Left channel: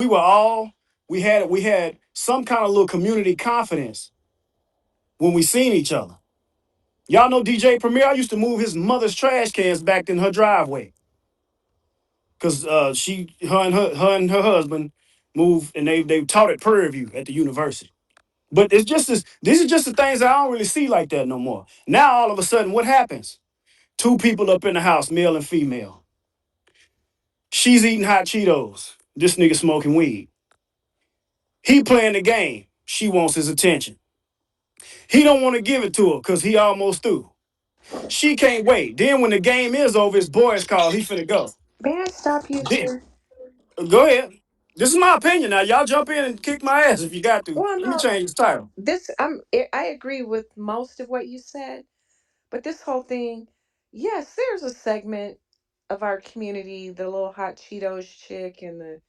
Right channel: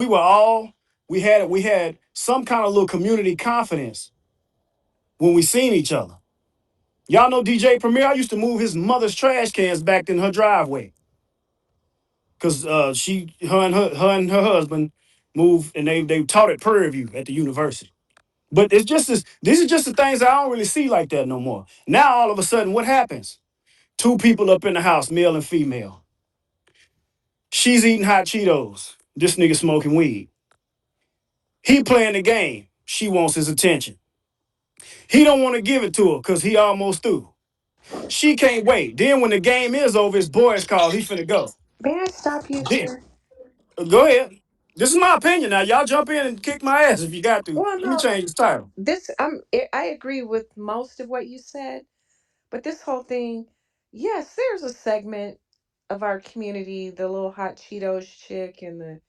we were all we had some kind of little community confidence when we seen each other. Y'all know DJ Premier. I used to move his mother's trash cans back in her driveway because her and her husband moved and they taught at Prairie View at the university. But it's just this. These are just the things I don't really see like that no more. Now all of a sudden, what happens? Two people up in the house, male and female. She's eating hot Cheetos. This nigga smoking weed. He playing the game. She wants his attention. He don't want to give it to her because he almost through. She can't wait. Then when the game is over, his boys call. He finna go. May I stop you Then, there? go ahead. This is my opinion now. Y'all jump in and kick my ass if you got to. Well, Let me no, change the title. I agree with most of what you said, but this whole thing, yes, there's a segment of our community, the little hot Cheetos chick and the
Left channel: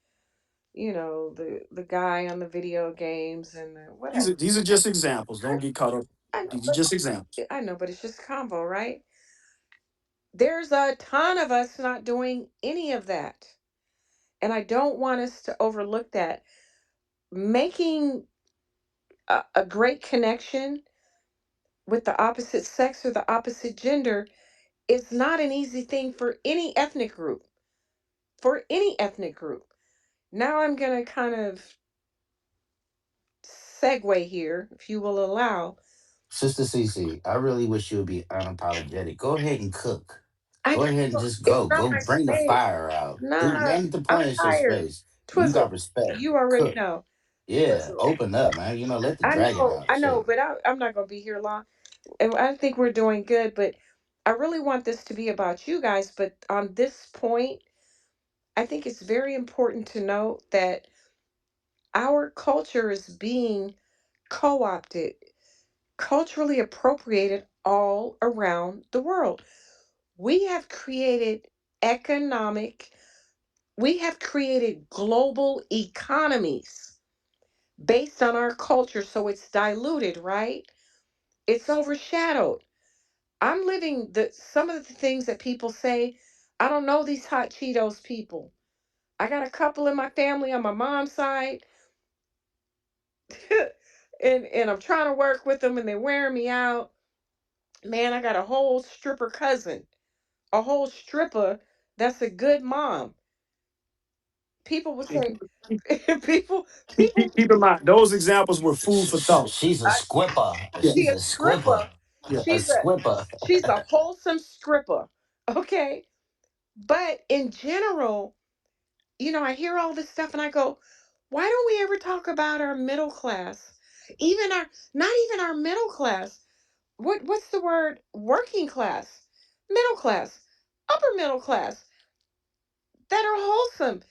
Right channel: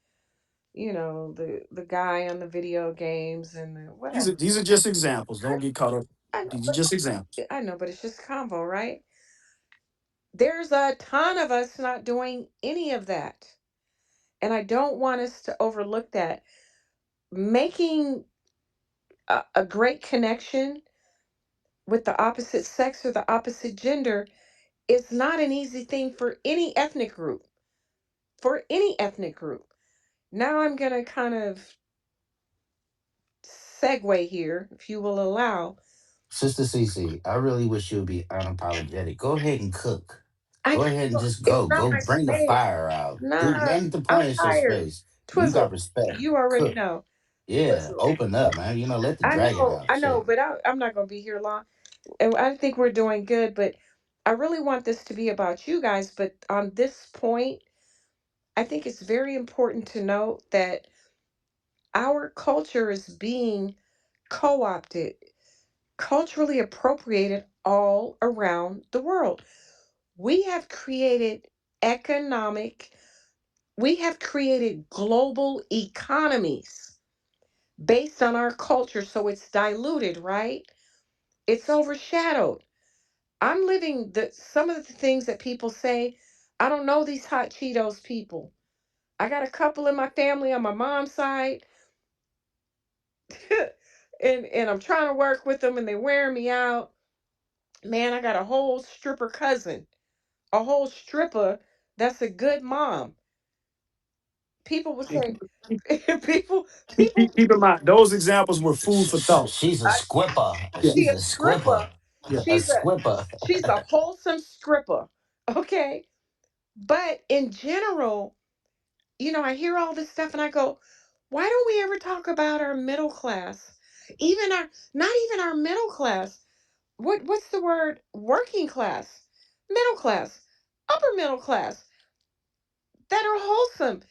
guy on the video games and the whatever. These are just examples. I, Don't get caught up. I know, These are just examples. but it's just convo, right? There's a ton of us not doing any of that. And I don't want us to overlook that. Making a great connection with the opposite sex or the opposite gender is not an easy thing for any ethnic group. For any ethnic group. Now I'm going to kind of segue here, if you will allow. Sister Cece, I really wish you would be unapologetic. Go ahead and cook. I Go ahead and can't, just it's go. not Go my bring the space. fire out. Do Nah, name the I'm point. It's your tired. space. You got Twizzle, respect. you already Cook. know. Yeah, Twizzle. open up, man. Let the dragon out. I know, Shit. but I'm not going to be here long. And I think we're doing good, but I really want this to be about you guys. But on this point, I think it's very important to note that our culture is being co opted, culturally appropriated all around the world. We have created economic, we have created global economies based on our culture. So it's diluted, right? It's overshadowed. I'm living some of the things that people say. I don't know these hot Cheetos people. I got a couple in my family on my mom's side, and I'm trying to work with them, and they're wearing me out. Man, I got a whole stripper cousin, a whole stripper that's a good mom. People would And say, people, keep in mind, those examples were food for thought. She's a I, squipper. Yeah, she She's a a stripper. squipper. yeah. A She's a squipper. she's a wholesome stripper. Okay, but in general, I hear all this stuff and I go, why don't we ever talk about our middle class? Even our, not even our middle class. What's the word? Working class, middle class, upper middle class that are wholesome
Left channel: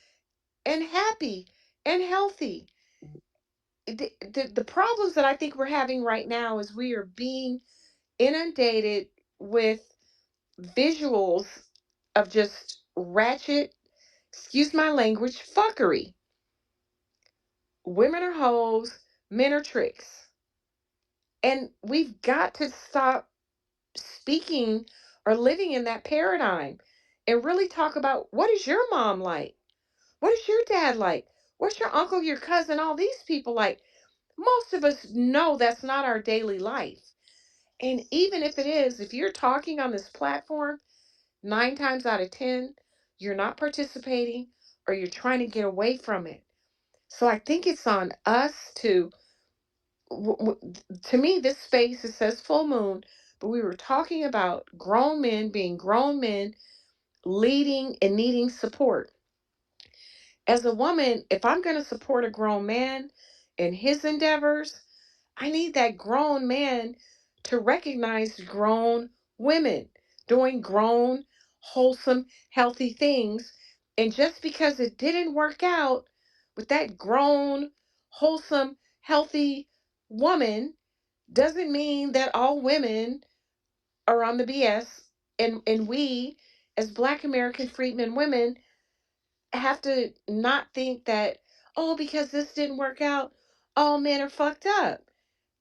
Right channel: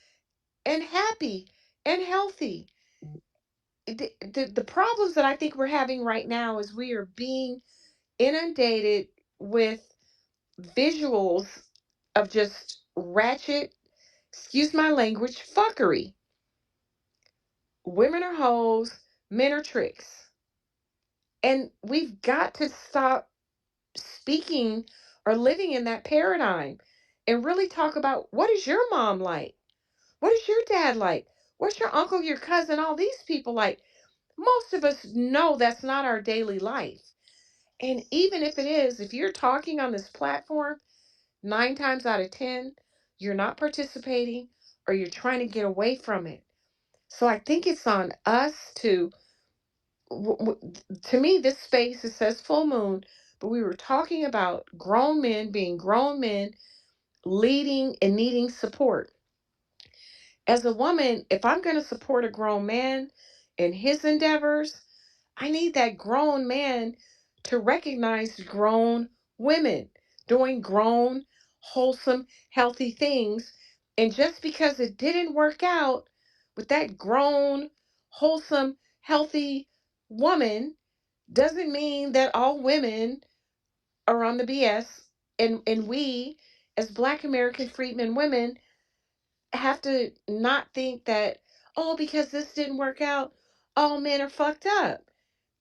and happy and healthy. The problems that I think we're having right now is we are being inundated with visuals of just ratchet, excuse my language, fuckery. Women are hoes, men are tricks. And we've got to stop speaking or living in that paradigm and really talk about what is your mom like? What is your dad like? What's your uncle, your cousin, all these people like? Most of us know that's not our daily life. And even if it is, if you're talking on this platform, 9 times out of 10, you're not participating or you're trying to get away from it. So I think it's on us to me, this space, it says full moon, but we were talking about grown men being grown men, leading and needing support. As a woman, if I'm going to support a grown man in his endeavors, I need that grown man to recognize grown women doing grown, wholesome, healthy things. And just because it didn't work out with that grown, wholesome, healthy woman doesn't mean that all women are on the BS. And we, as Black American freedmen women, have to not think that, oh, because this didn't work out, all men are fucked up.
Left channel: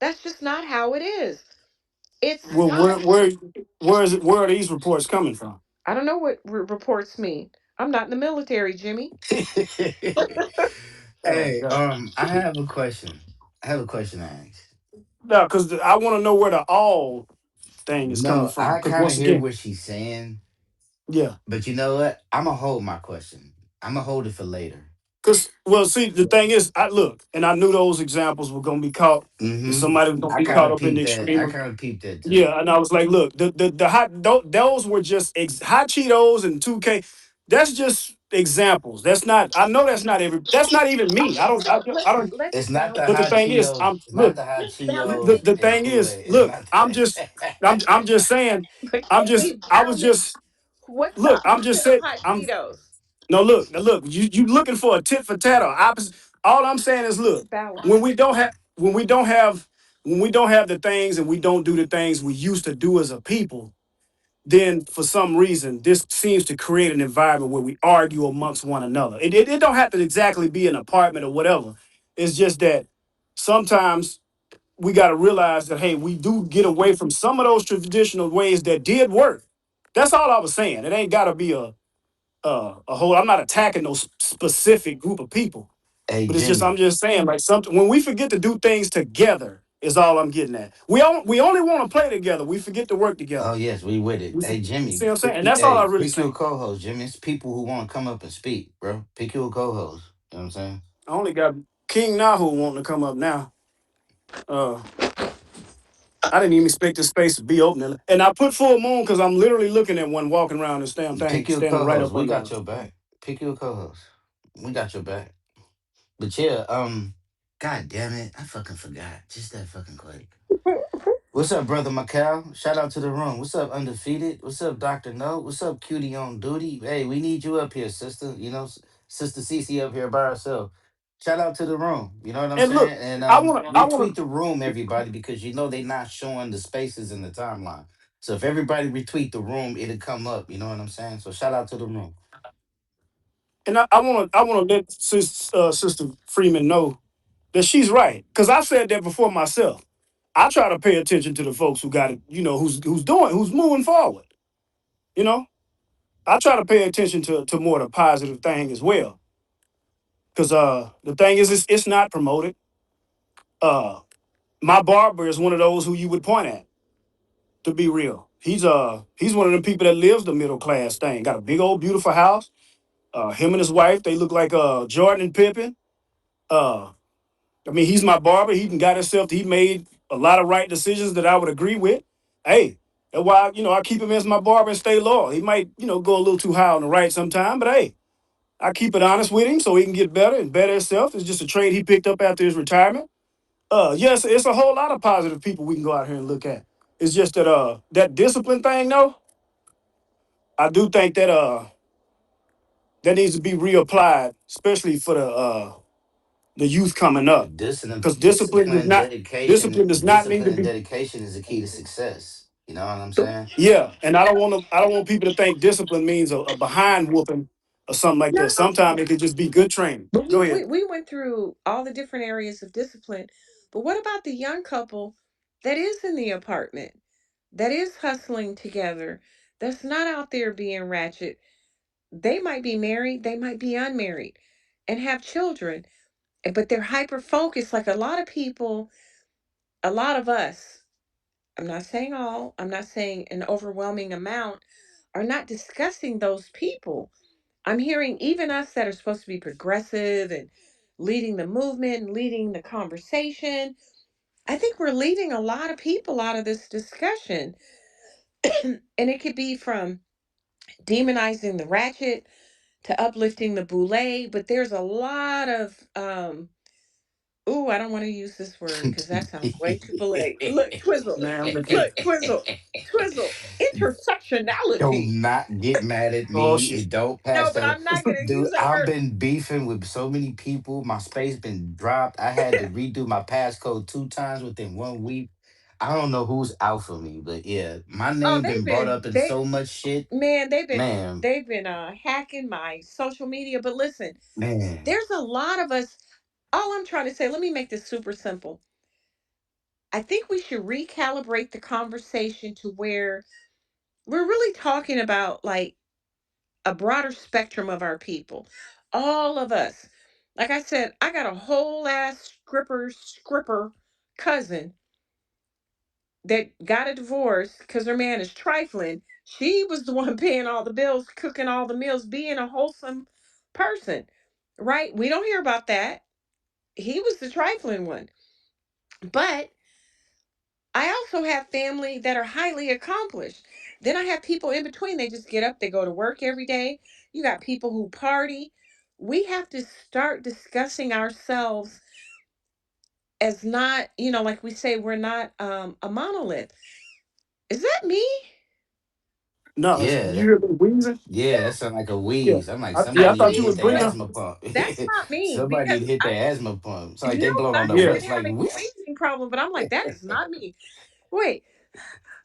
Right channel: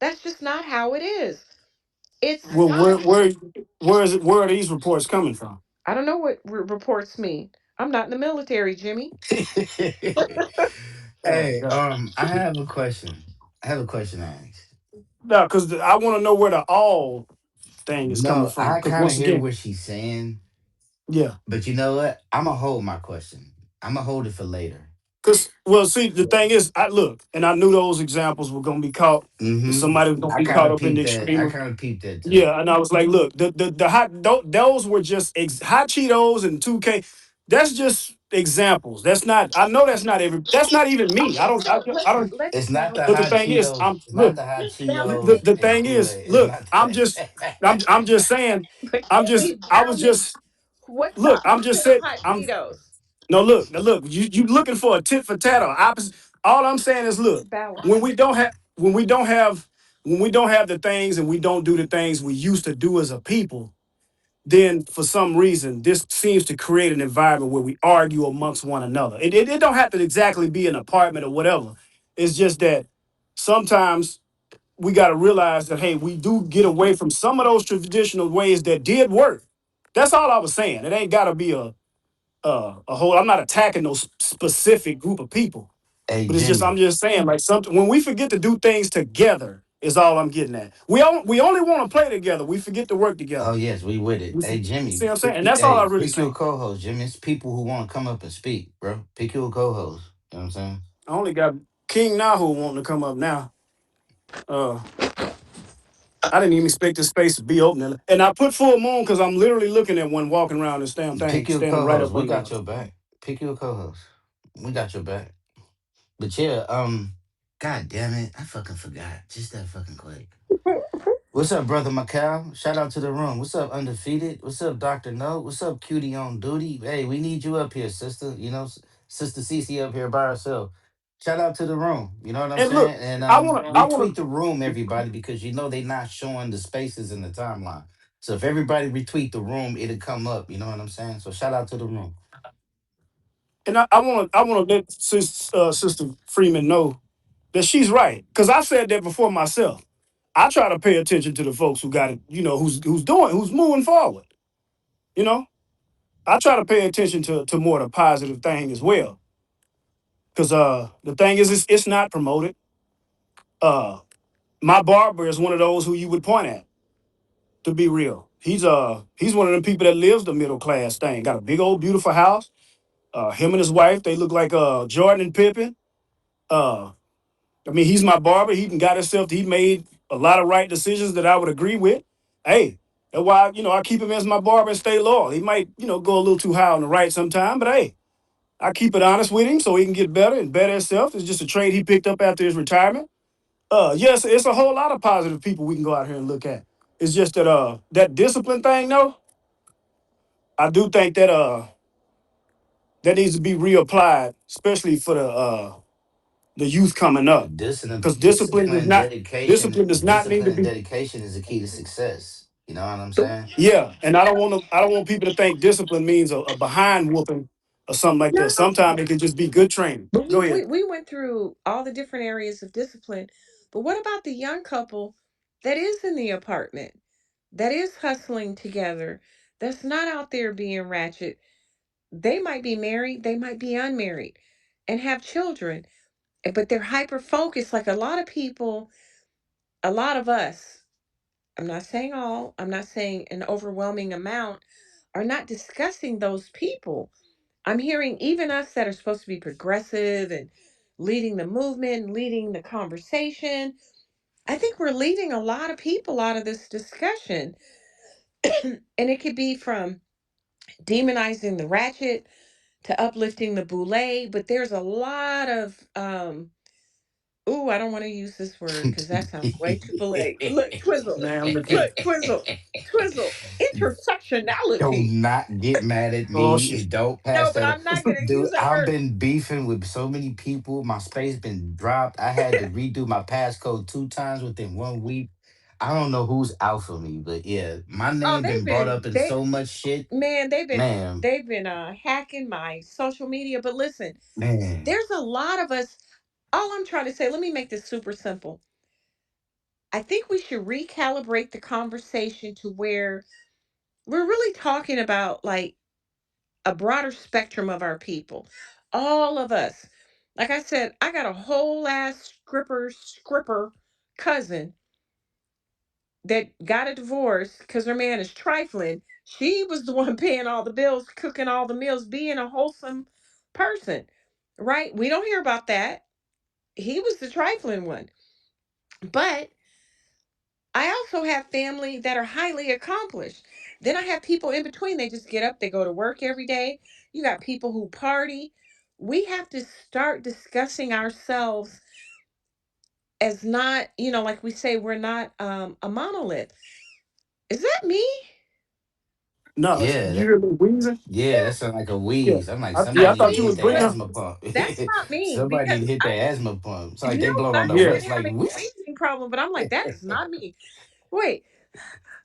That's just not how it is. It's Well, not. where is it? Where are these reports coming from? I don't know what reports mean. I'm not in the military, Jimmy. Oh Hey, God. I have a question. I have a question to ask. No, because I want to know where the all thing is coming No, from. I Because kind of once hear again, what she's saying, yeah. but you know what? I'm gonna hold my question. I'm gonna hold it for later. Because well, see, the thing is, I look and I knew those examples were gonna be caught. And Mm-hmm. somebody was gonna I be kind caught of up in the peeped that. I extreme. kind of peeped that too. Yeah, and I was like, look, the hot those were just hot Cheetos and 2K. That's just examples. That's not. I know that's not every. That's not even me. I Okay, don't. I, so I don't. let's It's not the But the hot balance. thing is, Cheetos. I'm It's not look. the hot Let's balance. Cheetos The and thing Kool is, Aid. It's look. not I'm just. that. I'm just saying. But can we I was balance? just. What's the Look. I'm just opposite of saying. hot I'm Cheetos? no look. Now look. You looking for a tit for tat or opposite? All I'm saying is, look. Balance. When we don't have. When we don't have. When we don't have the things and we don't do the things we used to do as a people, then for some reason this seems to create an environment where we argue amongst one another. It don't have to exactly be an apartment or whatever. It's just that sometimes we got to realize that hey, we do get away from some of those traditional ways that did work. That's all I was saying. It ain't got to be a whole. I'm not attacking no specific group of people, Hey but it's just I'm Jimmy. just saying like something when we forget to do things together is all I'm getting at. We only want to play together. We forget to work together. Oh yes, we with it. You Hey see Jimmy. what I'm saying? And that's all I Hey, really pick you a saying. co-host, Jimmy. It's people who want to come up and speak, bro. Pick you a co-host. You know what I'm saying? I only got King Nahu wanting to come up now. Uh, I didn't even expect this space to be open. And I put full moon because I'm literally looking at one walking around this damn thing, Pick you a standing right co-host. up We under got us. your back. Pick you a co-host. We got your back. But yeah, God damn it, I fucking forgot. Just that fucking quick. What's up, brother Macau? Shout out to the room. What's up, Undefeated? What's up, Doctor No? What's up, Cutie on duty? Hey, we need you up here, sister. You know, Sister Cece up here by herself. Shout out to the room. You know what I'm And look, saying? And I wanna, retweet the room, everybody, because you know they not showing the spaces in the timeline. So if everybody retweet the room, it'll come up. You know what I'm saying? So shout out to the room. and I wanna let Sister Freeman know that she's right because I said that before myself. I try to pay attention to the folks who got it, who's moving forward. You know, I try to pay attention to more of the positive thing as well. Because the thing is, it's not promoted. Uh, my barber is one of those who you would point at. To be real, he's one of them people that lives the middle class thing. Got a big old beautiful house. Him and his wife, they look like Jordan and Pippen. Uh, I mean, he's my barber. He got himself. He made a lot of right decisions that I would agree with. Hey, that's why I keep him as my barber and stay loyal. He might go a little too high on the right sometime, but hey, I keep it honest with him so he can get better and better himself. It's just a trade he picked up after his retirement. Yes, it's a whole lot of positive people we can go out here and look at. It's just that that discipline thing, though, I do think that that needs to be reapplied, especially for the youth coming up. Because discipline does not need Discipline to and be. dedication is the key to success. You know what I'm saying? Yeah, and I don't want people to think discipline means a behind whooping or something like that. No, Sometimes it could just be good training. but Go we, ahead. we went through all the different areas of discipline. But what about the young couple that is in the apartment, that is hustling together, that's not out there being ratchet? They might be married, they might be unmarried, and have children, but they're hyper focused. Like a lot of people, a lot of us, I'm not saying all, I'm not saying an overwhelming amount, are not discussing those people. I'm hearing even us that are supposed to be progressive and leading the movement, leading the conversation. I think we're leaving a lot of people out of this discussion. And it could be from demonizing the ratchet to uplifting the boule, but there's a lot of ooh, I don't want to use this word because that sounds way too boule. Look, twizzle. Man, look here. Look, twizzle. Do Intersectionality. not get mad at Oh me. shit. It don't No, pass but that. I'm not gonna Dude, use that I've word. been beefing with so many people. My space been dropped. I had to redo my passcode 2 times within 1 week. I don't know who's out for me, but yeah, my Oh, name been brought up in they so much shit. man, Man, they've been hacking my social media. But listen, man. there's a lot of us. All I'm trying to say, let me make this super simple. I think we should recalibrate the conversation to where we're really talking about like a broader spectrum of our people. All of us. Like I said, I got a whole ass scripper cousin that got a divorce because her man is trifling. She was the one paying all the bills, cooking all the meals, being a wholesome person, right? We don't hear about that. He was the trifling one. But I also have family that are highly accomplished. Then I have people in between. They just get up, they go to work every day. You got people who party. We have to start discussing ourselves as not, like we say, we're not a monolith. Is that me? No, Yeah, you hear me wheezing? yeah, that sounds like a Yeah. wheeze. I'm like, Yeah, somebody I need to thought you hit was the But breathing. asthma pump. that's not me Somebody need because to hit the I asthma pump. It's like no, they blowing I on the have Yeah. brakes. been Like, having a whee! breathing problem, but I'm like, that is not me. Wait,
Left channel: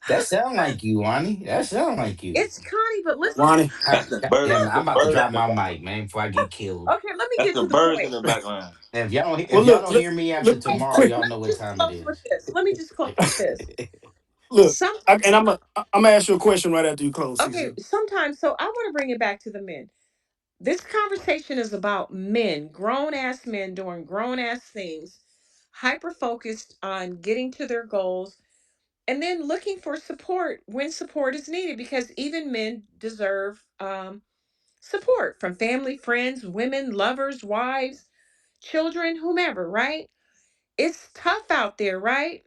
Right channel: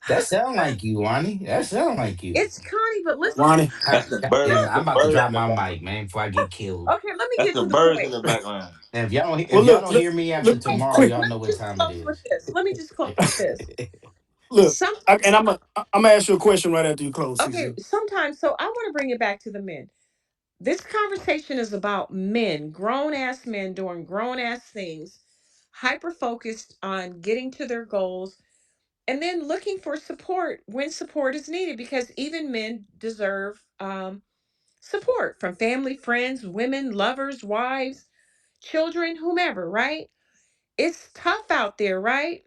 That sound like you, Wani. That sound like you. it's Connie, but listen. Lonnie. God damn it, That's the I'm about to bird in drop the my back. mic, man, before I get killed. Okay, let me That's get the to the birds in point. the background. And Well, if y'all look, don't look, hear me after look, Wait, tomorrow, quick. y'all let know me what just time it close with is. this. Let me just close with this. Look, Some and I'm gonna ask you a question right after you close, okay, CZ. sometimes so I want to bring it back to the men. This conversation is about men, grown ass men doing grown ass things, hyper focused on getting to their goals, and then looking for support when support is needed because even men deserve support from family, friends, women, lovers, wives, children, whomever, right? It's tough out there, right?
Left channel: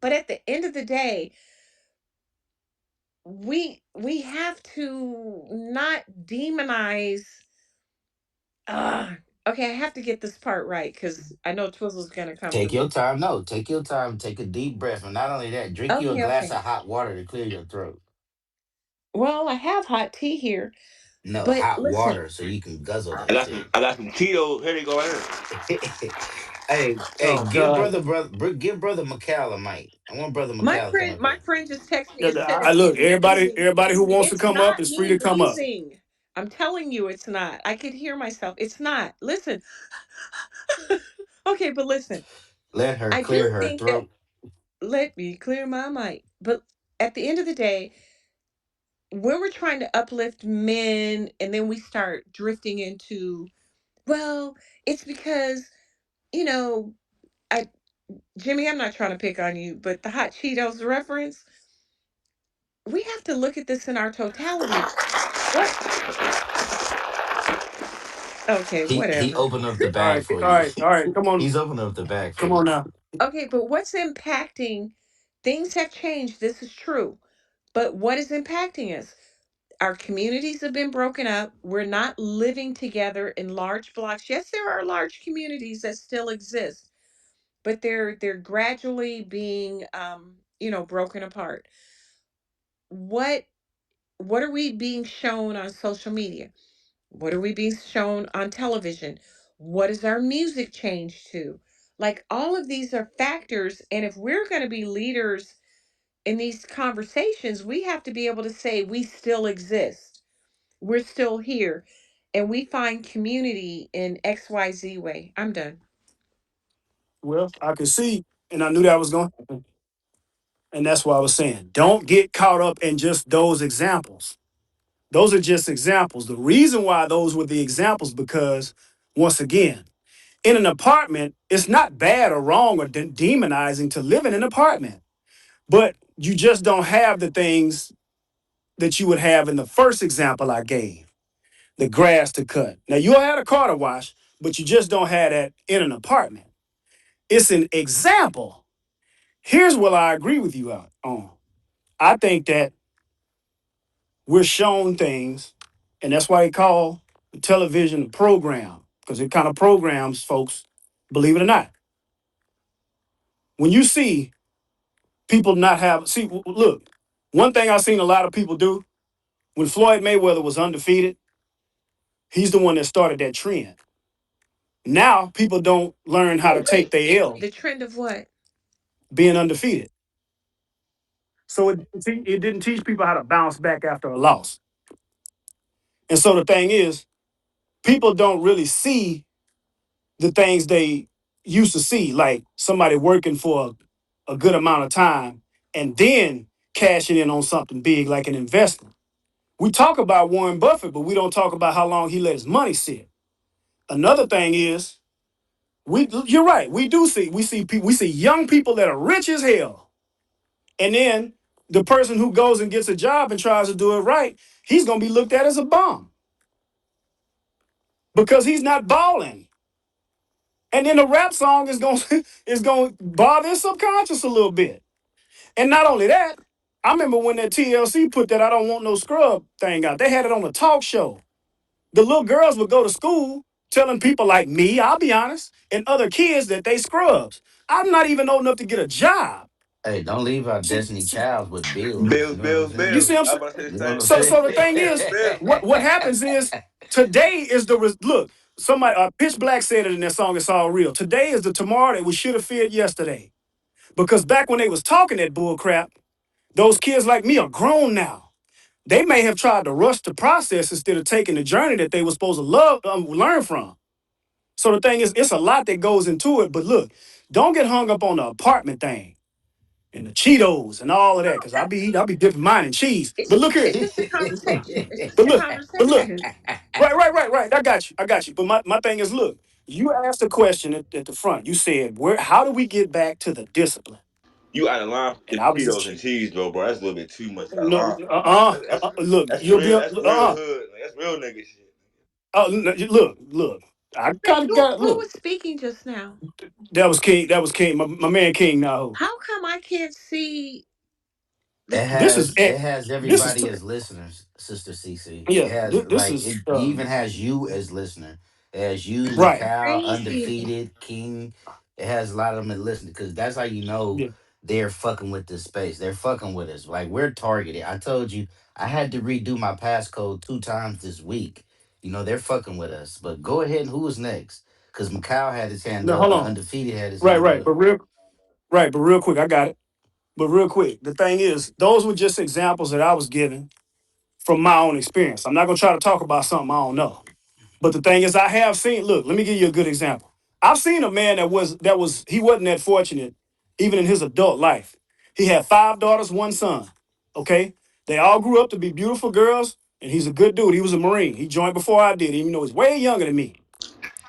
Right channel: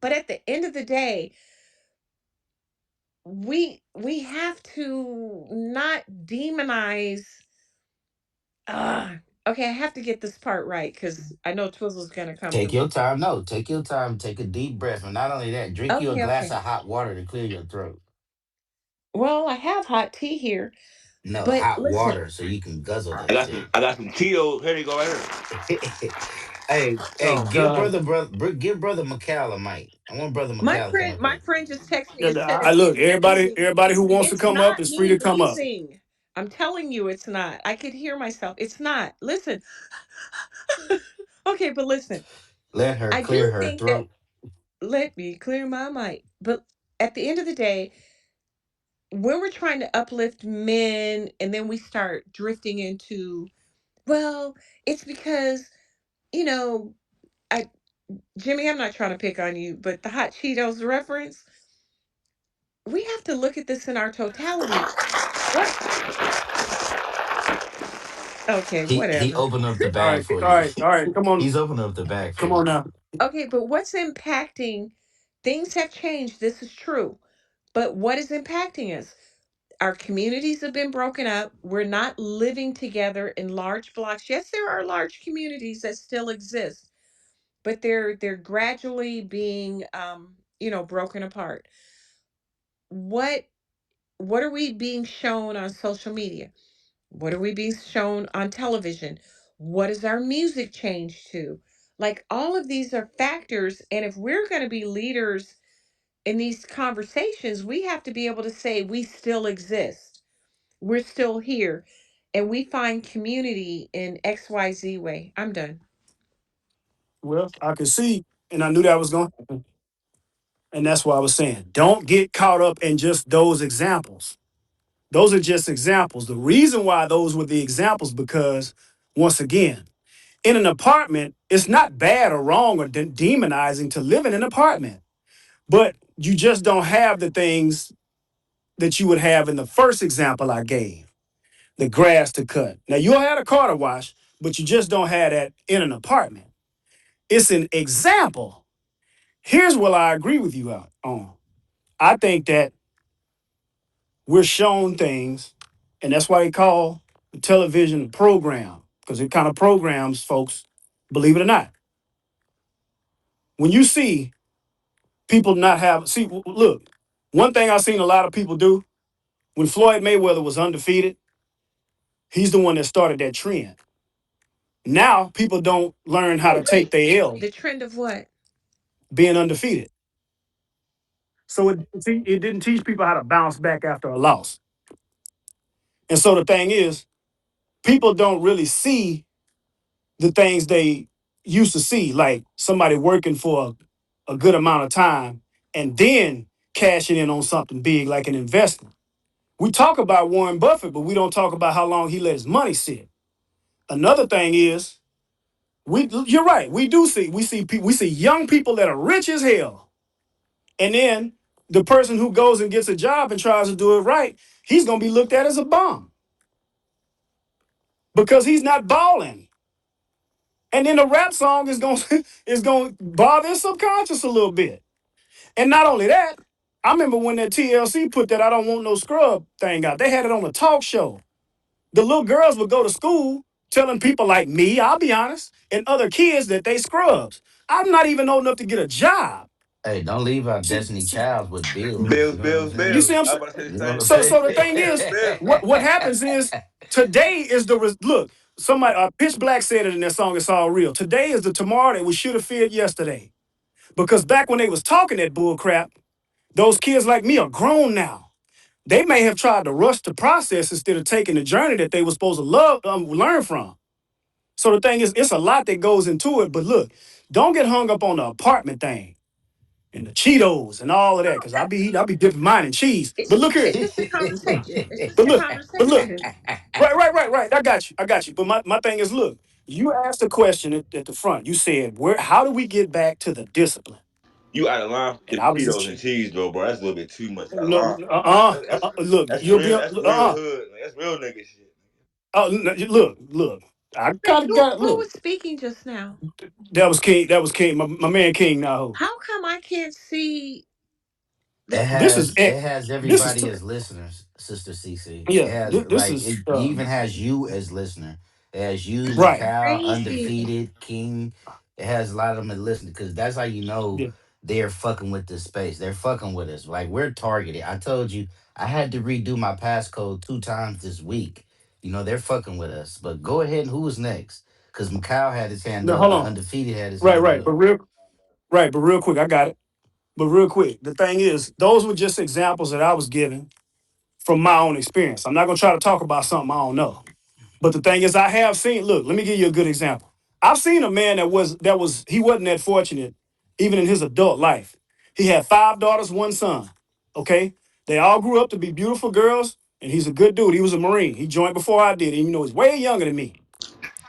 But at the end of the day, we have to not demonize okay, I have to get this part right because I know Twizzle's gonna come for Take me. your time. No, take your time. Take a deep breath. And not only that, drink you a Okay, glass okay. of hot water to clear your throat. Well, I have hot tea here, No, but hot listen, water so you can guzzle I that got some. tea. I got some Tito's. Here they go right here. Hey, Oh give God. give brother McCall a mic. I want brother my McCall to come friend, up my here. friend just texted me Yeah, and said I it's look. me wheezing. Everybody who wants to It's come up not is free me to come up. wheezing. I'm telling you, it's not. I could hear myself. It's not. Listen. Okay, but listen. Let her I do clear her think that throat. let me clear my mic. But at the end of the day, when we're trying to uplift men and then we start drifting into, well, it's because, you know, I Jimmy, I'm not trying to pick on you, but the hot Cheetos reference, we have to look at this in our totality. What? Okay, He whatever. opened up the All bag right, for all you. right, all right. Come on, He's opened up the bag for come you. on now. Okay, but what's impacting? Things have changed. This is true. But what is impacting us? Our communities have been broken up. We're not living together in large blocks. Yes, there are large communities that still exist, but they're gradually being broken apart. What what are we being shown on social media? What are we being shown on television? What is our music changed to? Like all of these are factors, and if we're going to be leaders in these conversations, we have to be able to say we still exist. We're still here, and we find community in XYZ way. I'm done. Well, I could see, and I knew that was going to happen. And that's why I was saying, don't get caught up in just those examples. Those are just examples. The reason why those were the examples, because once again, in an apartment, it's not bad or wrong or demonizing to live in an apartment, but you just don't have the things that you would have in the first example I gave, the grass to cut. Now, you'll have a car to wash, but you just don't have that in an apartment. It's an example. Here's what I agree with you on. I think that we're shown things, and that's why they call the television a program, because it kind of programs folks, believe it or not. When you see people not have, see, look, one thing I've seen a lot of people do when Floyd Mayweather was undefeated, he's the one that started that trend. Now people don't learn how to take Wait, their L the trend of what? being undefeated. So it didn't teach people how to bounce back after a loss. And so the thing is, people don't really see the things they used to see, like somebody working for a good amount of time and then cashing in on something big like an investment. We talk about Warren Buffett, but we don't talk about how long he let his money sit. Another thing is you're right. We see young people that are rich as hell, and then the person who goes and gets a job and tries to do it right, he's gonna be looked at as a bum because he's not balling. And then the rap song is going is going to bother his subconscious a little bit. And not only that, I remember when that TLC put that "I don't want no scrub" thing out. They had it on a talk show. The little girls would go to school telling people like me, I'll be honest, and other kids that they scrubs. I'm not even old enough to get a job. Hey, don't leave out See, Destiny Child with bills. Bills, You know what I'm bills, you saying? see bills. what I'm I was saying? about to say the You know what same I'm thing. So the saying? thing Bills, is, bills. what happens is today is look. Somebody Pitch Black said it in their song. It's all real. Today is the tomorrow that we should have feared yesterday. Because back when they was talking that bull crap, those kids like me are grown now. They may have tried to rush the process instead of taking the journey that they were supposed to learn from. So the thing is, it's a lot that goes into it. But look, don't get hung up on the apartment thing and the Cheetos and all of that, because I be dipping mine in cheese. But look here, It's just a conversation. It's just but a look. conversation. Right. I got you. But my thing is, look, you asked a question at the front. You said, how do we get back to the discipline? You out of line And with I the was Cheetos just and cheese, though, bro. That's a little bit too much out of no, line. look, That's you'll be real. That's real hood. Like, that's real nigga shit. look. I Wait, kind of got who look. was speaking just now? That was King. My man King now. How come I can't see the It This is has it. it has This is everybody as listeners, Sister CC. It yeah. has This like is it even has you as listener. It has you, right. Macau, crazy? undefeated, King. It has a lot of them that listen because that's how you know Yeah. they're fucking with this space. They're fucking with us. Like we're targeted. I told you I had to redo my passcode 2 times this week. You know, they're fucking with us. But go ahead and who was next? Because Macau had his hand No, up hold and on. undefeated had his Right, hand right. up. But real quick, I got it. But real quick, the thing is, those were just examples that I was giving from my own experience. I'm not gonna try to talk about something I don't know. But the thing is, I have seen. Look, let me give you a good example. I've seen a man he wasn't that fortunate, even in his adult life. He had 5 daughters, 1 son. Okay, they all grew up to be beautiful girls, and he's a good dude. He was a Marine. He joined before I did. Even though he's way younger than me.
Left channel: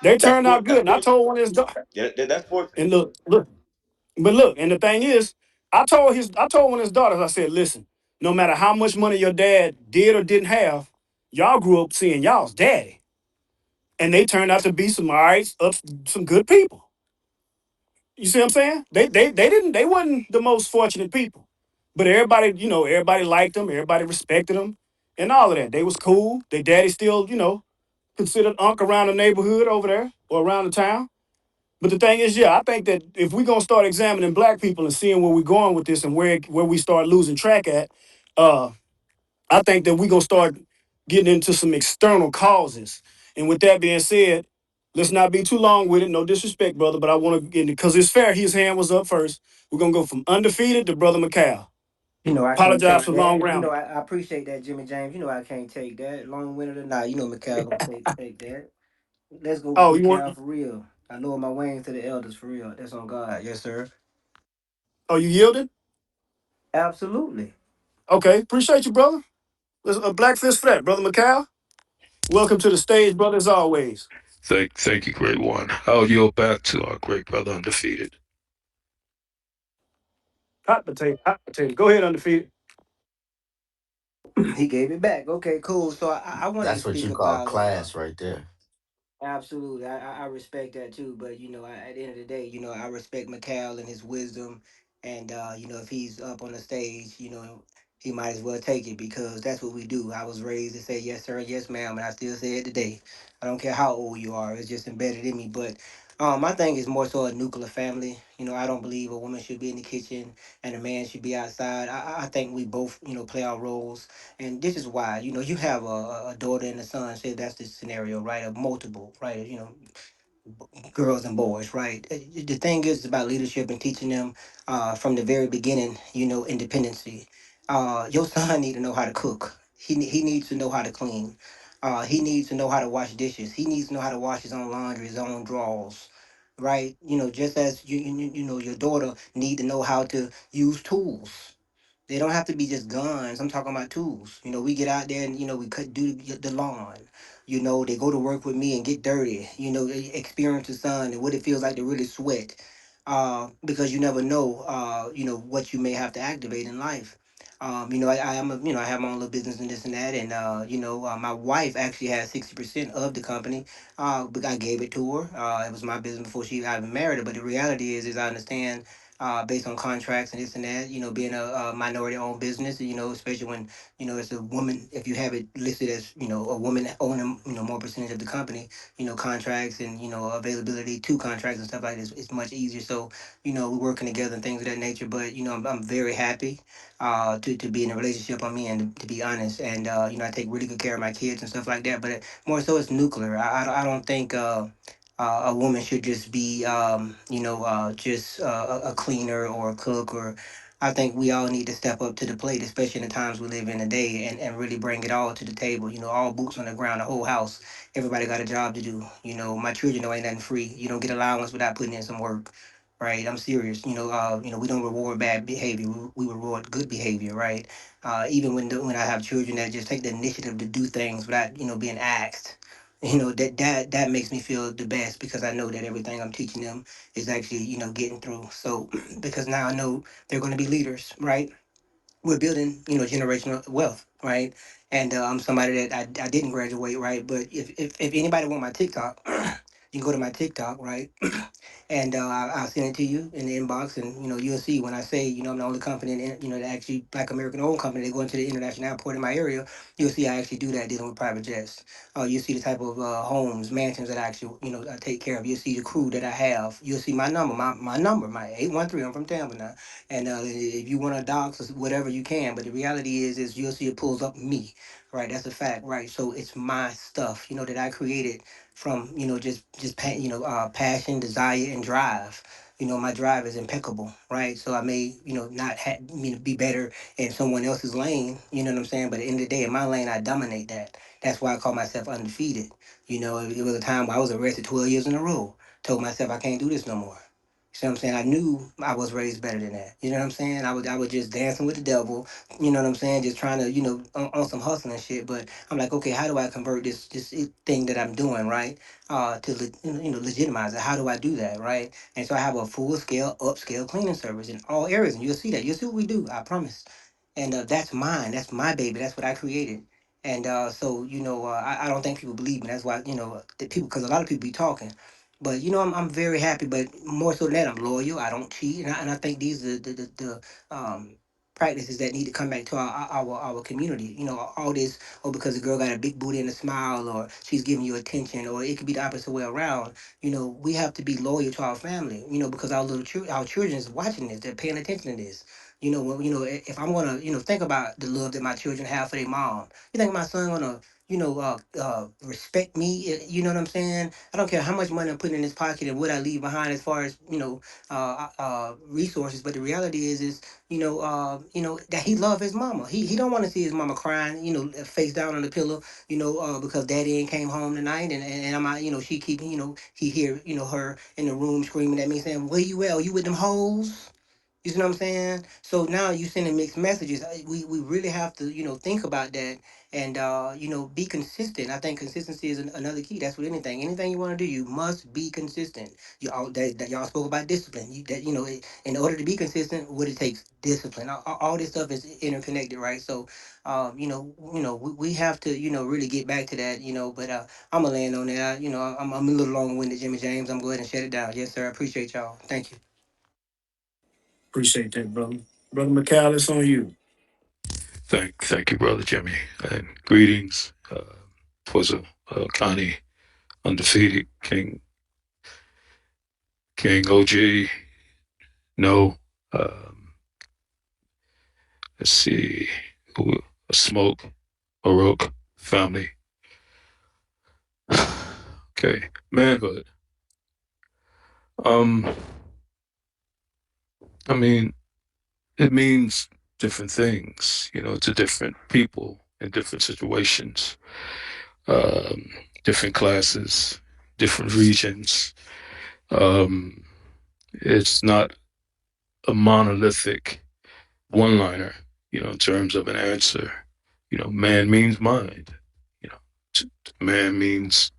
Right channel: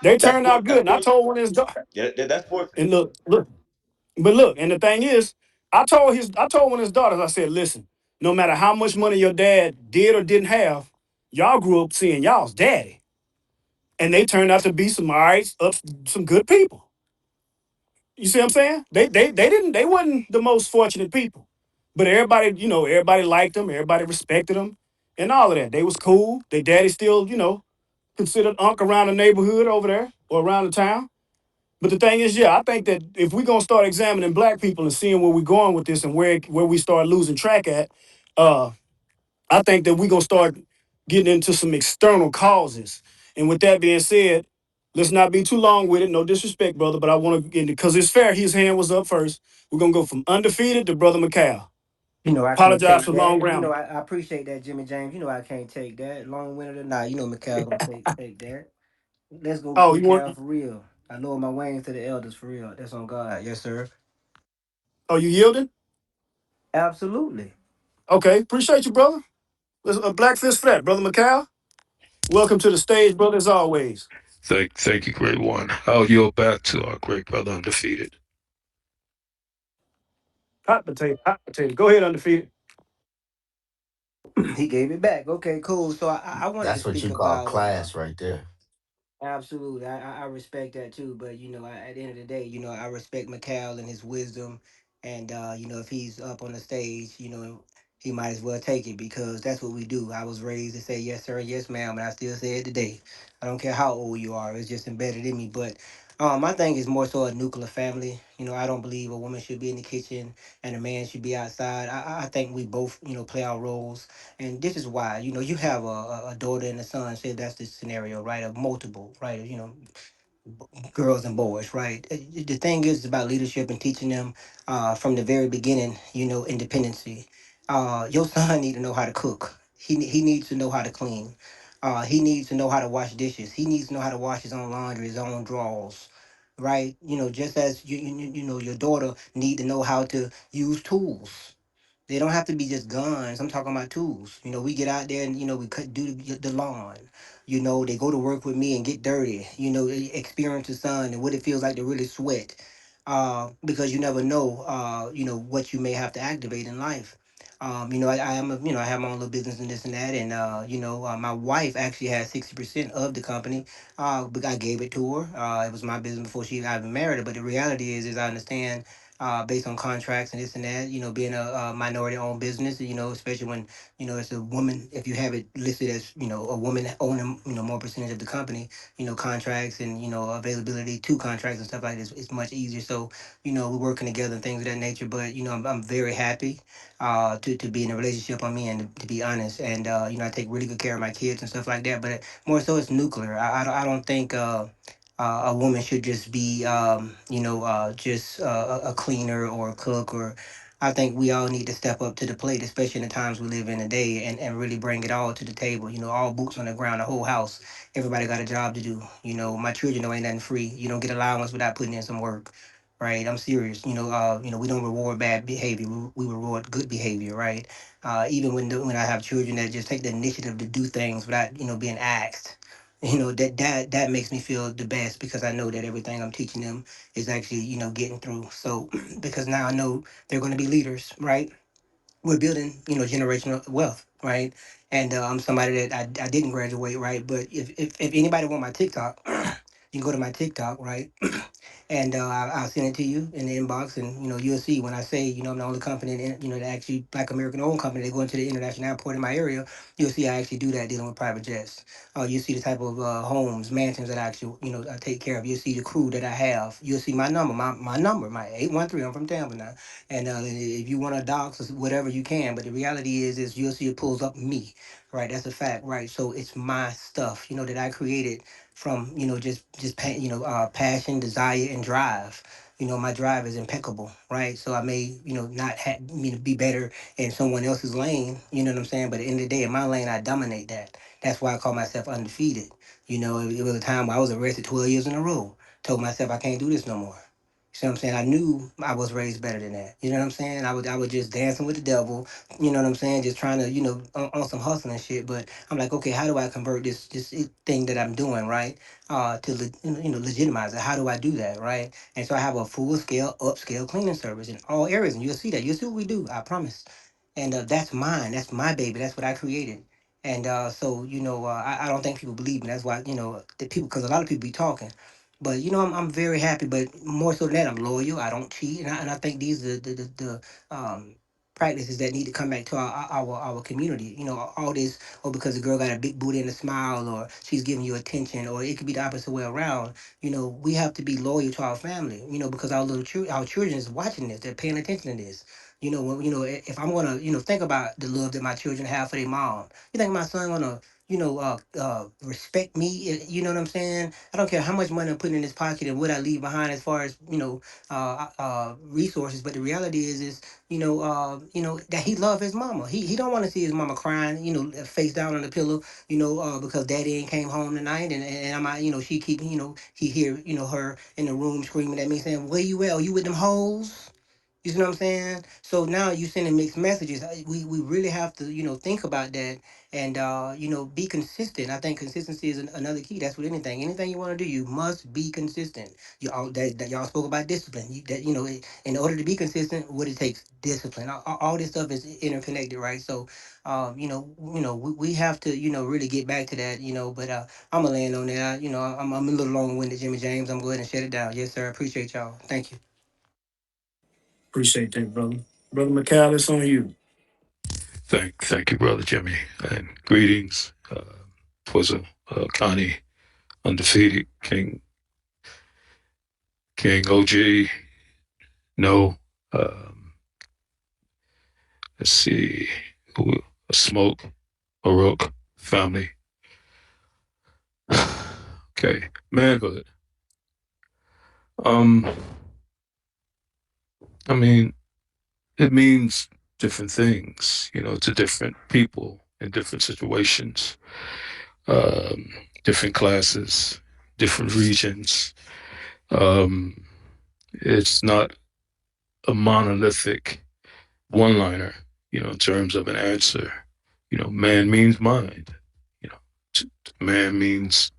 They That's turned for. out good, That's and I for. told one of his daughters. Yeah, that's fortunate. And look, and the thing is, I told one of his daughters, I said, listen, no matter how much money your dad did or didn't have, y'all grew up seeing y'all's daddy. And they turned out to be some good people. You see what I'm saying? They wasn't the most fortunate people. But everybody liked them, everybody respected them, and all of that. They was cool. Their daddy still, considered unk around the neighborhood over there or around the town. But the thing is, yeah, I think that if we're gonna start examining black people and seeing where we're going with this and where we start losing track at, uh, I think that we're gonna start getting into some external causes. And with that being said, let's not be too long with it. No disrespect, brother, but I want to, because it's fair. His hand was up first. We're gonna go from undefeated to brother McCall. I can't Apologize take for long that. grammar. I appreciate that, Jimmy James. I can't take that. Long winded or not, Mikhail gonna take that. Let's go, Oh, you want? Mikhail, for real. I lower my wings to the elders for real. That's on God. Yes, sir. Oh, you yielded? Absolutely. Okay, appreciate you, brother. Let's black fist flat, brother McCall. Welcome to the stage, brother, as always. Thank you, great one. I'll yield back to our great brother undefeated. Hot potato, hot potato. Go ahead, undefeated. He gave it back. Okay, cool. So I wanted to That's what speak you call about class right there. absolutely. I respect that too. But at the end of the day, I respect McCall and his wisdom. And if he's up on the stage, he might as well take it because that's what we do. I was raised to say yes, sir, yes, ma'am, and I still say it today. I don't care how old you are, it's just embedded in me. But my thing is more so a nuclear family. I don't believe a woman should be in the kitchen and a man should be outside. I think we both, play our roles. And this is why, you have a daughter and a son, say that's the scenario, right? Of multiple, right? Girls and boys, right? The thing is about leadership and teaching them from the very beginning, independency. Your son need to know how to cook. He needs to know how to clean. He needs to know how to wash dishes. He needs to know how to wash his own laundry, his own drawers, right? Just as your daughter need to know how to use tools. They don't have to be just guns. I'm talking about tools. We get out there and we cut do the lawn. You know, they go to work with me and get dirty. You know, experience the sun and what it feels like to really sweat. Because you never know, what you may have to activate in life. I am I have my own little business and this and that, and my wife actually has 60% of the company. But I gave it to her. It was my business before I even married her. But the reality is I understand. Based on contracts and this and that, being a minority-owned business, especially when as a woman, if you have it listed as, a woman owning, more percentage of the company, contracts and, availability to contracts and stuff like this, it's much easier. So, we're working together and things of that nature. But, I'm very happy to be in a relationship on me and to be honest. And, I take really good care of my kids and stuff like that. But more so, it's nuclear. I don't think. A woman should just be, just a cleaner or a cook or I think we all need to step up to the plate, especially in the times we live in today, and really bring it all to the table. All boots on the ground, the whole house. Everybody got a job to do. My children know ain't nothing free. You don't get allowance without putting in some work, right? I'm serious. We don't reward bad behavior. We reward good behavior, right? Even when I have children that just take the initiative to do things without being asked. That makes me feel the best because I know that everything I'm teaching them is actually getting through. So because now I know they're going to be leaders, right? We're building, generational wealth, right? And I'm somebody that I didn't graduate, right? But if anybody want my TikTok, you can go to my TikTok, right? And I'll send it to you in the inbox, and you'll see when I say I'm the only company, that actually Black American owned company that go into the international airport in my area. You'll see I actually do that dealing with private jets. You'll see the type of homes, mansions that I actually I take care of. You'll see the crew that I have. You'll see my number, my number, my 813. I'm from Tampa now, and if you want to dox or whatever you can. But the reality is you'll see it pulls up me, right? That's a fact, right? So it's my stuff, that I created from passion, desire, and drive. My drive is impeccable, right? So I may not be better in someone else's lane. You know what I'm saying? But at the end of the day, in my lane, I dominate that. That's why I call myself undefeated. It was a time where I was arrested 12 years in a row. Told myself I can't do this no more. You see what I'm saying? I knew I was raised better than that. You know what I'm saying? I was just dancing with the devil. You know what I'm saying? Just trying to, on some hustling and shit. But I'm like, okay, how do I convert this thing that I'm doing, right? Legitimize it. How do I do that, right? And so I have a full scale, upscale cleaning service in all areas, and you'll see that. You'll see what we do. I promise. And that's mine. That's my baby. That's what I created. And so I don't think people believe me. That's why the people, because a lot of people be talking. But I'm very happy. But more so than that, I'm loyal. I don't cheat, and I think these are the practices that need to come back to our community. All this, oh, because the girl got a big booty and a smile, or she's giving you attention, or it could be the opposite way around. We have to be loyal to our family. Because our children is watching this. They're paying attention to this. If I'm gonna, think about the love that my children have for their mom. You think my son gonna, respect me? You know what I'm saying? I don't care how much money I'm putting in his pocket and what I leave behind as far as resources. But the reality is that he love his mama. He don't want to see his mama crying, face down on the pillow, because daddy ain't came home tonight, and I'm out, she keep, he hear, her in the room screaming at me saying, "Where you at? Are you with them hoes?" You see what I'm saying? So now you sending mixed messages. We really have to, think about that and, be consistent. I think consistency is another key. That's with anything. Anything you want to do, you must be consistent. That y'all spoke about discipline. In order to be consistent, what it takes, discipline. All this stuff is interconnected, right? So, we have to, really get back to that, but I'm going to land on that. I'm a little long-winded, Jimmy James. I'm going to go ahead and shut it down. Yes, sir. I appreciate y'all. Thank you. Appreciate that, brother. Brother McCall, it's on you. Thank you, brother Jimmy, and greetings. Twas Connie, undefeated King OG. No, um, let's see, a smoke, a rook, family. Okay, manhood. Um, I mean, it means different things, to different people in different situations, um, different classes, different regions. Um, it's not a monolithic one-liner, in terms of an answer. Man means mind, you know. Man means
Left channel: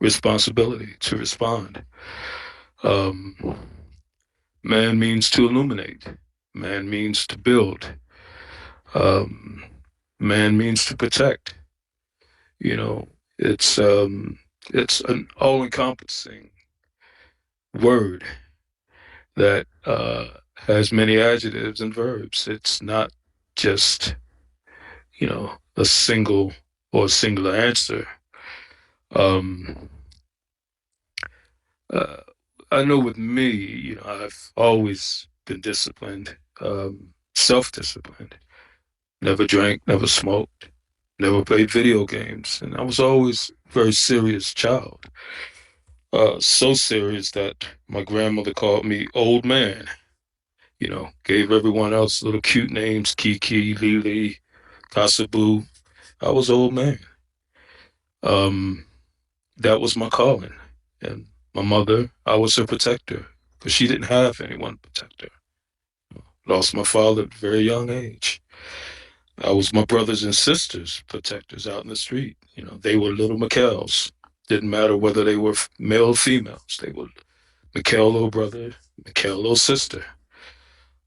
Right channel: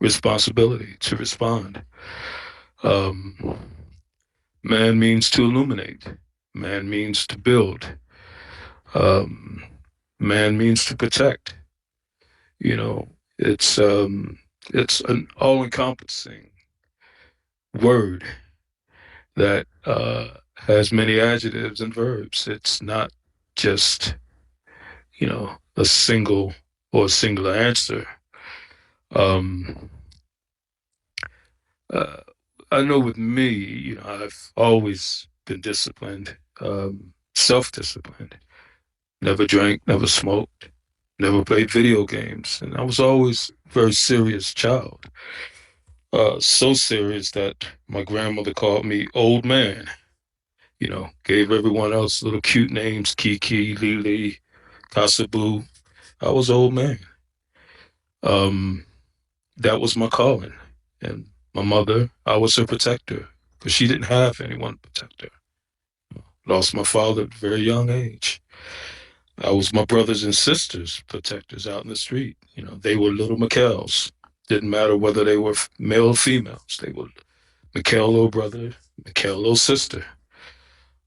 responsibility, to respond. Um, Man means to illuminate. Man means to build. Um, Man means to protect. You know, it's an all-encompassing word that has many adjectives and verbs. It's not just a single or a singular answer. Um, uh, I know with me, I've always been disciplined, self-disciplined. Never drank, never smoked, never played video games, and I was always a very serious child. So serious that my grandmother called me old man. Gave everyone else little cute names, Kiki, Lily, Kasabu. I was old man. Um, that was my calling. And my mother, I was her protector because she didn't have anyone to protect her. Lost my father at a very young age. I was my brothers and sisters' protectors out in the street. They were little McKells. Didn't matter whether they were male or females. They were McKell little brother, McKell little sister.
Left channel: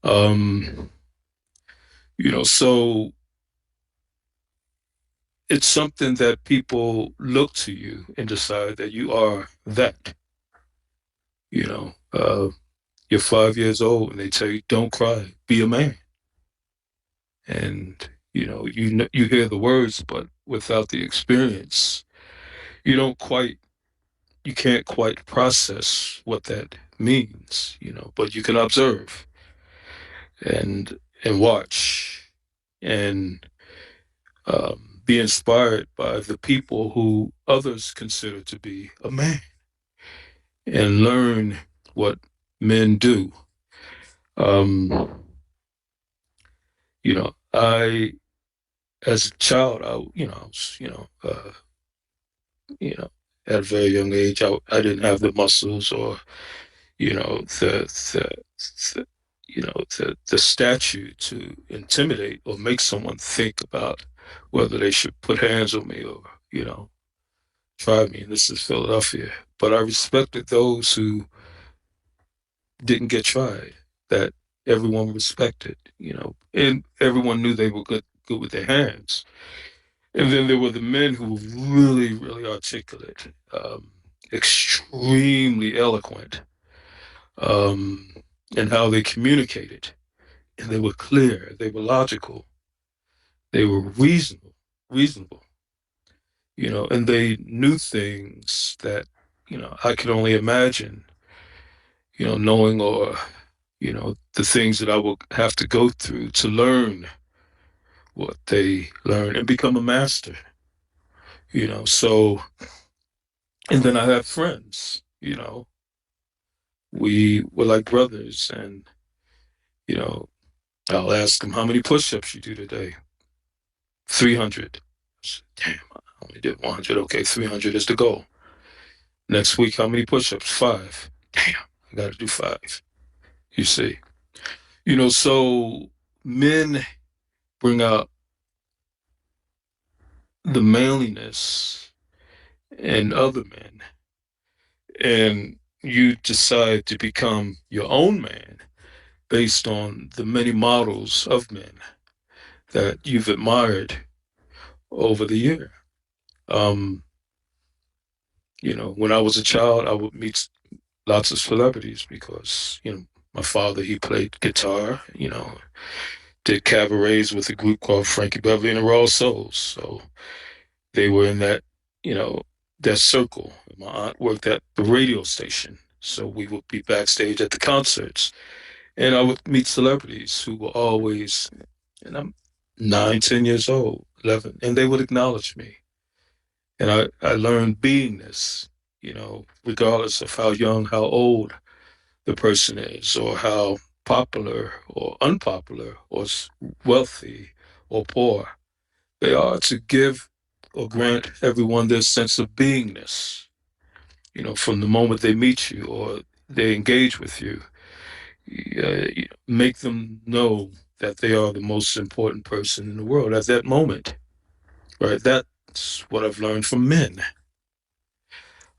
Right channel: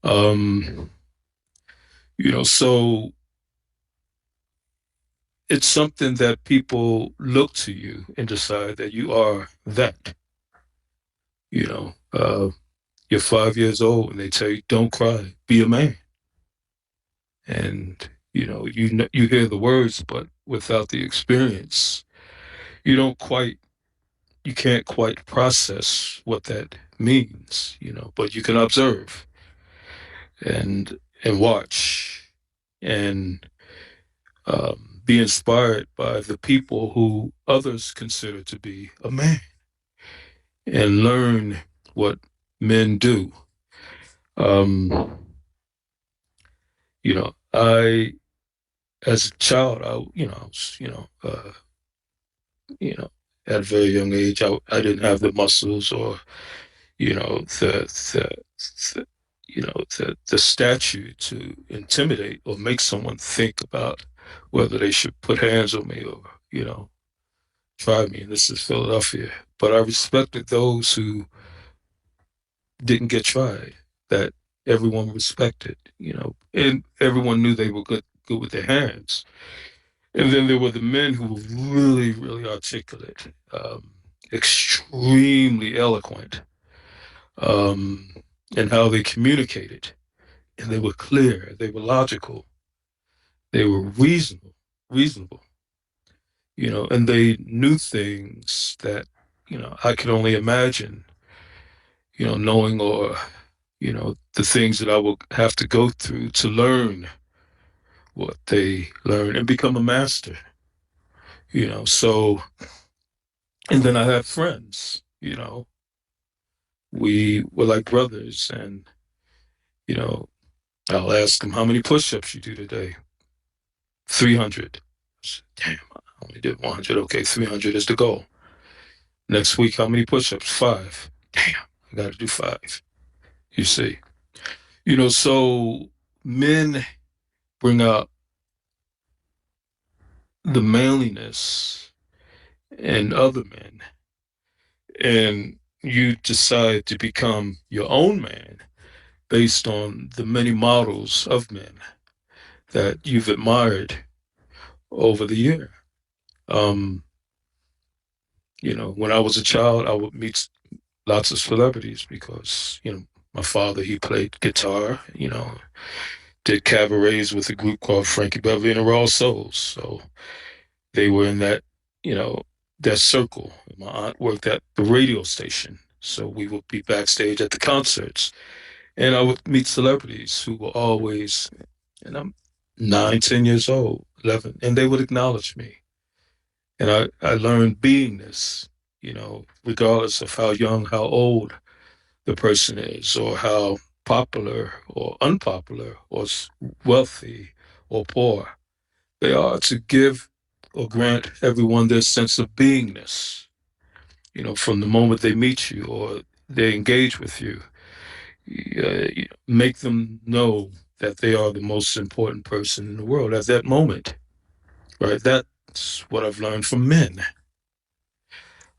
Um, so it's something that people look to you and decide that you are that. You know, uh, you're 5 years old and they tell you, "Don't cry, be a man." And you hear the words, but without the experience, you don't quite, you can't quite process what that means. But you can observe and watch and be inspired by the people who others consider to be a man and learn what men do. Um, I, as a child, I was, you know, at a very young age, I didn't have the muscles or, you know, the the stature to intimidate or make someone think about whether they should put hands on me or, try me. And this is Philadelphia. But I respected those who didn't get tried, that everyone respected, and everyone knew they were good with their hands. And then there were the men who were really, really articulate, extremely eloquent, um, in how they communicated. And they were clear, they were logical, they were reasonable, and they knew things that, I could only imagine, knowing or, the things that I will have to go through to learn what they learn and become a master, So, and then I had friends, we were like brothers, and, you know, I'll ask them, how many push ups you do today? 300. Damn, I only did 100. Okay, 300 is the goal. Next week, how many push ups? Five. Damn, I got to do five. You see, so men bring out the manliness in other men, and you decide to become your own man based on the many models of men that you've admired over the year. Um, when I was a child, I would meet lots of celebrities because, my father, he played guitar, did cabarets with a group called Frankie Beverly and the Raw Souls. So they were in that, you know, that circle. My aunt worked at the radio station. So we would be backstage at the concerts. And I would meet celebrities who were always, and I'm 9, 10 years old, 11, and they would acknowledge me. And I learned beingness, regardless of how young, how old the person is, or how popular or unpopular, or wealthy or poor. They are to give or grant everyone their sense of beingness, from the moment they meet you or they engage with you. Make them know that they are the most important person in the world at that moment, right? It's what I've learned from men.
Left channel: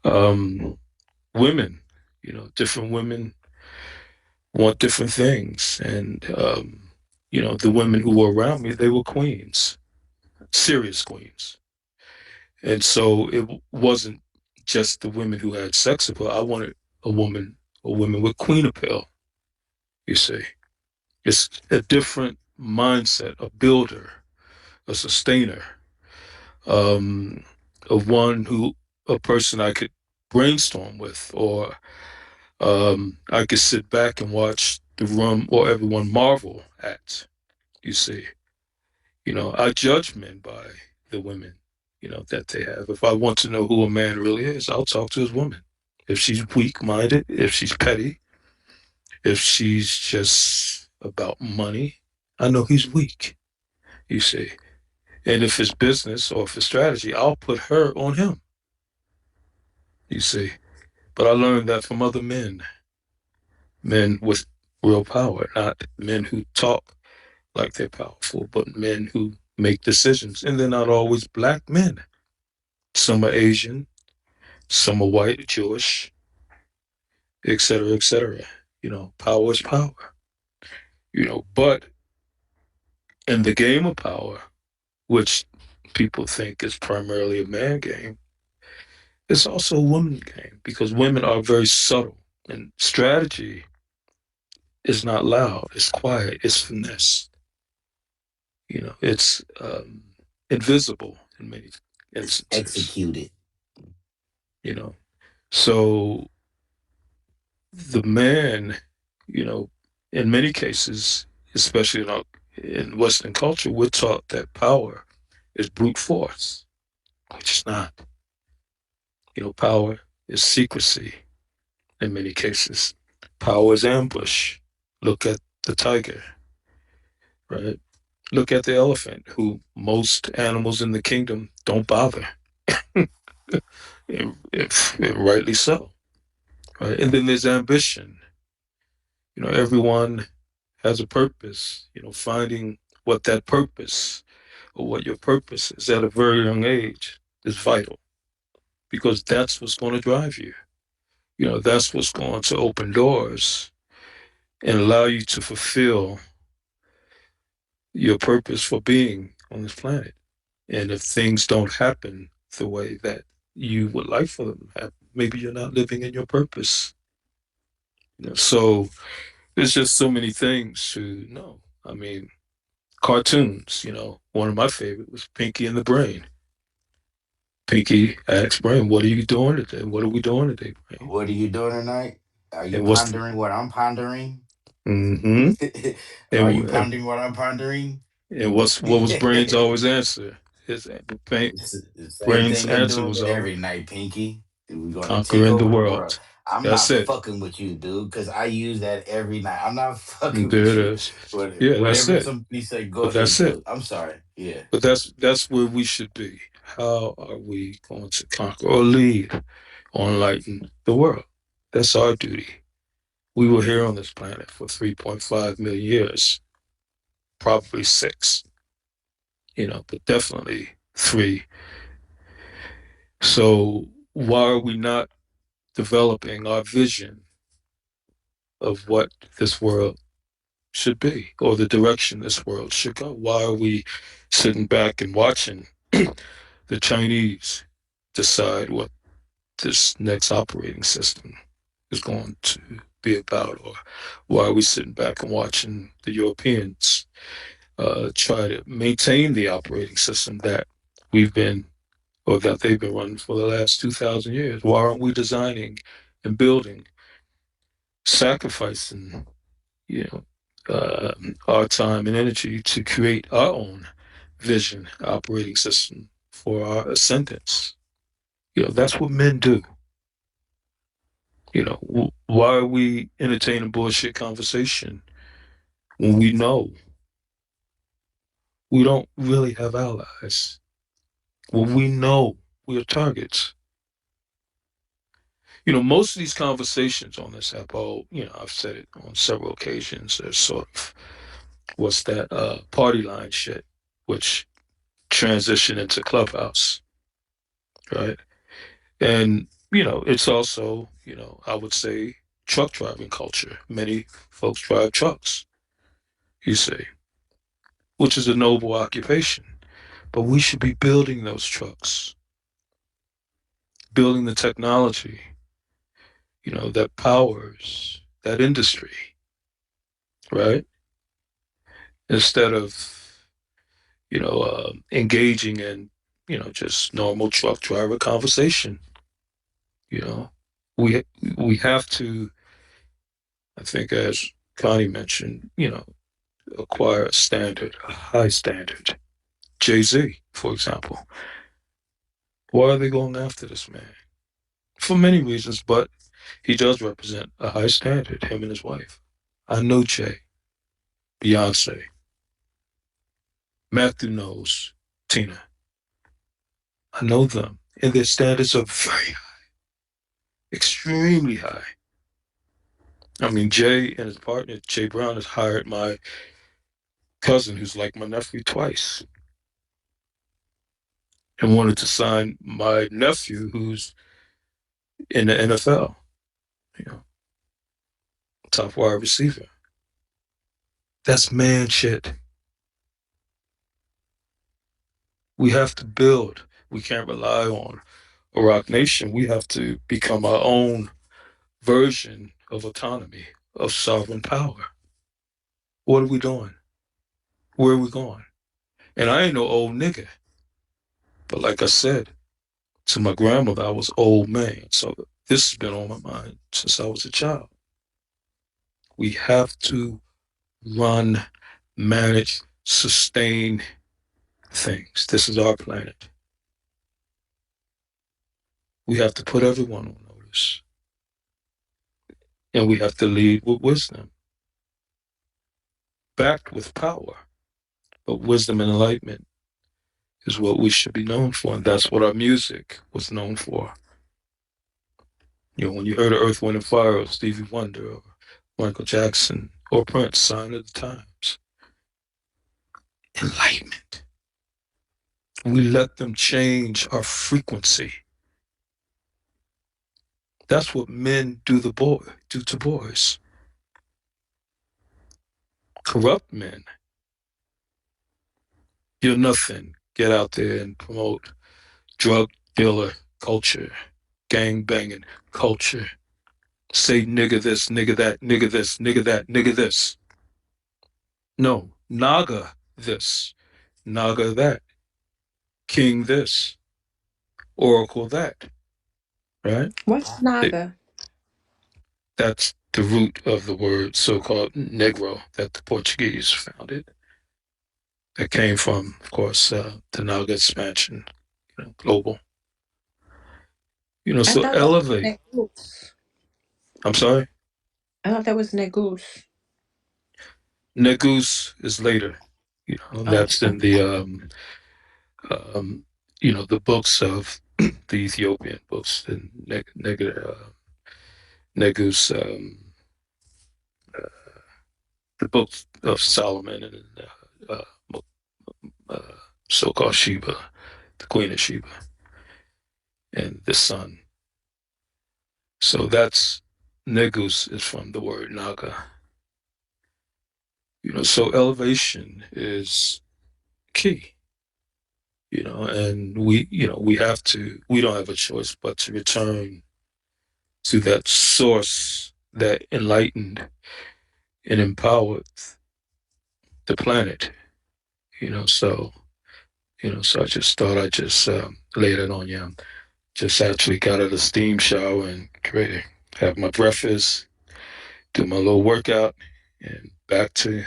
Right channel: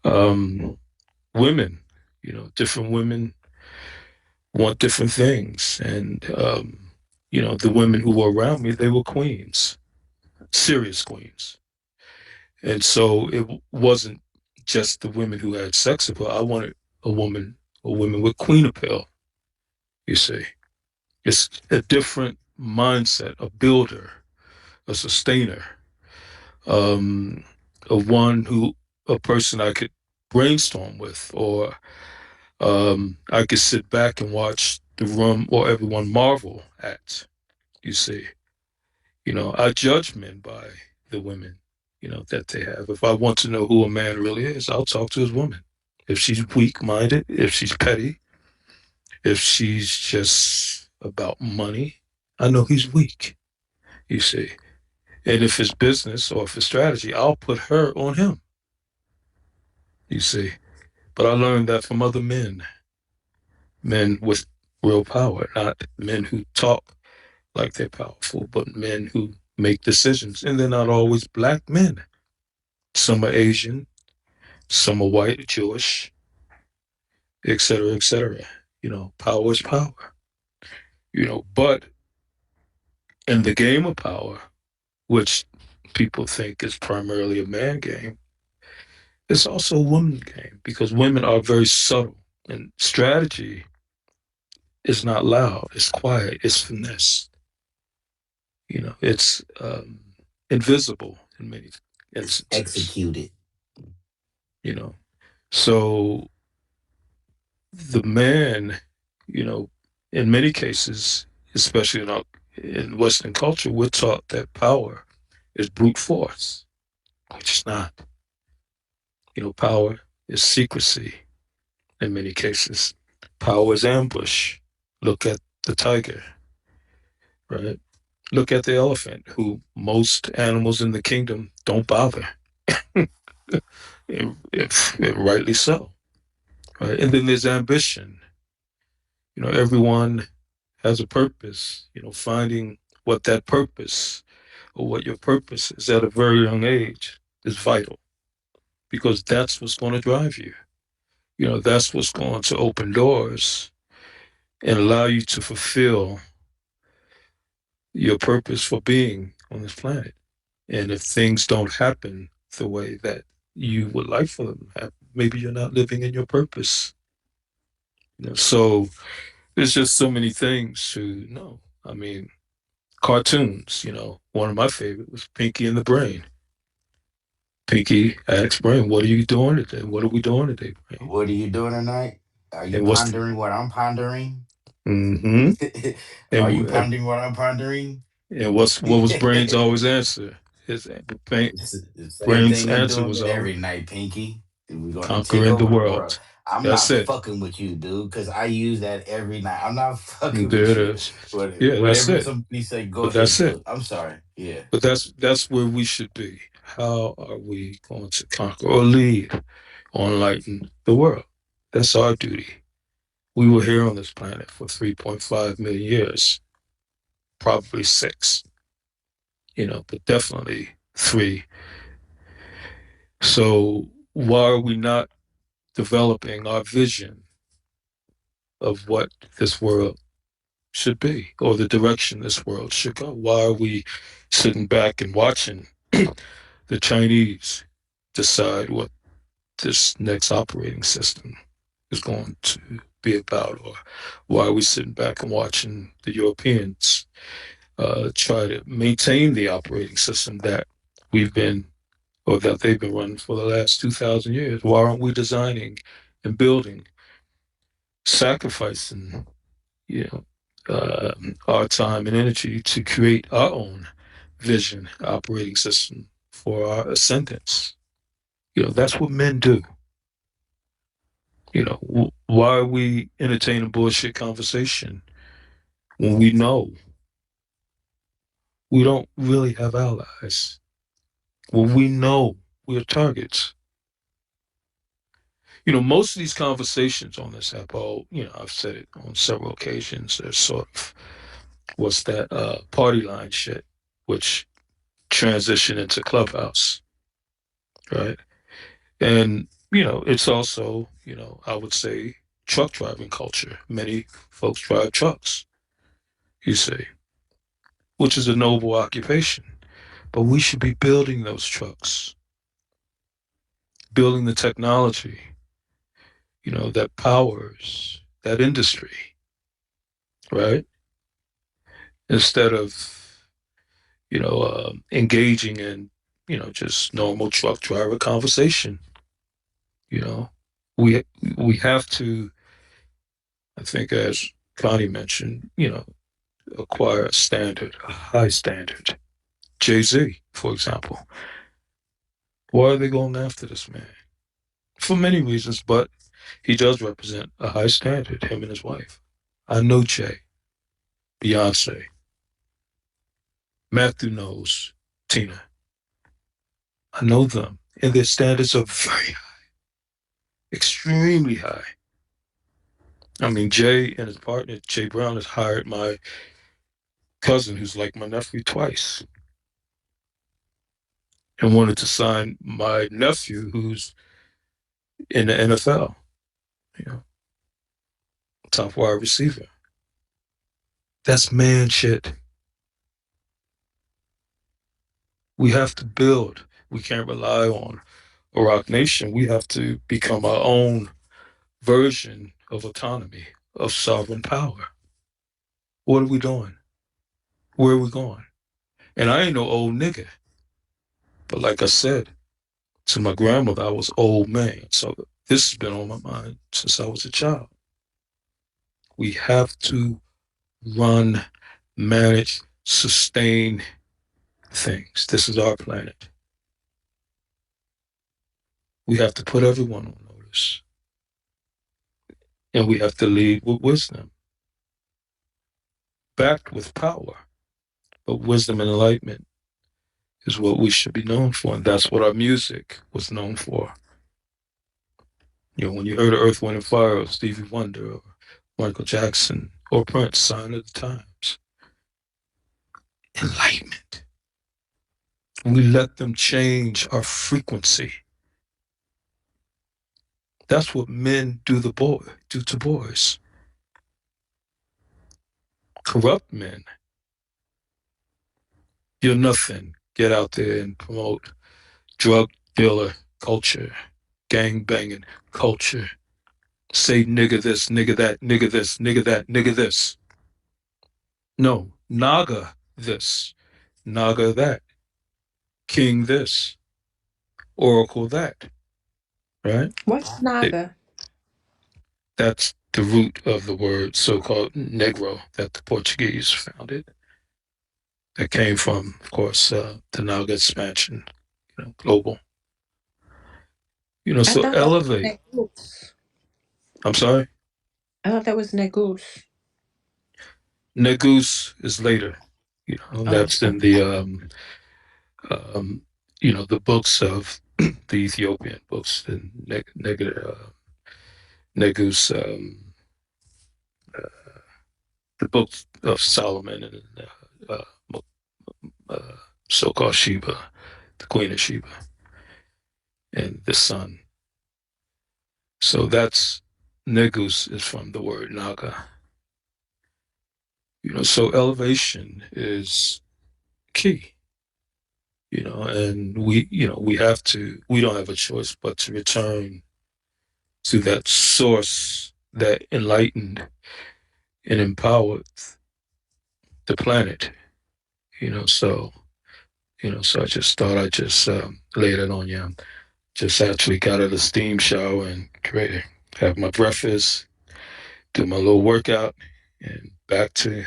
Um, Women, different women want different things. And, the women who were around me, they were queens, serious queens. And so it wasn't just the women who had sex appeal. I wanted a woman, a woman with queen appeal, you see. It's a different mindset, a builder, a sustainer, um, a person I could brainstorm with, or I could sit back and watch the room or everyone marvel at. You see, I judge men by the women, that they have. If I want to know who a man really is, I'll talk to his woman. If she's weak-minded, if she's petty, if she's just about money, I know he's weak. You see, and if it's business or if it's strategy, I'll put her on him. You see, but I learned that from other men, men with real power, not men who talk like they're powerful, but men who make decisions. And they're not always black men. Some are Asian, some are white, Jewish, et cetera, et cetera. Power is power. But in the game of power, which people think is primarily a man game, it's also a woman game because women are very subtle. And strategy is not loud, it's quiet, it's finesse. It's invisible in many It's instances. executed. You know, so the man, you know, in many cases, especially in Western culture, we're taught that power is brute force, which is not. Power is secrecy in many cases. Power is ambush. Look at the tiger, right? Look at the elephant, who most animals in the kingdom don't bother. If rightly so, right? And then there's ambition. Everyone has a purpose. Finding what that purpose or what your purpose is at a very young age is vital because that's what's going to drive you. That's what's going to open doors and allow you to fulfill your purpose for being on this planet. And if things don't happen the way that you would like for them to happen, maybe you're not living in your purpose. So there's just so many things to know. I mean, cartoons, one of my favorites was Pinky and the Brain. Pinky asks Brain, "What are you doing today? What are we doing today, Brain?" What are you doing tonight? Are you And what's the pondering what I'm pondering? mm-hmm. Are and you pondering what I'm pondering? and what was Brain's always answer? His It's the same Brain's thing you're answer doing was always every night, Pinky. We're gonna take conquering the over the world. world. I'm That's not it. fucking with you, dude, because I use that every night. I'm not fucking There with it you. is. Yeah, that's Whatever it. somebody say, go But ahead, that's it. Cook. I'm sorry. Yeah. But that's where we should be. How are we going to conquer or lead or enlighten the world? That's our duty. We were here on this planet for 3.5 million years, probably six, but definitely three. So why are we not developing our vision of what this world should be or the direction this world should go? Why are we sitting back and watching the Chinese decide what this next operating system is going to be about? Or why are we sitting back and watching the Europeans try to maintain the operating system that we've been or that they've been running for the last 2,000 years? Why aren't we designing and building, sacrificing, you know, our time and energy to create our own vision, operating system for our ascendants? That's what men do. Why are we entertaining bullshit conversation when we know we don't really have allies? When we know we're targets? Most of these conversations on this app, I've said it on several occasions, they're sort of, what's that, party line shit, which transition into Clubhouse, right? And, it's also, I would say truck driving culture. Many folks drive trucks, you see, which is a noble occupation. But we should be building those trucks, building the technology, that powers that industry, right? Instead of, engaging in, just normal truck driver conversation, you know. We we have to, I think, as Connie mentioned, acquire a standard, a high standard. Jay-Z, for example. Why are they going after this man? For many reasons, but he does represent a high standard, him and his wife. I know Jay, Beyonce, Matthew knows Tina. I know them, and their standards are very high, extremely high. I mean, Jay and his partner, Jay Brown, has hired my cousin, who's like my nephew, twice, and wanted to sign my nephew, who's in the NFL, you know, top wide receiver. That's man shit. We have to build. We can't rely on a rock nation. We have to become our own version of autonomy, of sovereign power. What are we doing? Where are we going? And I ain't no old nigga. But like I said to my grandmother, I was old man. So this has been on my mind since I was a child. We have to run, manage, sustain things. This is our planet. We have to put everyone on notice. And we have to lead with wisdom, backed with power. But wisdom and enlightenment is what we should be known for. And that's what our music was known for. When you heard of Earth, Wind, and Fire, or Stevie Wonder, or Michael Jackson, or Prince, Sign of the Times, enlightenment. We let them change our frequency. That's what men do to boys. Corrupt men. You're nothing. Get out there and promote drug dealer culture, gang banging culture. Say nigga this, nigga that, nigga this, nigga that, nigga this. No, naga this, naga that, king this, oracle that, right? What's It, Naga? that's the root of the word so-called Negro that the Portuguese founded. That came from, of course, the Naga expansion, global. I So thought that was elevate. Negus. I'm sorry, I thought that was Negus. Negus is later. Oh, That's in okay. um, the books of the Ethiopian books, the Negus, the books of Solomon, and uh, so-called Sheba, the Queen of Sheba, and the sun. So that's Negus is from the word Naga. So elevation is key. And we don't have a choice but to return to that source that enlightened and empowered the planet. So so I just thought I'd just lay it on you. Just actually got out of the steam shower and ready to have my breakfast, do my little workout, and back to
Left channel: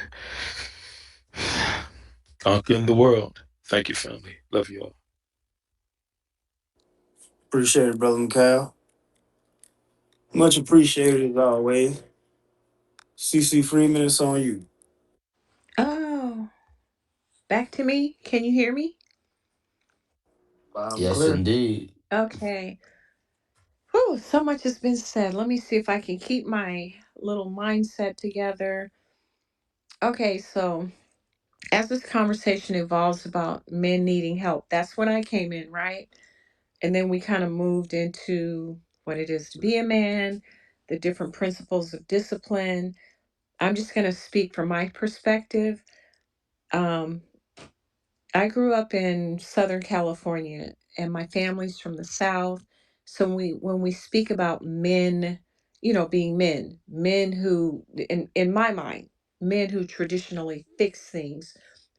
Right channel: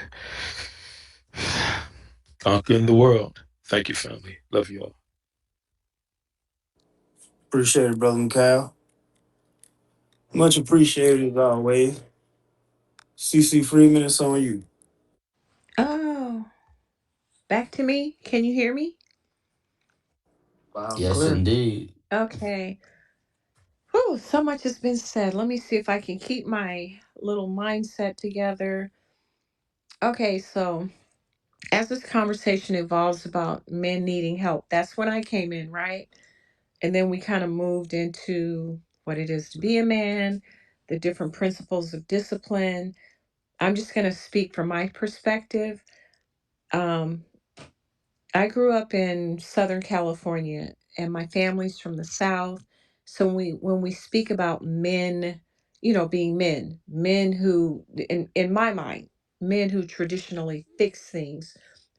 conquering the world. Thank you, family. Love you all. Appreciate it, brother Mikhail. Much appreciated as always. CC Freeman, it's on you. Oh, back to me. Can you hear me? Loud and Yes, clear. indeed. Okay. Whew, so much has been said. Let me see if I can keep my little mindset together. Okay, so as this conversation evolves about men needing help, that's when I came in, right? And then we kind of moved into what it is to be a man, the different principles of discipline. I'm just going to speak from my perspective. Um, I grew up in Southern California, and my family's from the South. So when we speak about men, being men, men who, in my mind, men who traditionally fix things,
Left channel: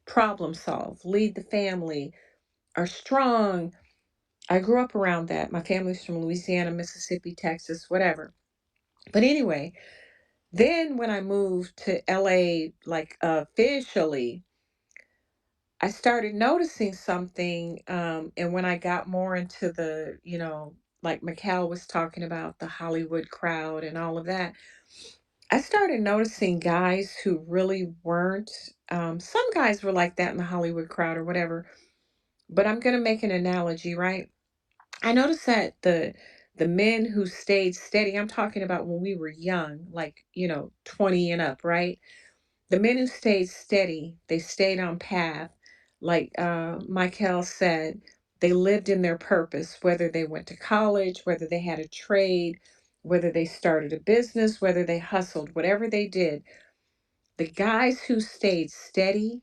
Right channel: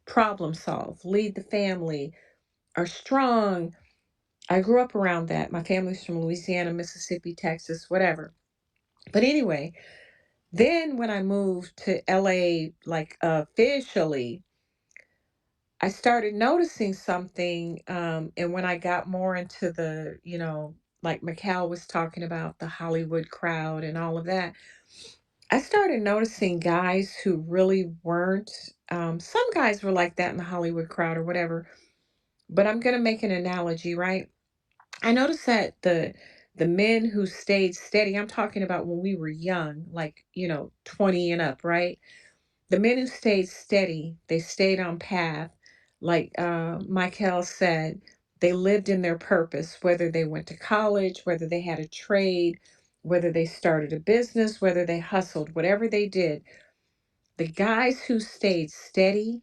problem solve, lead the family, are strong. I grew up around that. My family's from Louisiana, Mississippi, Texas, whatever. But anyway, then when I moved to LA, like officially, I started noticing something. And when I got more into the, like Mikhail was talking about the Hollywood crowd and all of that, I started noticing guys who really weren't. Some guys were like that in the Hollywood crowd or whatever. But I'm going to make an analogy, right? I noticed that the men who stayed steady, I'm talking about when we were young, like, 20 and up, right? The men who stayed steady, they stayed on path. Like Michael said, they lived in their purpose, whether they went to college, whether they had a trade, whether they started a business, whether they hustled, whatever they did. The guys who stayed steady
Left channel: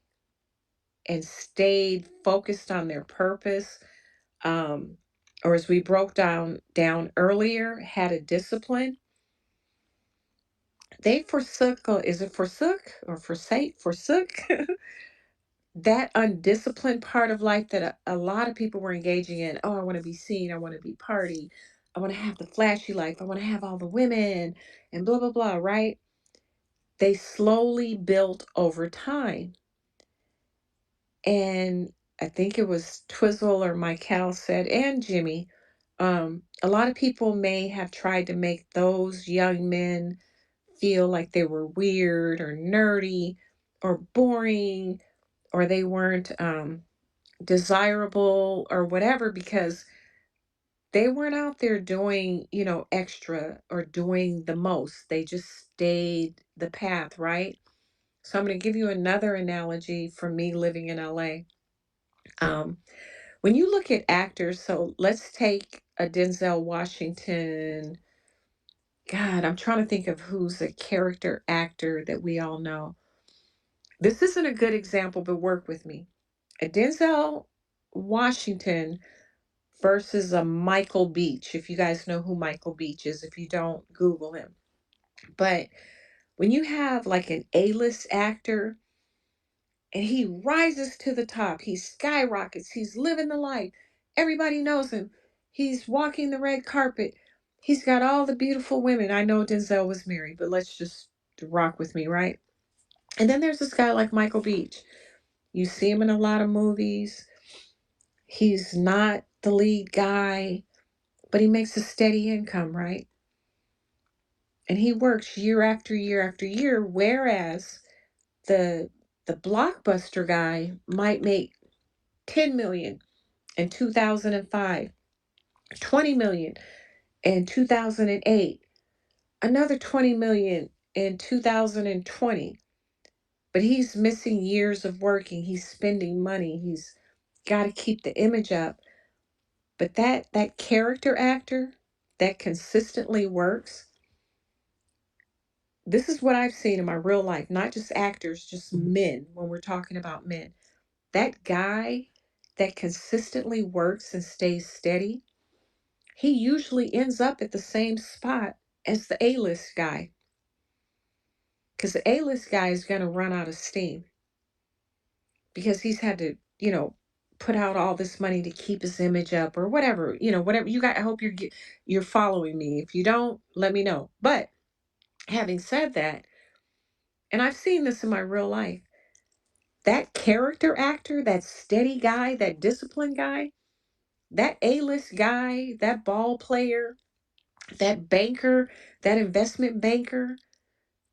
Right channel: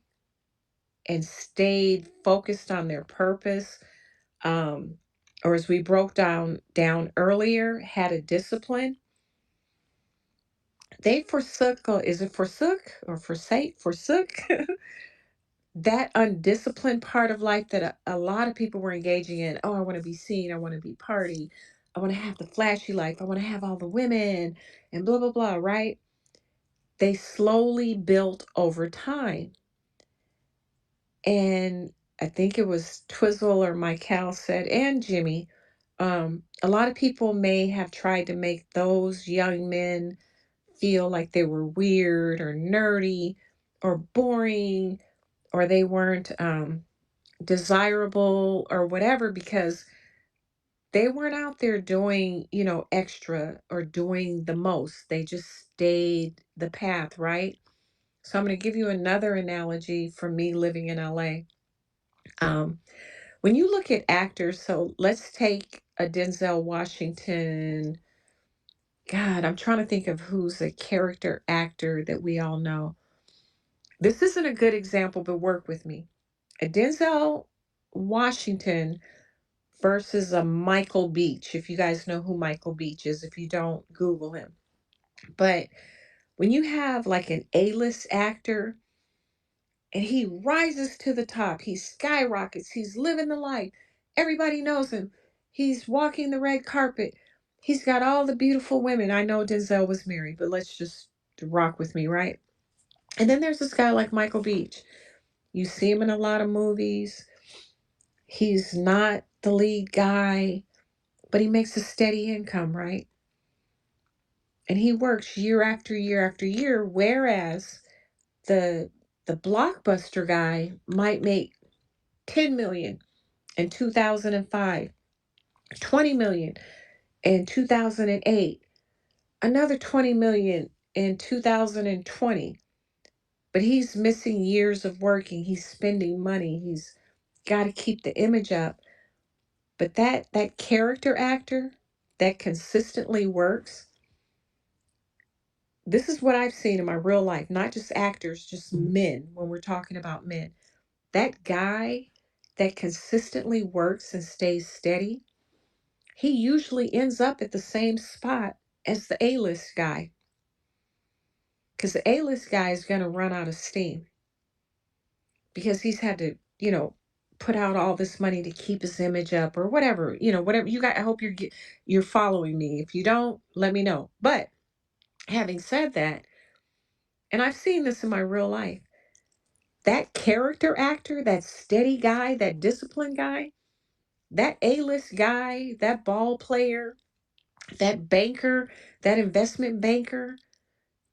and stayed focused on their purpose, um, or as we broke down earlier, had a discipline. They forsook, is it forsook or forsook that undisciplined part of life that a lot of people were engaging in. Oh, I want to be seen. I want to be party. I want to have the flashy life. I want to have all the women and blah, blah, blah, right? They slowly built over time. And I think it was Twizzle or Michael said, and Jimmy, a lot of people may have tried to make those young men feel like they were weird or nerdy or boring, or they weren't desirable or whatever, because they weren't out there doing, extra or doing the most. They just stayed the path, right? So I'm going to give you another analogy from me living in LA. Um, when you look at actors, so let's take a Denzel Washington. God, I'm trying to think of who's a character actor that we all know. This isn't a good example, but work with me. A Denzel Washington versus a Michael Beach. If you guys know who Michael Beach is, if you don't, Google him. But when you have like an A-list actor and he rises to the top, he skyrockets, he's living the life. Everybody knows him. He's walking the red carpet. He's got all the beautiful women. I know Denzel was married, but let's just rock with me, right? And then there's this guy like Michael Beach. You see him in a lot of movies. He's not the lead guy, but he makes a steady income, right? And he works year after year after year, whereas the the blockbuster guy might make 10 million in 2005, 20 million in 2008, another 20 million in 2020. But he's missing years of working. He's spending money. He's got to keep the image up. But that character actor that consistently works, this is what I've seen in my real life, not just actors, just men when we're talking about men. That guy that consistently works and stays steady, he usually ends up at the same spot as the A-list guy, because the A-list guy is going to run out of steam because he's had to, put out all this money to keep his image up or whatever, whatever you got. I hope you're following me. If you don't, let me know. But having said that, and I've seen this in my real life, that character actor, that steady guy, that disciplined guy, that A-list guy, that ball player, that banker, that investment banker,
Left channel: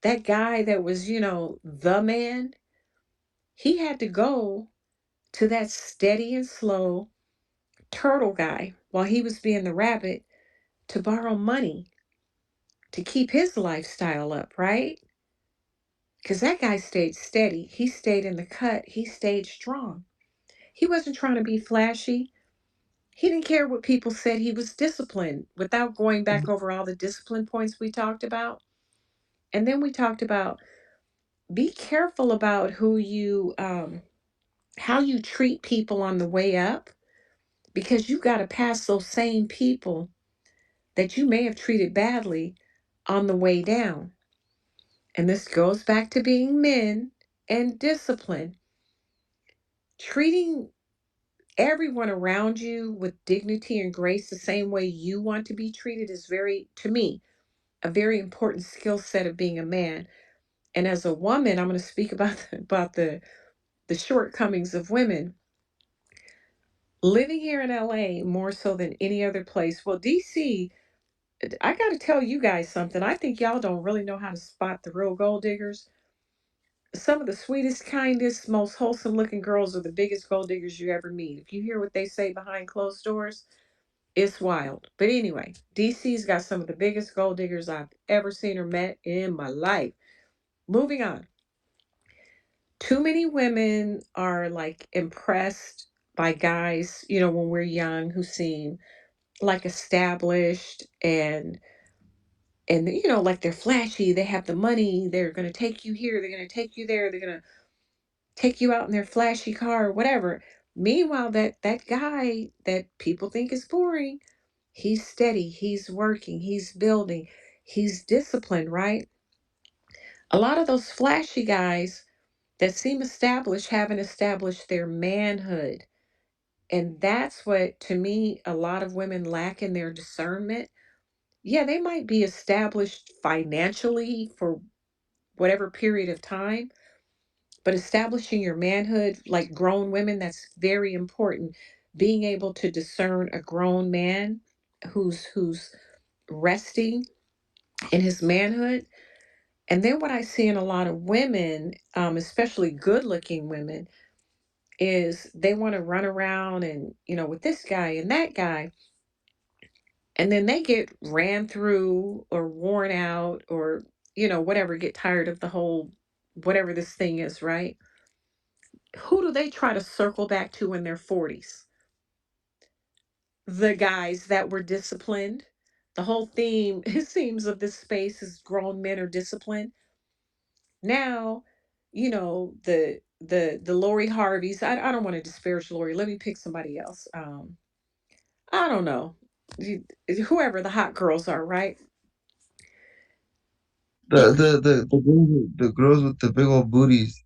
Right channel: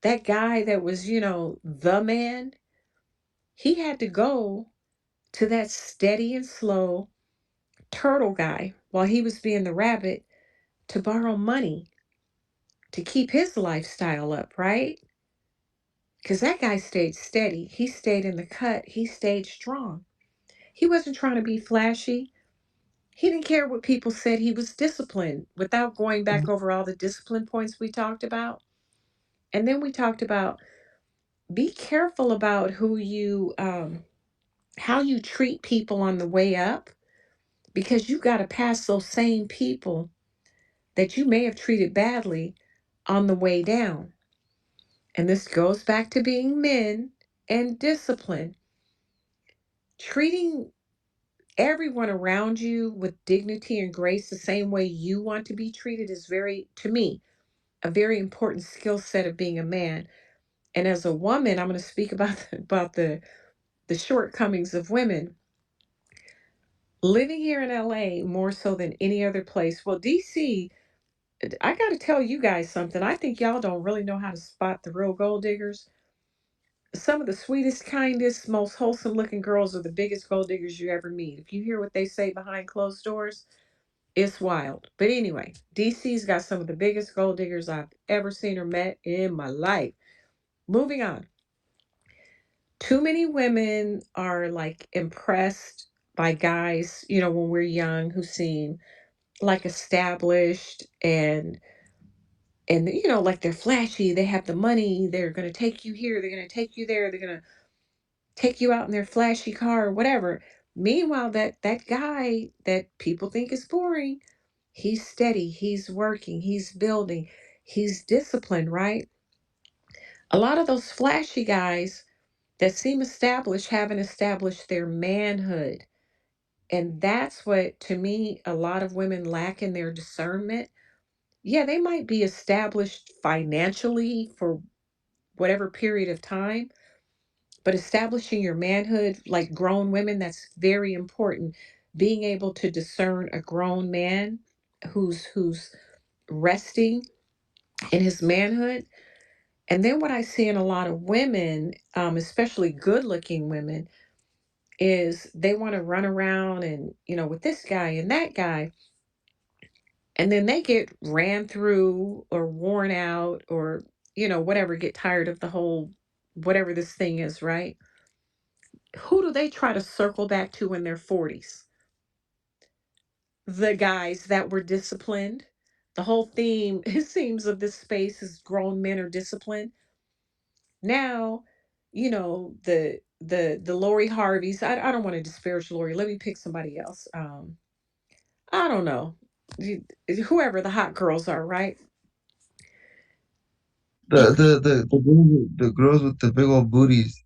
that guy that was, the man, he had to go to that steady and slow turtle guy while he was being the rabbit to borrow money to keep his lifestyle up, right? Because that guy stayed steady. He stayed in the cut. He stayed strong. He wasn't trying to be flashy. He didn't care what people said. He was disciplined without going back over all the discipline points we talked about. And then we talked about be careful about how you treat people on the way up, because you got to pass those same people that you may have treated badly on the way down. And this goes back to being men and discipline. Treating everyone around you with dignity and grace the same way you want to be treated is very, to me, a very important skill set of being a man. And as a woman, I'm going to speak about the shortcomings of women. Living here in LA more so than any other place. Well, DC, I got to tell you guys something. I think y'all don't really know how to spot the real gold diggers. Some of the sweetest, kindest, most wholesome looking girls are the biggest gold diggers you ever meet. If you hear what they say behind closed doors, it's wild. But anyway, DC's got some of the biggest gold diggers I've ever seen or met in my life. Moving on. Too many women are like impressed by guys, when we're young, who seem like established and like they're flashy, they have the money, they're going to take you here, they're going to take you there, they're going to take you out in their flashy car or whatever. Meanwhile, that guy that people think is boring, he's steady, he's working, he's building, he's disciplined, right? A lot of those flashy guys that seem established haven't established their manhood. And that's what, to me, a lot of women lack in their discernment. Yeah, they might be established financially for whatever period of time, but establishing your manhood, like grown women, that's very important. Being able to discern a grown man who's resting in his manhood. And then what I see in a lot of women, especially good looking women, is they want to run around and, with this guy and that guy, and then they get ran through or worn out or, whatever, get tired of the whole, whatever this thing is, right? Who do they try to circle back to in their 40s? The guys that were disciplined. The whole theme, it seems, of this space is grown men are disciplined. Now, the Lori Harveys. I don't want to disparage Lori. Let me pick somebody else. I don't know. Whoever the hot girls are, right? The the girls with the big old booties.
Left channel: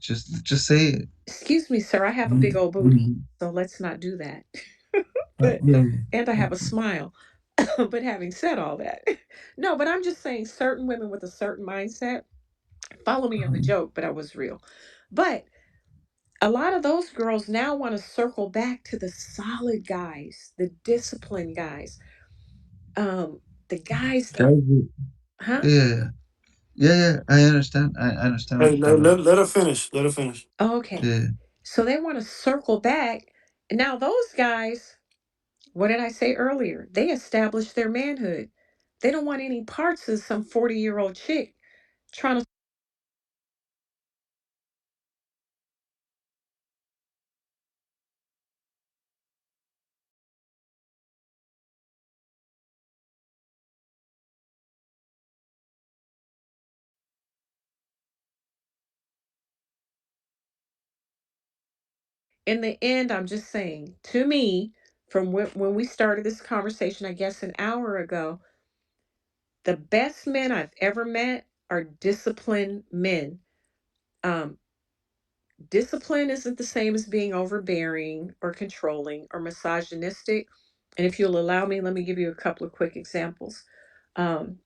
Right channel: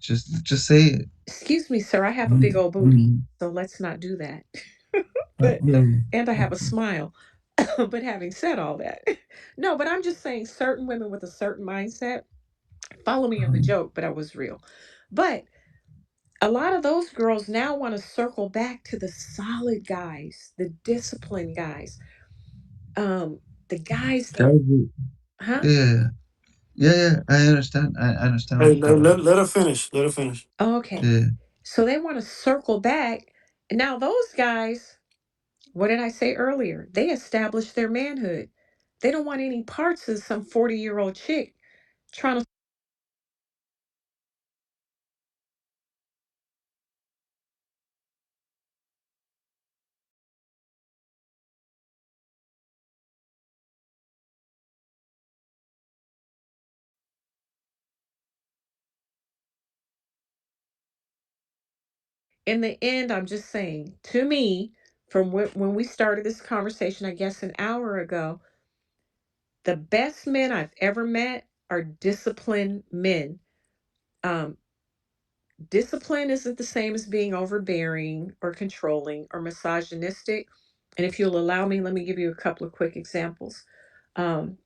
Just say it. Excuse me, sir, I have a big Mm, old booty, mm. so let's not do that. But Yeah. and I have a smile. But having said all that, no, but I'm just saying certain women with a certain mindset, follow me on the Um, joke, but I was real. But a lot of those girls now want to circle back to the solid guys, the disciplined guys, the guys that that, was it. huh? Yeah. Yeah, yeah. I understand. I understand what Hey, you're talking about. let her finish. Let her finish. Okay. Yeah. So they want to circle back. Now, those guys, what did I say earlier? They established their manhood. They don't want any parts of some 40-year-old chick trying to. In the end, I'm just saying, to me, from when we started this conversation, I guess an hour ago, the best men I've ever met are disciplined men. Um, Discipline isn't the same as being overbearing or controlling or misogynistic. And if you'll allow me, let me give you a couple of quick examples. Um,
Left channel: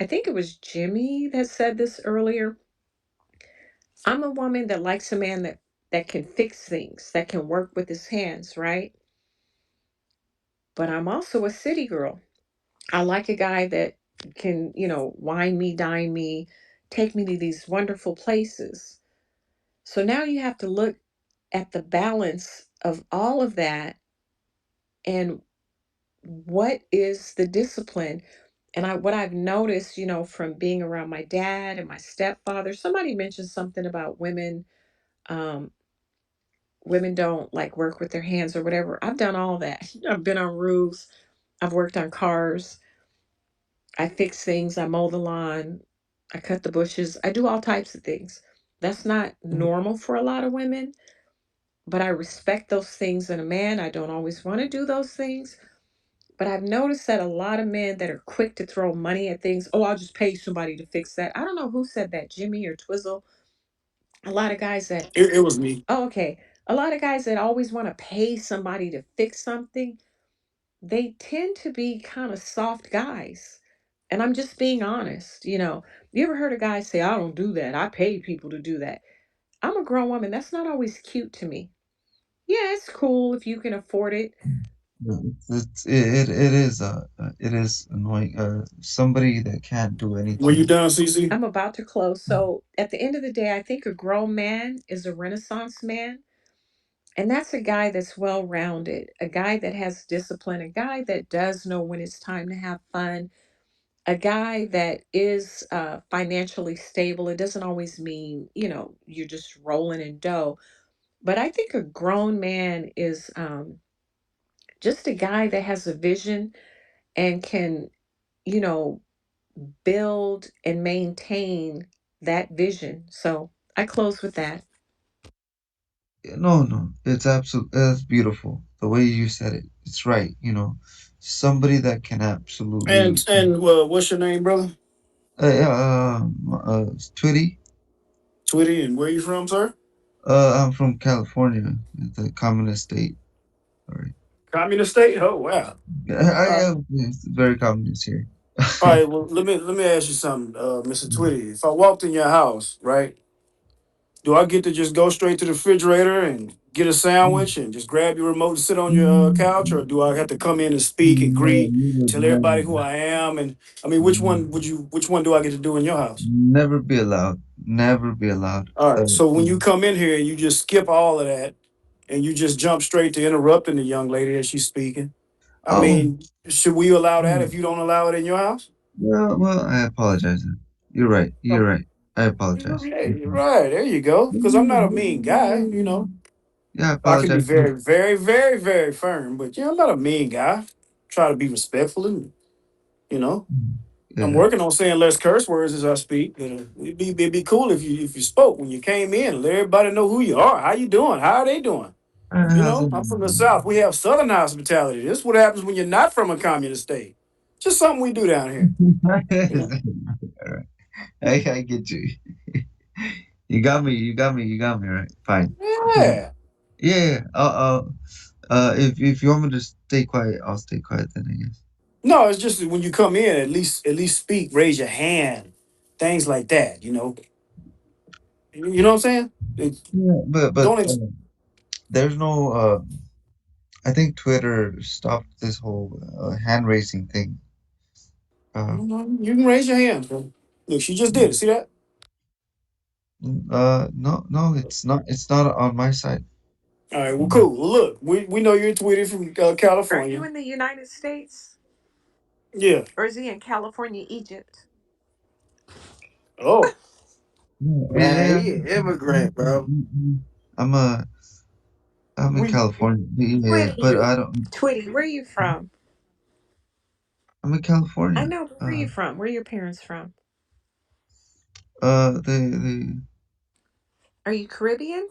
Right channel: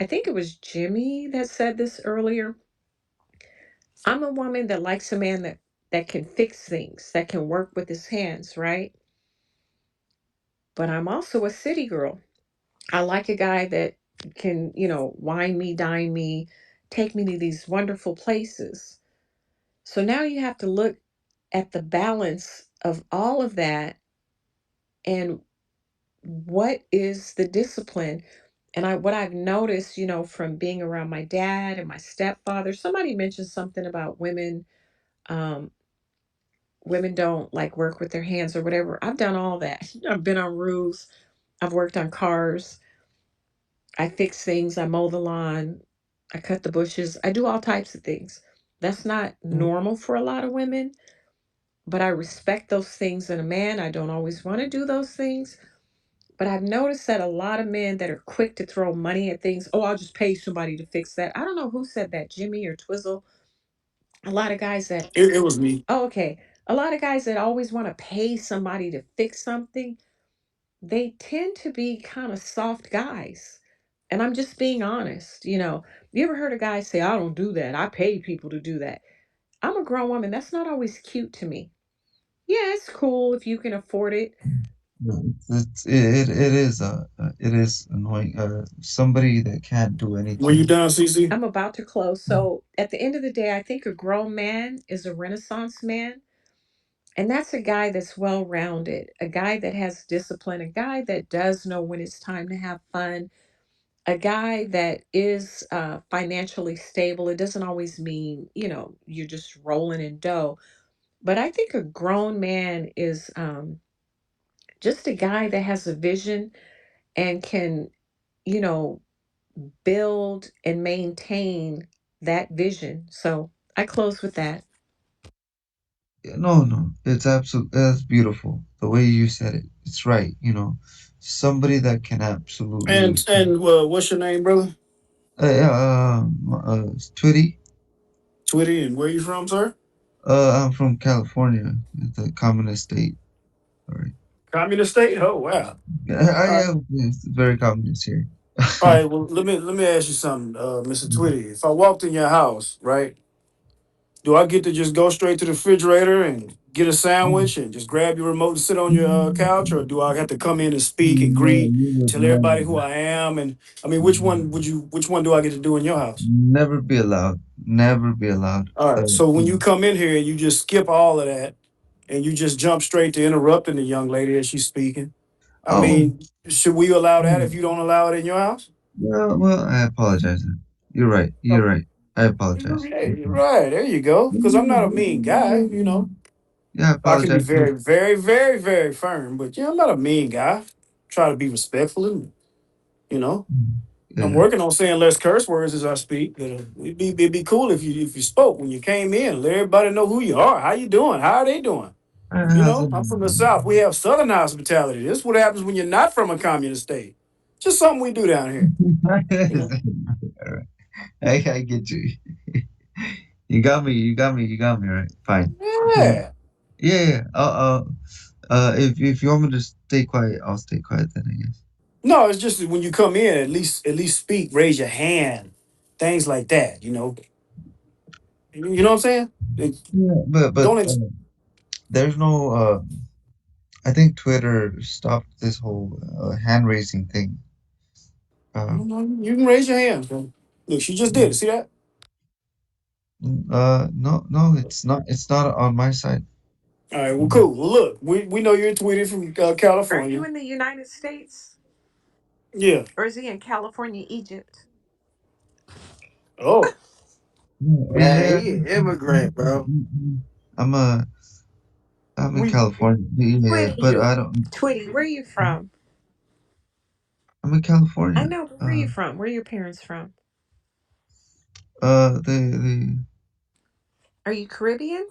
I think it was Jimmy that said this earlier. I'm a woman that likes a man that can fix things, that can work with his hands, right? But I'm also a city girl. I like a guy that can, wine me, dine me, take me to these wonderful places. So now you have to look at the balance of all of that and what is the discipline. And what I've noticed, from being around my dad and my stepfather, somebody mentioned something about women. Um, Women don't like work with their hands or whatever. I've done all that. I've been on roofs. I've worked on cars. I fix things. I mow the lawn. I cut the bushes. I do all types of things. That's not normal for a lot of women, but I respect those things in a man. I don't always want to do those things. But I've noticed that a lot of men that are quick to throw money at things, oh, I'll just pay somebody to fix that. I don't know who said that, Jimmy or Twizzle. A lot of guys that, It was me. oh, okay. A lot of guys that always want to pay somebody to fix something, they tend to be kind of soft guys. And I'm just being honest. You ever heard a guy say, I don't do that. I pay people to do that. I'm a grown woman. That's not always cute to me. Yeah, it's cool if you can afford it. No, it is annoying. Somebody that can't do Were you anything. done, CC? I'm about to close. So at the end of the day, I think a grown man is a renaissance man. And that's a guy that's well rounded, a guy that has discipline, a guy that does know when it's time to have fun, a guy that is financially stable. It doesn't always mean, you're just rolling in dough. But I think a grown man is just a guy that has a vision and can, you know, build and maintain that vision. So I close with that. No, no, it's absolutely that's beautiful. The way you said it, it's right. Somebody that can absolutely. And what's your name, brother? Twitty. Twitty, and where you from, sir? I'm from California, the communist state. All right. Communist state? Oh wow. I All right. am it's very communist here. All right. Well, let me ask you something, Mr. Twitty. If I walked in your house, right, do I get to just go straight to the refrigerator and get a sandwich and just grab your remote and sit on your couch, or do I have to come in and speak and No, greet, you would tell everybody who I am? And I mean, which one would you? Which one do I get to do in your house? never be allowed. Never be allowed. All right. So when you come in here and you just skip all of that and you just jump straight to interrupting the young lady as she's speaking, I oh, mean, should we allow that mm, if you don't allow it in your house? well, I apologize then. You're right. You're right. I apologize. Right, right. There you go. Because I'm not a mean guy. Yeah, I I can be apologize. very, very, very, very firm, but I'm not a mean guy. Try to be respectful and you know. I'm Yeah, working on saying less curse words as I speak. But it'd be cool if you spoke when you came in. Let everybody know who you are. How you doing? How are they doing? how's it? I'm from the South. We have Southern hospitality. This is what happens when you're not from a communist state. Just something we do down here. You know. Alright, I get you. You got me. You got me. You got me. Right. Fine. Yeah. Yeah. Yeah. If you want me to stay quiet, I'll stay quiet then. I guess. No, it's just that when you come in, at least speak, raise your hand, things like that. You know what I'm saying? Yeah, but Don't ex- there's no. I think Twitter stopped this whole hand raising thing. Uh, you can raise your hand. Bro. Look, she just did it. See that? no, no, it's not. It's not on my side. All right. Well, cool. Well, look, we know you're tweeted from Are you California. in the United States Yeah. or is he in California, Egypt? Oh. Man, Yeah, he an immigrant, bro. I'm a I'm in We California. Yeah, but Twitty, I don't. Twitty, where are you from? I'm in I California. know, but where are you from? Where are your parents from? The Are you Caribbean?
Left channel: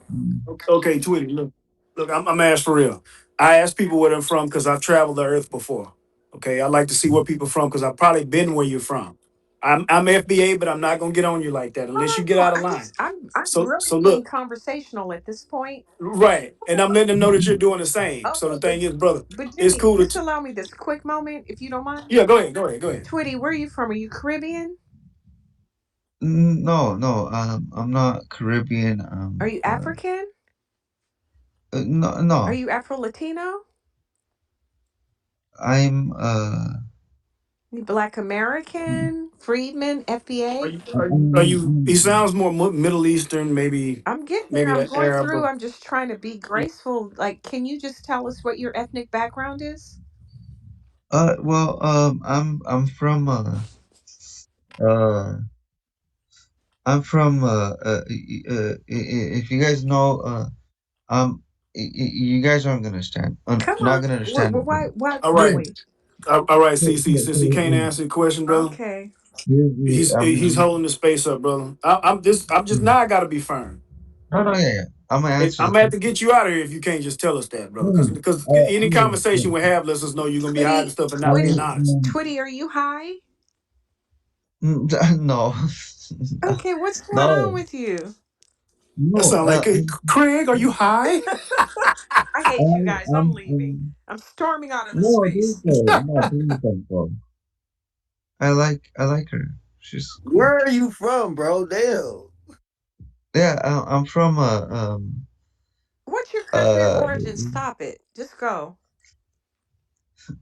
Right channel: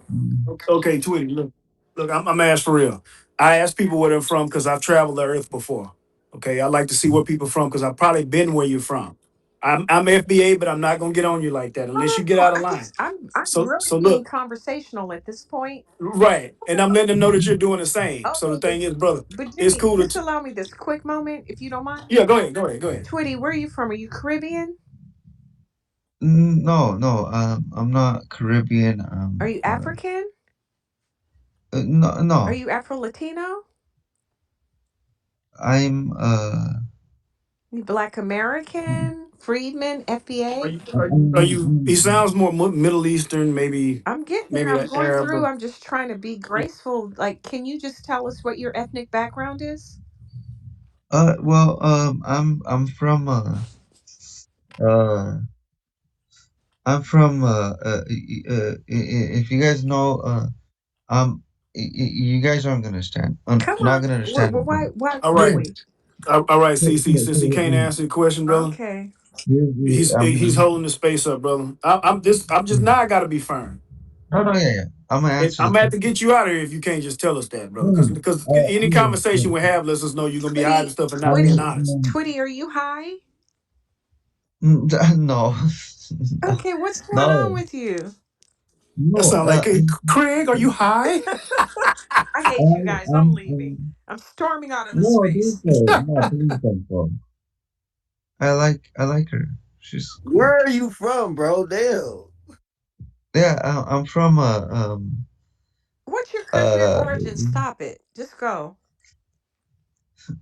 okay, Tweety. Look. I'm asked for real. I ask people where they're from because I've traveled the earth before. Okay. I like to see where people from because I've probably been where you're from. I'm FBA, but I'm not gonna get on you like that unless you get Oh, out of line. I'm So really being look. conversational at this point. Right. And I'm letting them know that you're doing the same. So Okay, the thing is, brother, but it's Jimmy, cool just to. allow me this quick moment, if you don't mind. Yeah, go ahead. Go ahead. Go ahead. Twitty, where are you from? Are you Caribbean? No, no. I'm not Caribbean. Are you African? No, Are no. you Afro Latino? I'm You Black American? Freedman? Are FBA? you? He sounds more Middle Eastern, maybe, I'm getting there. maybe I'm an going Arab. through. I'm just trying to be graceful. Like, can you just tell us what your ethnic background is? Well, I'm from uh I'm from if you guys know you guys aren't gonna understand. Come Not on. gonna understand it, but Why All can't right. we? All right, so, CC. so, Since he can't so, answer the question, brother, Okay. he's holding the space up, brother. I'm just now. I gotta be firm. no, no, yeah, yeah. I'm gonna answer I'm the gonna have to question. get you out of here if you can't just tell us that, brother. No, Because no, because any no, conversation we have lets us know you're gonna be hiding Twitty, stuff and not being Twitty, honest. Twitty, are you high? no, Okay, what's going on no, with you? That no. sounds like, "Hey, Craig, are you high?" I hate you guys. I'm leaving. I'm I'm storming out of the no, don't space. go. No, don't go. I like her. She's cool. Where are you from, bro? Damn. Yeah, I'm from What's your country of uh origin? Stop it. Just go.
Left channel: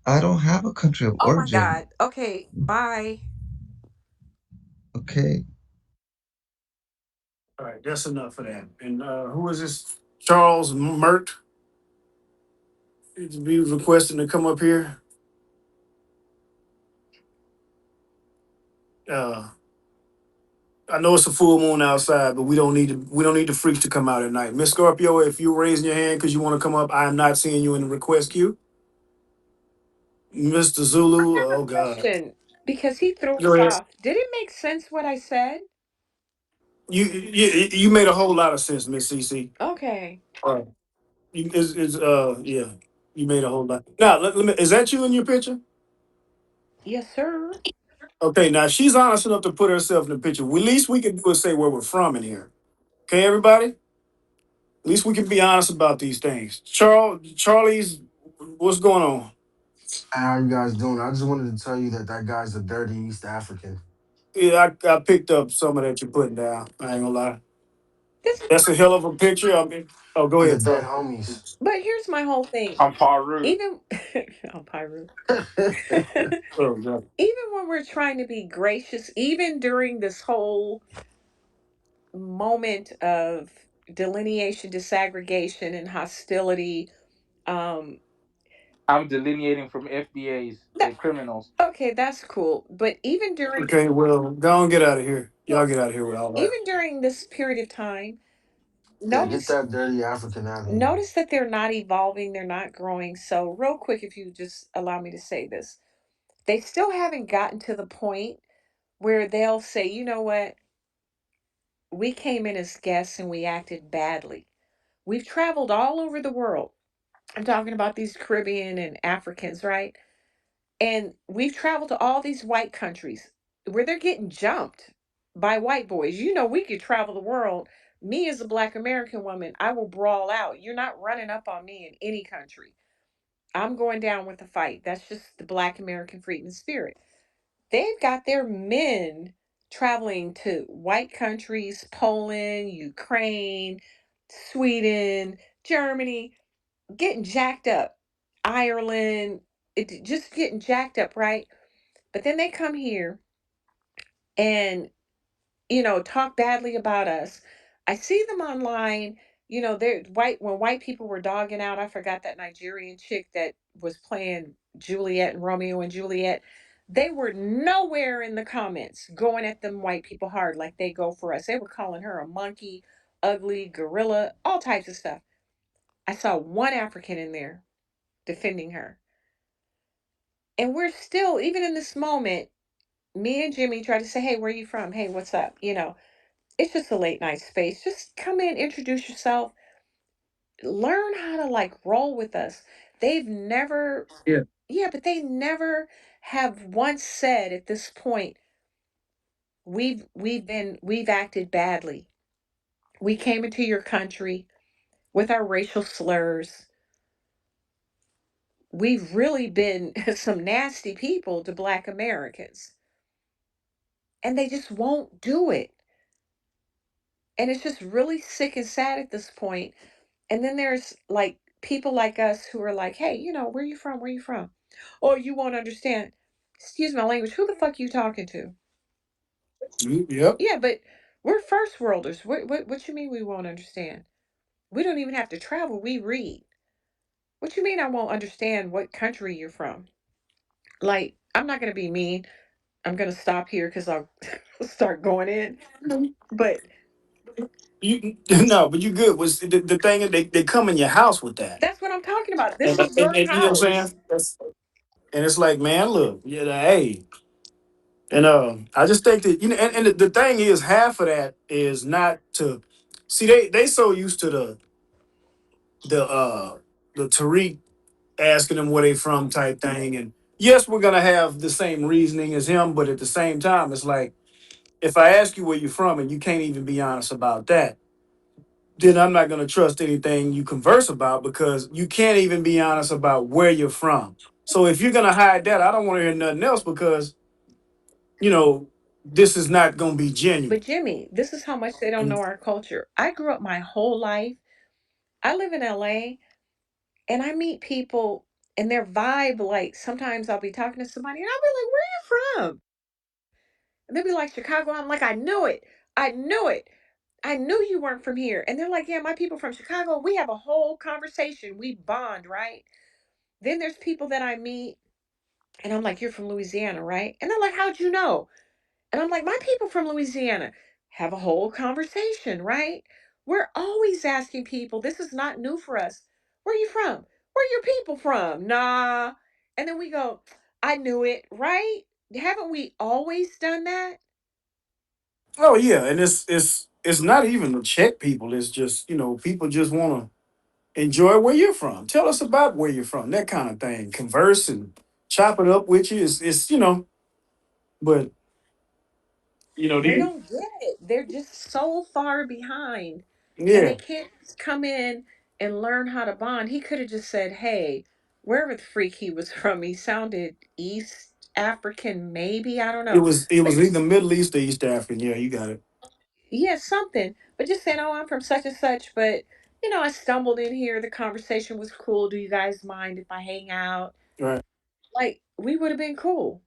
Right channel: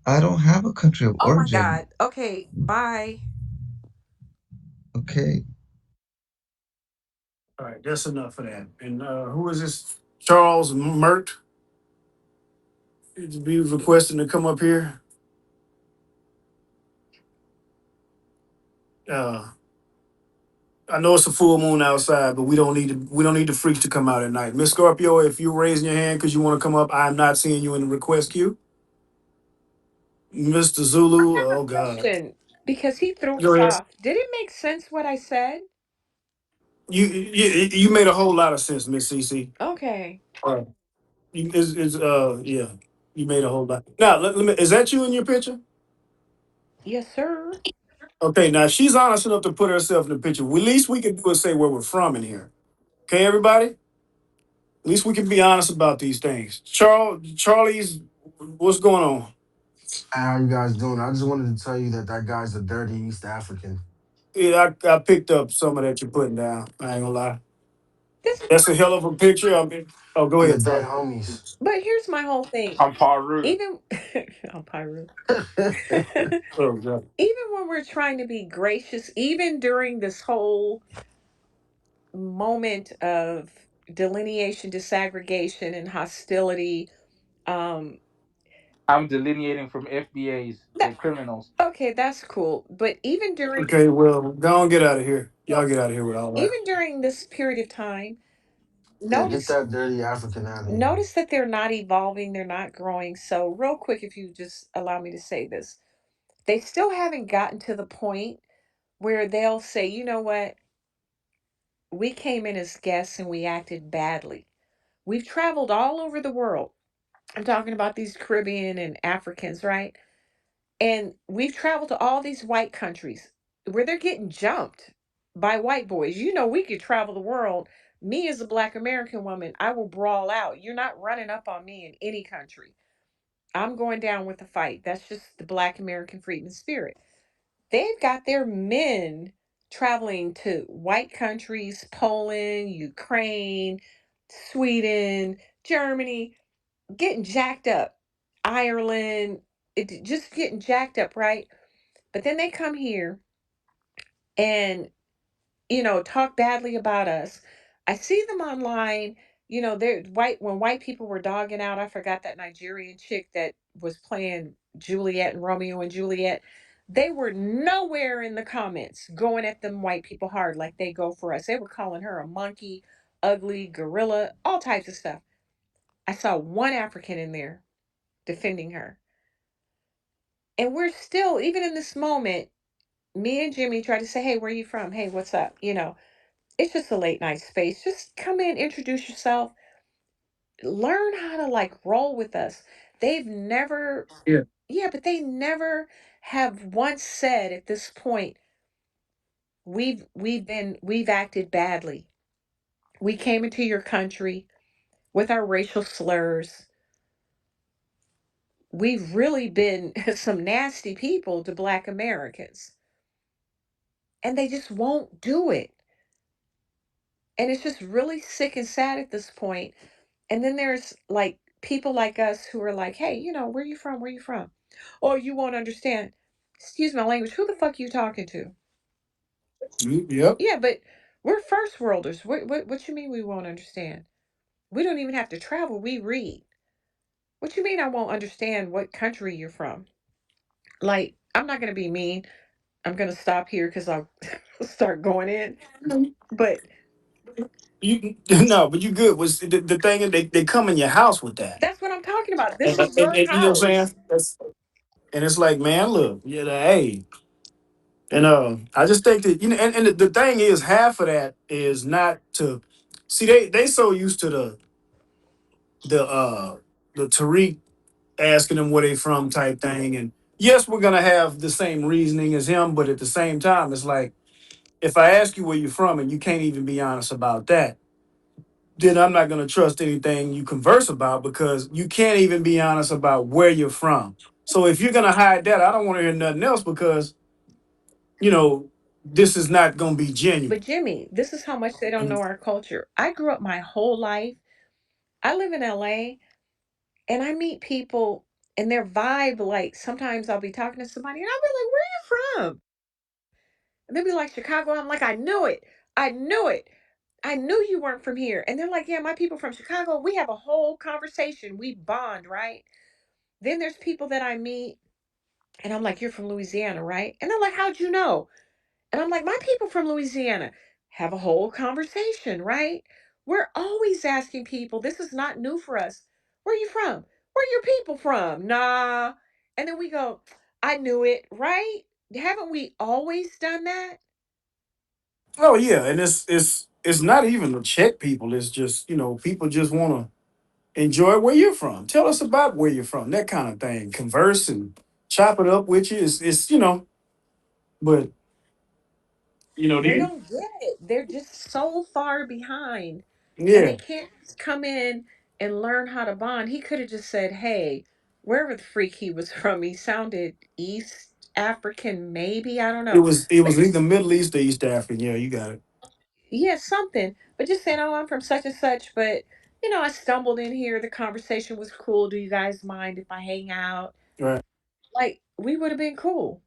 I don't have a country of Oh my origin. God. Okay, bye. Okay. All right, that's enough of that. And who is this? Charles Mert. He was requesting to come up here. Uh, I know it's a full moon outside, but we don't need the freaks to come out at night. Miss Scorpio, if you're raising your hand because you want to come up, I'm not seeing you in the request queue. Mr. Zulu, I have oh a God. question because he threw Go us ahead. off. Did it make sense what I said? You made a whole lot of sense, Miss CC. Okay. All right. Yeah. You made a whole lot. Now let me is that you in your picture? Yes, sir. Okay, now she's honest enough to put herself in the picture. At least we can do is say where we're from in here. Okay, everybody? At least we can be honest about these things. Charlie's, what's going on? How you guys doing? I just wanted to tell you that that guy's a dirty East African. Yeah, I picked up some of that you're putting down. I ain't gonna lie. This, That's a hell of a picture. I mean, oh, go And the ahead, dead Ty. homies. but here's my whole thing. I'm Paru. Even on Pyru. Oh, God. Even when we're trying to be gracious, even during this whole moment of delineation, disaggregation, and hostility, um, I'm delineating from FBAs. They're that, criminals. okay, that's cool. But even during, Okay, well, go on, get out of here. Y'all well, get out of here with all that. even during this period of time, Yeah, get notice that dirty African out of here. notice that they're not evolving, they're not growing. So, real quick, if you just allow me to say this, they still haven't gotten to the point where they'll say, you know what, we came in as guests and we acted badly. We've traveled all over the world. I'm talking about these Caribbean and Africans, right? And we've traveled to all these white countries where they're getting jumped by white boys. You know, we could travel the world. Me as a black American woman, I will brawl out. You're not running up on me in any country. I'm going down with the fight. That's just the black American freedom spirit. They've got their men traveling to white countries, Poland, Ukraine, Sweden, Germany, getting jacked up. Ireland, just getting jacked up, right? But then they come here and, talk badly about us. I see them online. They're white. When white people were dogging out, I forgot that Nigerian chick that was playing Juliet and Romeo and Juliet. They were nowhere in the comments going at them white people hard like they go for us. They were calling her a monkey, ugly, gorilla, all types of stuff. I saw one African in there defending her. And we're still, even in this moment, me and Jimmy try to say, hey, where are you from? Hey, what's up? It's just a late night space. Just come in, introduce yourself, learn how to like roll with us. They've never, Yeah. yeah, but they never have once said at this point, we've acted badly. We came into your country with our racial slurs. We've really been some nasty people to black Americans. And they just won't do it. And it's just really sick and sad at this point. And then there's like people like us who are like, hey, where you from? Where you from? Oh, you won't understand. Excuse my language. Who the fuck you talking to? Yep. Yeah, but we're first worlders. What you mean we won't understand? We don't even have to travel. We read. What you mean I won't understand what country you're from? Like, I'm not going to be mean. I'm going to stop here because I'll start going in. But You no, but you good. Was the thing is they come in your house with that, that's what I'm talking about. This is your and you know what I'm house. saying? And it's like, man, look, hey, and I just think that and the thing is, half of that is not to see they so used to the uh the Tariq asking them where they from type thing, and yes, we're gonna have the same reasoning as him, but at the same time, it's like if I ask you where you're from and you can't even be honest about that, then I'm not gonna trust anything you converse about because you can't even be honest about where you're from. So if you're gonna hide that, I don't want to hear nothing else because you know this is not gonna be But genuine. Jimmy, this is how much they don't And know our culture. I grew up my whole life. I live in LA and I meet people and their vibe, like sometimes I'll be talking to somebody and I'll be like, where are you from? And they'll be like, Chicago. I'm like, I knew it. I knew it. I knew you weren't from here. And they're like, yeah, my people from Chicago. We have a whole conversation. We bond, right? Then there's people that I meet and I'm like, you're from Louisiana, right? And they're like, how'd you know? And I'm like, my people from Louisiana have a whole conversation, right? We're always asking people, this is not new for us. Where are you from? Where are your people from? Nah. And then we go, I knew it, right? Haven't we always done that? oh yeah, and it's not even to check people. It's just people just want to enjoy where you're from. Tell us about where you're from, that kind of thing. Converse and chop it up with you. It's but They these don't get it. They're just so far behind. And yeah. they can't just come in and learn how to bond. He could have just said, hey, wherever the freak he was from, he sounded East African, maybe. I don't It know. was it But was either just, Middle East or East African. Yeah, you got it. yeah, something. But just saying, oh, I'm from such and such. But, I stumbled in here. The conversation was cool. Do you guys mind if I hang out? Right. Like, we would have been cool.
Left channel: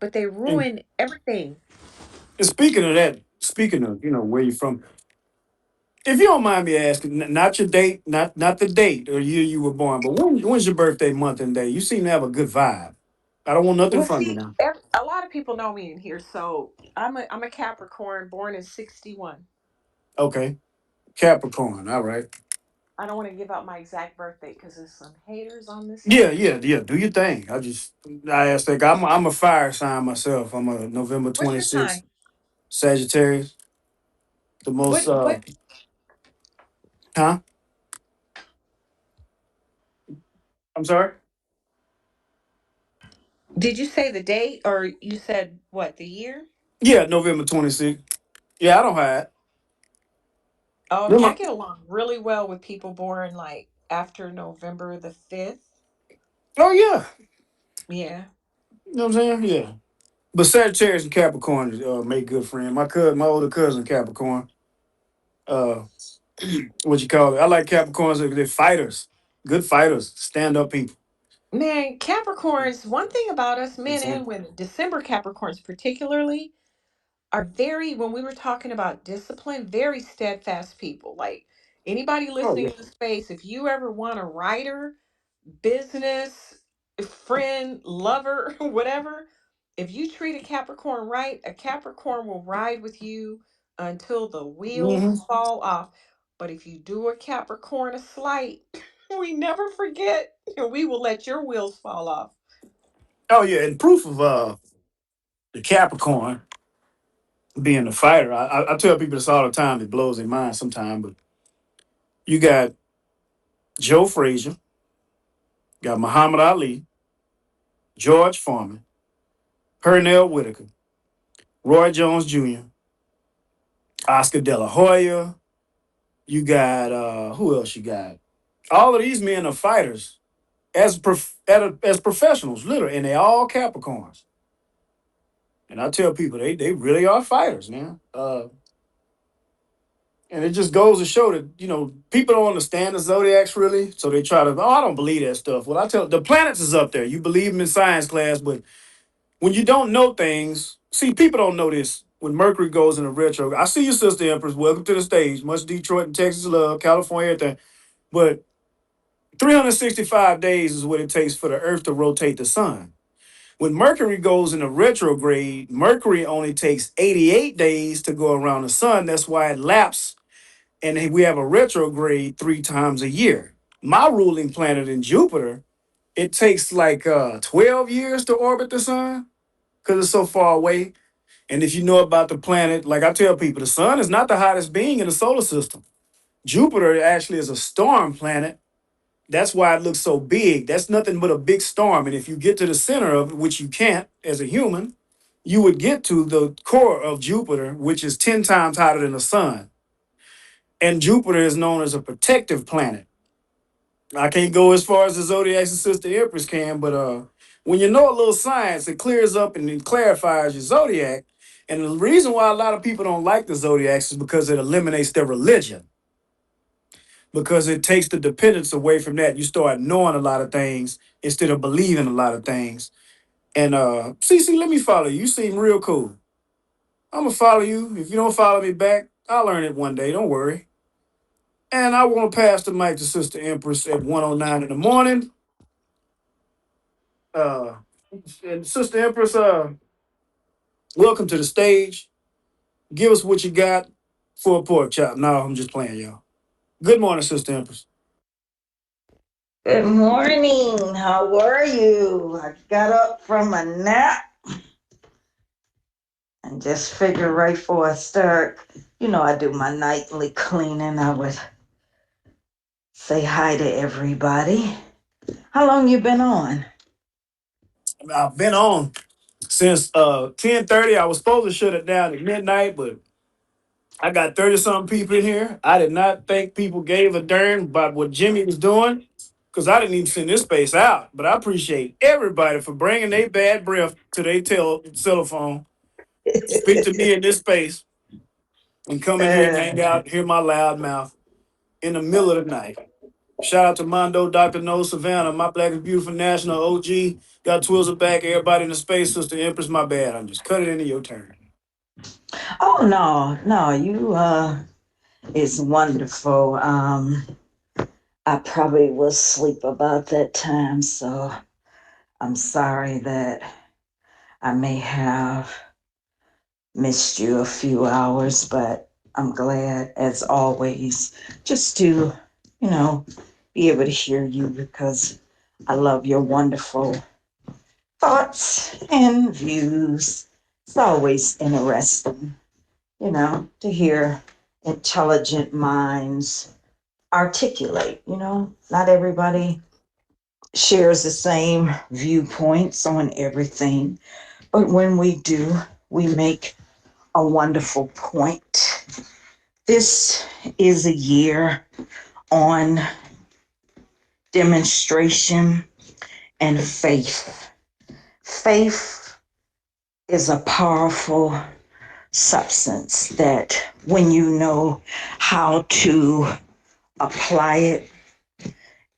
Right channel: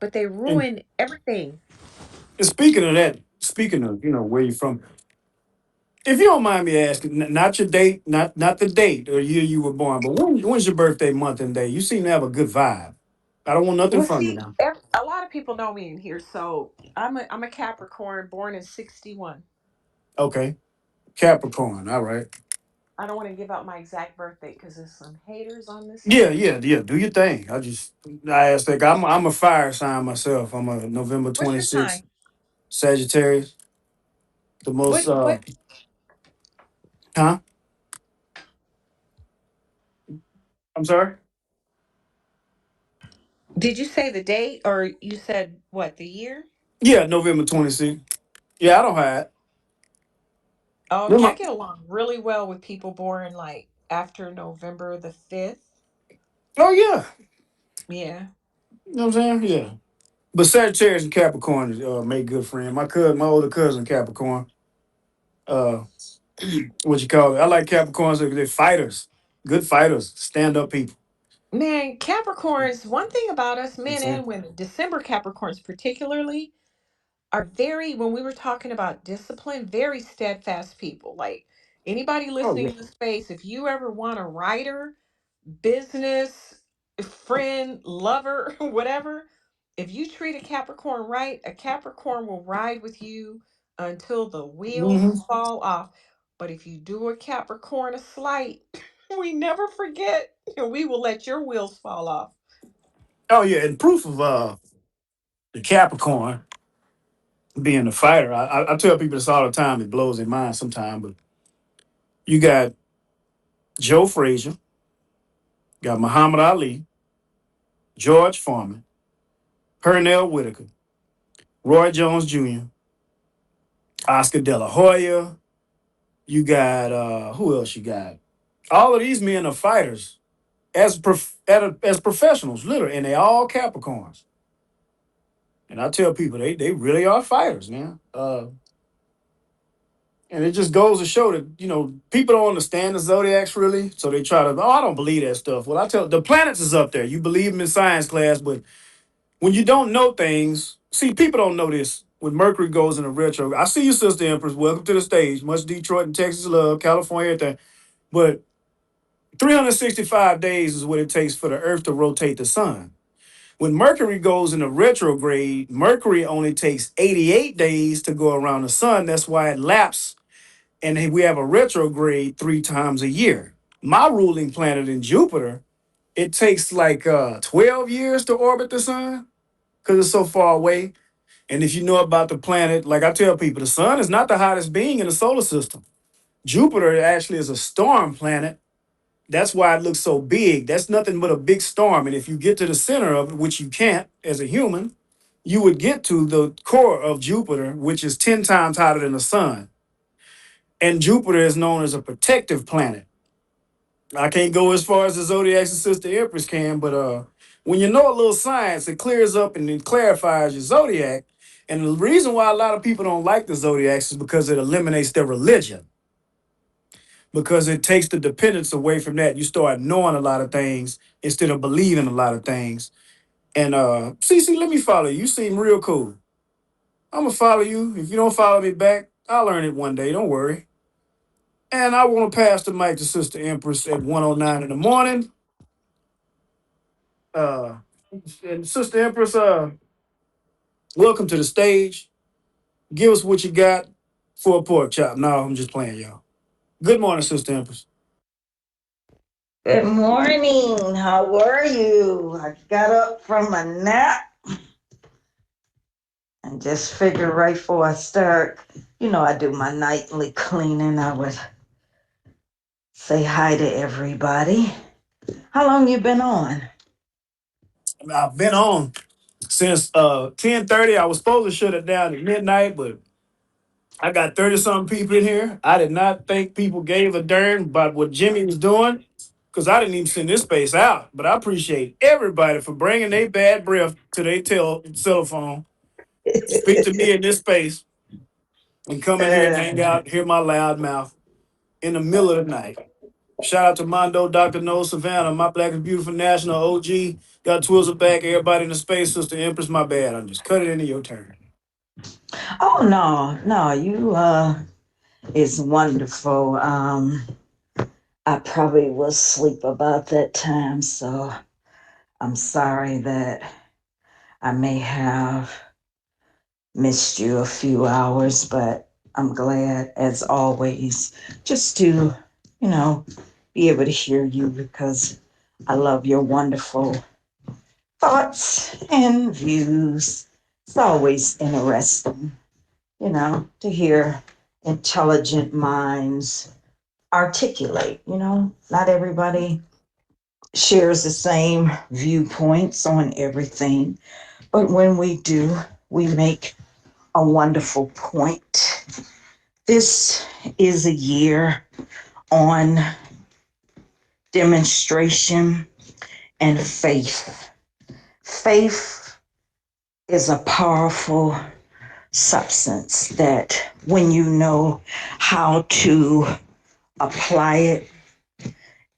But they And, ruined everything. and speaking of that, speaking of where you from, if you don't mind me asking, not your date, not the date or year you were born, but when's your birthday, month, and day? You seem to have a good vibe. I don't want nothing Well, from you see, now. a lot of people know me in here, so I'm a Capricorn, born in '61. Okay, Capricorn. All right. I don't want to give out my exact birthday because there's some haters on this Yeah, app. yeah, yeah. Do your thing. I asked that. I'm a fire sign myself. I'm a November What's your 26th sign? Sagittarius. The most What huh? I'm sorry. did you say the date or you said what the year? Yeah, November 26th. Yeah, I don't hide. Oh, okay, I Remember- get along really well with people born like after November the 5th. Oh yeah. Yeah. You know what I'm saying? Yeah. But Sagittarius and Capricorn make good friends. My older cousin Capricorn. Uh, what you call it? I like Capricorns. They're fighters, good fighters, stand up people. Man, Capricorns, one thing about us You know men what I'm and saying? women, December Capricorns particularly, are very, when we were talking about discipline, very steadfast people. Like anybody Oh listening yeah. in the space, if you ever want a writer, business, friend, lover, whatever, if you treat a Capricorn right, a Capricorn will ride with you until the wheels Hmm. fall off. But if you do a Capricorn a slight, we never forget, and we will let your wheels fall off. Oh yeah. And proof of the Capricorn being a fighter. I tell people this all the time. It blows their mind sometimes. But you got Joe Frazier, got Muhammad Ali, George Foreman, Pernell Whitaker, Roy Jones Jr., Oscar De La Hoya. You got who else? You got all of these men are fighters as professionals, literally, and they all Capricorns. And I tell people they really are fighters, man. And it just goes to show that people don't understand the zodiacs really, so they try to. Oh, I don't believe that stuff. Well, I tell the planets is up there. You believe them in science class, but when you don't know things, see, people don't know this. When Mercury goes into retro, I see you, Sister Empress. Welcome to the stage. Much Detroit and Texas love, California, everything. But 365 days is what it takes for the Earth to rotate the sun. When Mercury goes into retrograde, Mercury only takes 88 days to go around the sun. That's why it laps, and we have a retrograde 3 times a year. My ruling planet in Jupiter, it takes like 12 years to orbit the sun because it's so far away. And if you know about the planet, like I tell people, the sun is not the hottest being in the solar system. Jupiter actually is a storm planet. That's why it looks so big. That's nothing but a big storm. And if you get to the center of it, which you can't as a human, you would get to the core of Jupiter, which is 10 times hotter than the sun. And Jupiter is known as a protective planet. I can't go as far as the zodiac and Sister Empress can, but when you know a little science, it clears up and it clarifies your zodiac. And the reason why a lot of people don't like the zodiacs is because it eliminates their religion, because it takes the dependence away from that. You start knowing a lot of things instead of believing a lot of things. And Cece, let me follow you. You seem real cool. I'm gonna follow you. If you don't follow me back, I'll learn it one day. Don't worry. And I want to pass the mic to Sister Empress at 1:09 in the morning. Uh, and Sister Empress, welcome to the stage. Give us what you got for a pork chop. No, I'm just playing, y'all. Good morning, Sister Empress. Good morning. How are you? I got up from a nap and just figured right before I start, I do my nightly cleaning. I would say hi to everybody. How long you been on? I've been on since 10:30. I was supposed to shut it down at midnight, but I got 30 something people in here. I did not think people gave a darn about what Jimmy was doing because I didn't even send this space out. But I appreciate everybody for bringing their bad breath to their telephone, speak to me in this space, and come in here and Uh, hang out, hear my loud mouth in the middle of the night. Shout out to Mondo, Dr. No, Savannah, my Black is Beautiful National OG. Got Twizzle back, everybody in the space, Sister Empress, my bad. I'm just cutting into your turn. oh no, you it's wonderful. I probably was asleep about that time, so I'm sorry that I may have missed you a few hours, but I'm glad, as always, just to, you know, be able to hear you because I love your wonderful thoughts and views. It's always interesting, to hear intelligent minds articulate, Not everybody shares the same viewpoints on everything, but when we do, we make a wonderful point. This is a year on demonstration and faith. Faith is a powerful substance that when you know how to apply it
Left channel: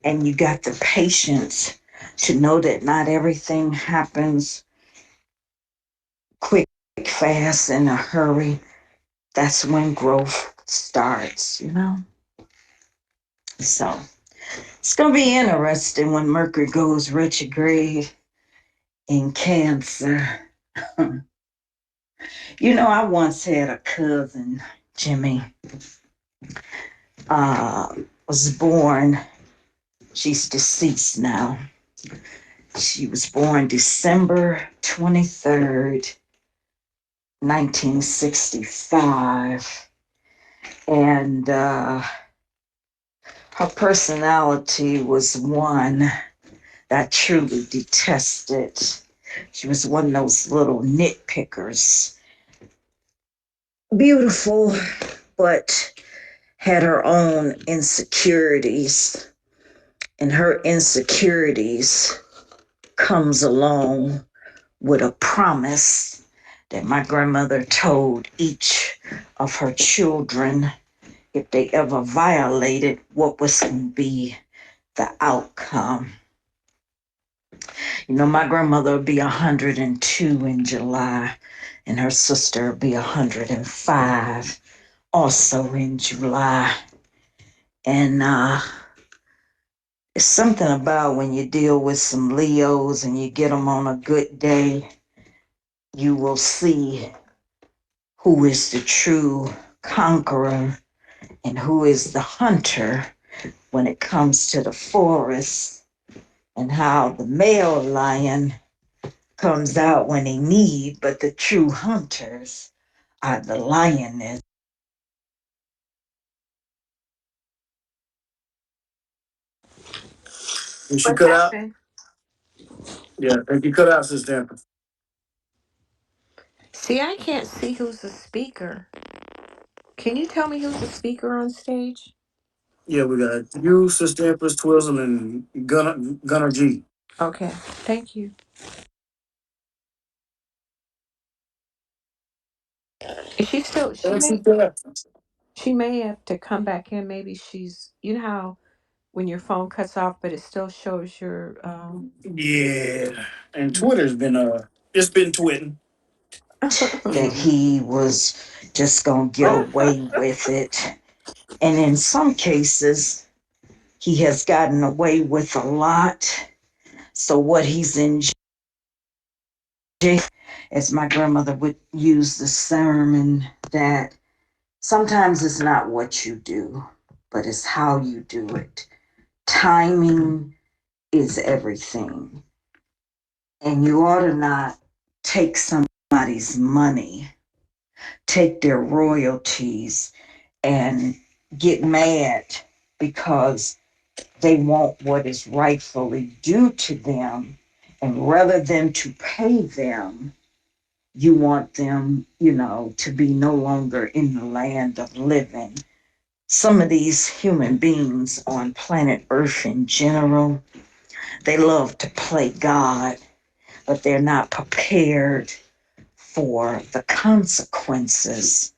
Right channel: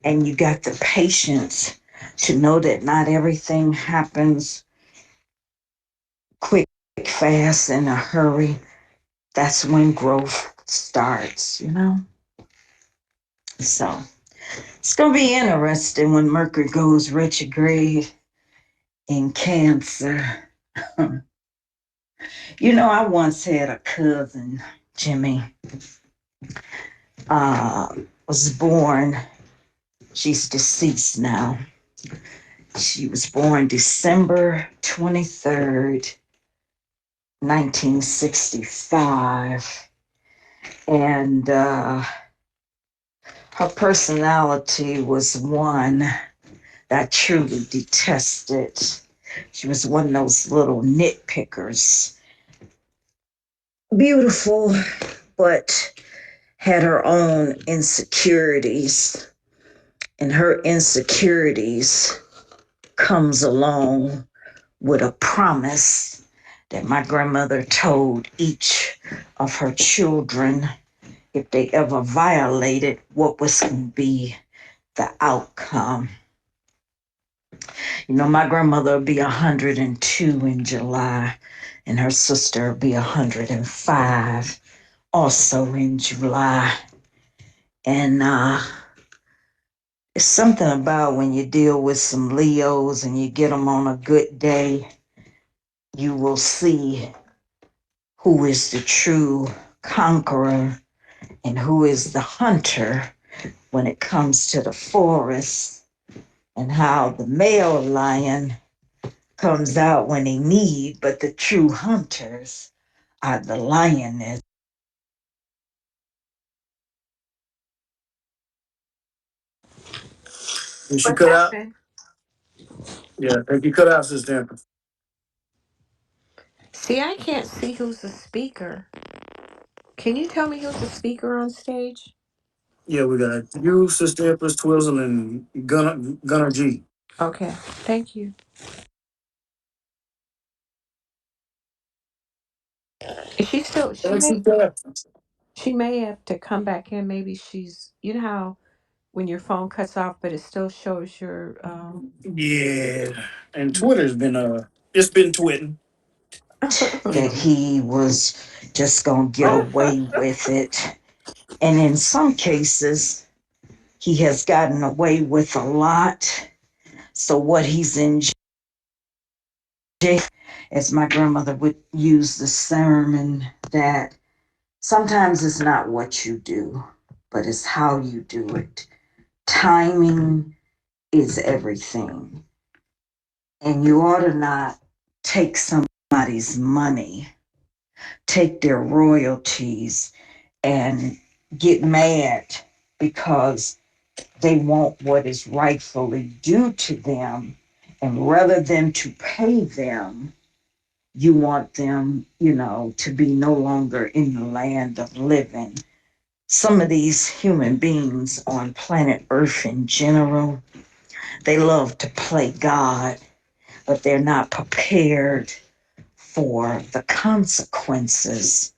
and you got the patience to know that not everything happens quick, fast, in a hurry, that's when growth starts. So it's going to be interesting when Mercury goes retrograde in Cancer. I once had a cousin, Jimmy, uh, was born, she's deceased now. She was born December 23rd, 1965. And her personality was one that I truly detested. She was one of those little nitpickers. Beautiful, but had her own insecurities. And her insecurities comes along with a promise that my grandmother told each of her children if they ever violated what was going to be the outcome. My grandmother will be 102 in July, and her sister will be 105 also in July. And It's something about when you deal with some Leos and you get them on a good day, you will see who is the true conqueror and who is the hunter when it comes to the forest, and how the male lion comes out when they need, but the true hunters are the lioness. And she What cut out. happened? Yeah, and you cut out, Sister Empress. See, I can't see who's the speaker. Can you tell me who's the speaker on stage? Yeah, we got you, Sister Empress, Twizzle, and Gunner G. Okay, thank you. Is she still? She And may. Sister Empress. She may have to come back in. Maybe she's. You know how when your phone cuts off, but it still shows your. Yeah, and Twitter's been it's been twitting. You That know. he was just gonna get away with it. And in some cases, he has gotten away with a lot. So what he's in jail, as my grandmother would use the sermon, that sometimes it's not what you do, but it's how you do it. Timing is everything. And you ought to not take somebody's money, take their royalties, and get mad because they want what is rightfully due to them. And rather than to pay them, you want them, to be no longer in the land of living. Some of these human beings on planet Earth in general, they love to play God, but they're not prepared for the consequences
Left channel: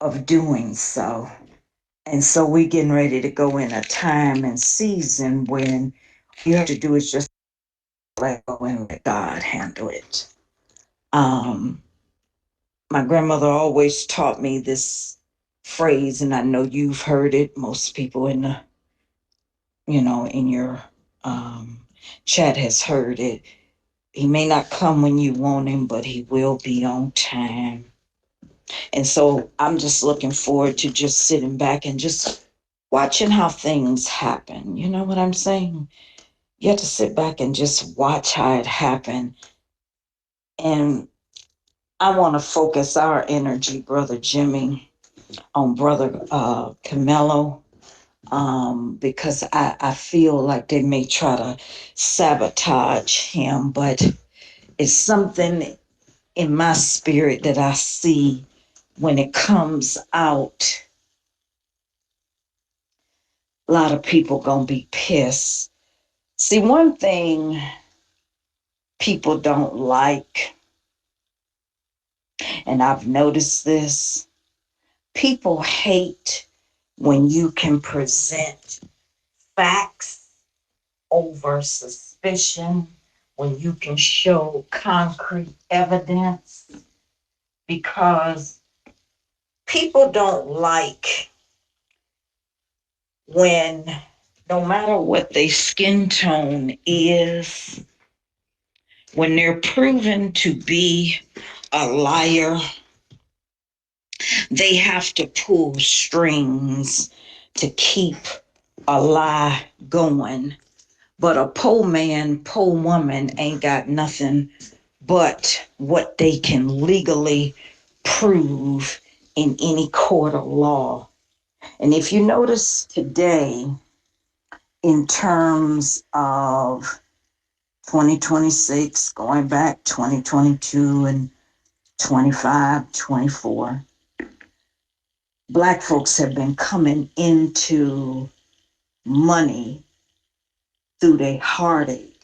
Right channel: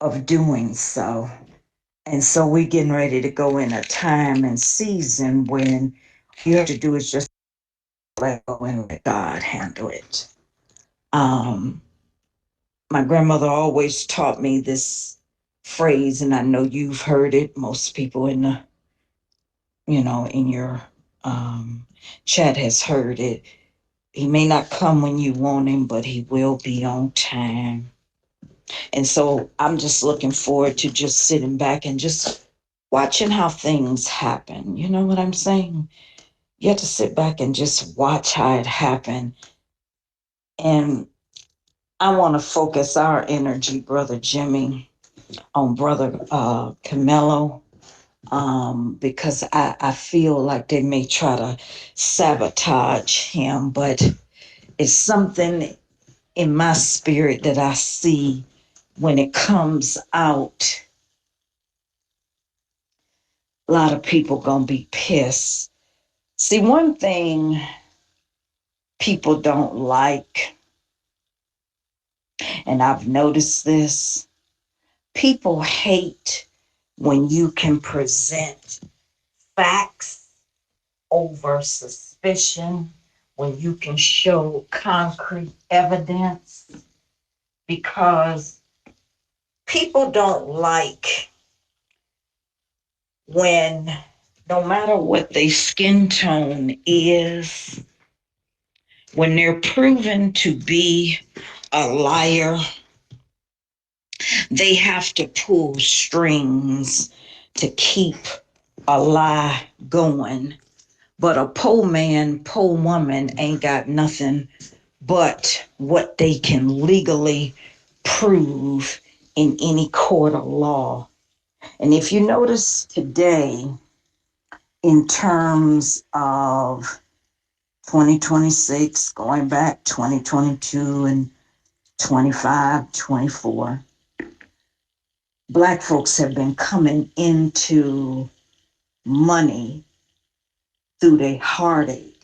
of doing so. And so we're getting ready to go in a time and season when you have to do is just let go and let God handle it. Um, my grandmother always taught me this phrase, and I know you've heard it. Most people in your um, chat has heard it. He may not come when you want him, but he will be on time. And so I'm just looking forward to just sitting back and just watching how things happen. You know what I'm saying? You have to sit back and just watch how it happened. And I want to focus our energy, Brother Jimmy, on Brother Camelo, because I feel like they may try to sabotage him, but it's something in my spirit that I see when it comes out. A lot of people gonna be pissed. See, one thing people don't like, and I've noticed this, people hate when you can present facts over suspicion, when you can show concrete evidence, because people don't like when, no matter what their skin tone is, when they're proven to be a liar, they have to pull strings to keep a lie going. But a poor man, poor woman ain't got nothing but what they can legally prove in any court of law. And if you notice today, in terms of 2026, going back 2022 and 25, 24, Black folks have been coming into money through their heartache,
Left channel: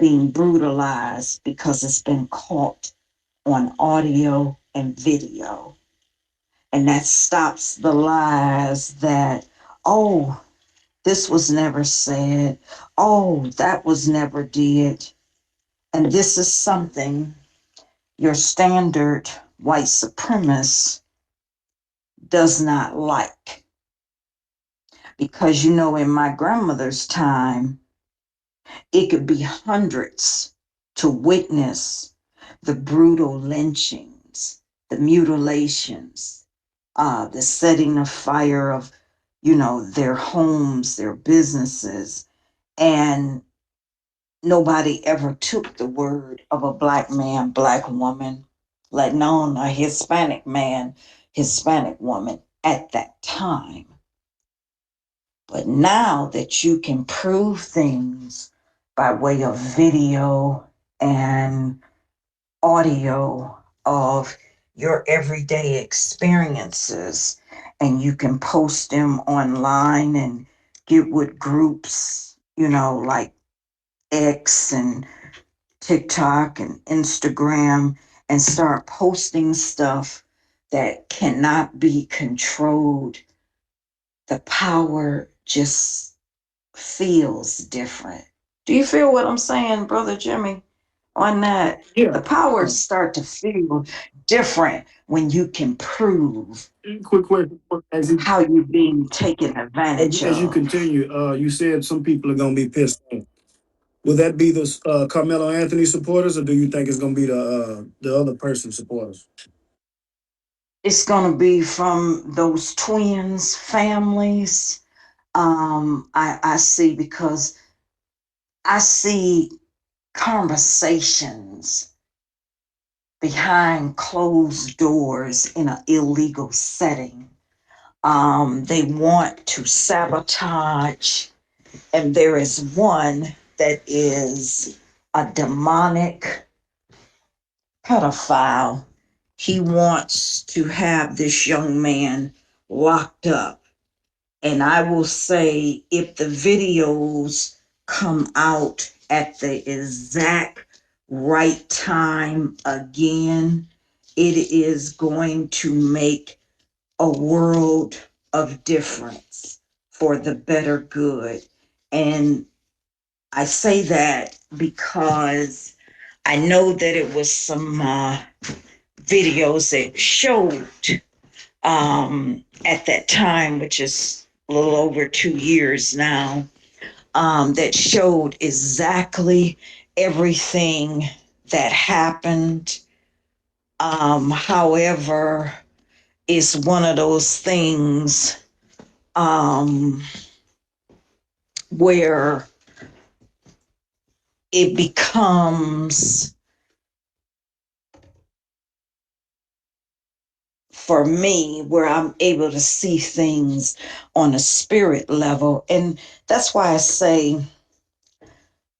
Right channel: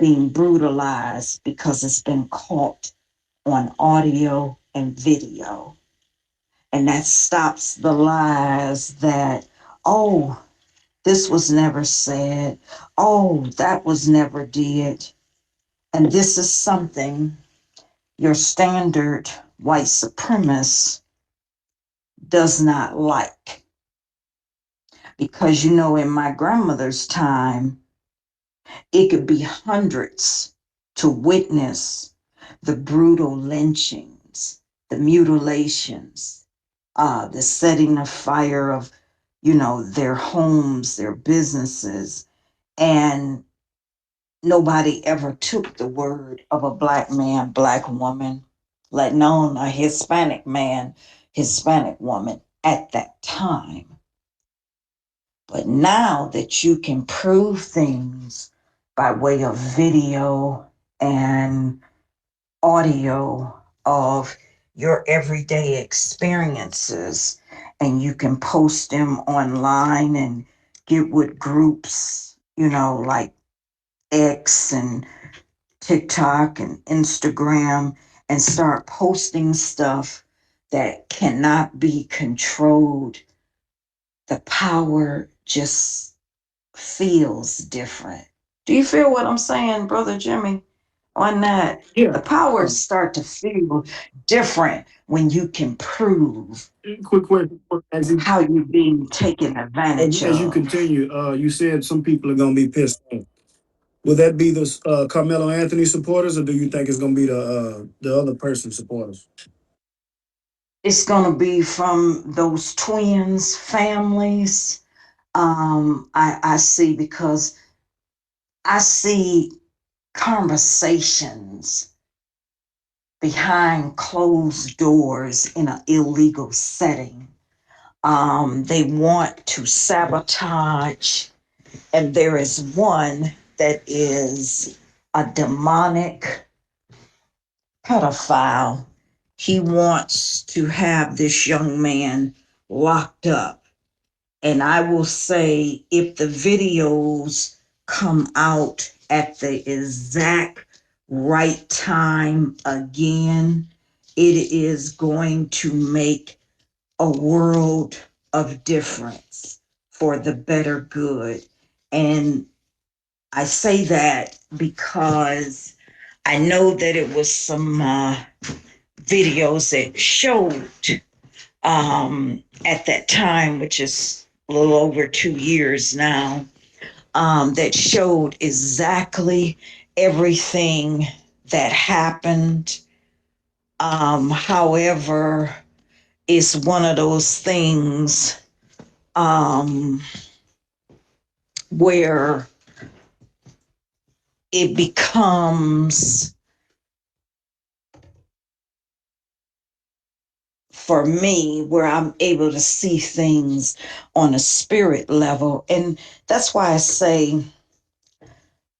being brutalized because it's been caught on audio and video. And that stops the lies that, oh, this was never said. Oh, that was never did. And this is something your standard white supremacist does not like. Because, in my grandmother's time, it could be hundreds to witness the brutal lynchings, the mutilations, the setting of fire of, their homes, their businesses. And nobody ever took the word of a black man, black woman, let alone a Hispanic man, Hispanic woman at that time. But now that you can prove things by way of video and audio of your everyday experiences, and you can post them online and get with groups, like X and TikTok and Instagram, and start posting stuff that cannot be controlled, the power just feels different. Do you feel what I'm saying, Brother Jimmy? On that, Yeah. the powers start to feel different when you can prove Quick question. how you're being taken advantage As you of. continue, you said some people are gonna be pissed off. Will that be the Carmelo Anthony supporters, or do you think it's gonna be the other person supporters? It's going to be from those twins families. I see, because I see conversations behind closed doors in an illegal setting. They want to sabotage, and there is one that is a demonic pedophile. He wants to have this young man locked up. And I will say, if the videos come out at the exact right time again, it is going to make a world of difference for the better good. And I say that because I know that it was some videos that showed at that time, which is a little over 2 years now, that showed exactly everything that happened. However, it's one of those things um, where it becomes, for me, where I'm able to see things on a spirit level. And that's why I say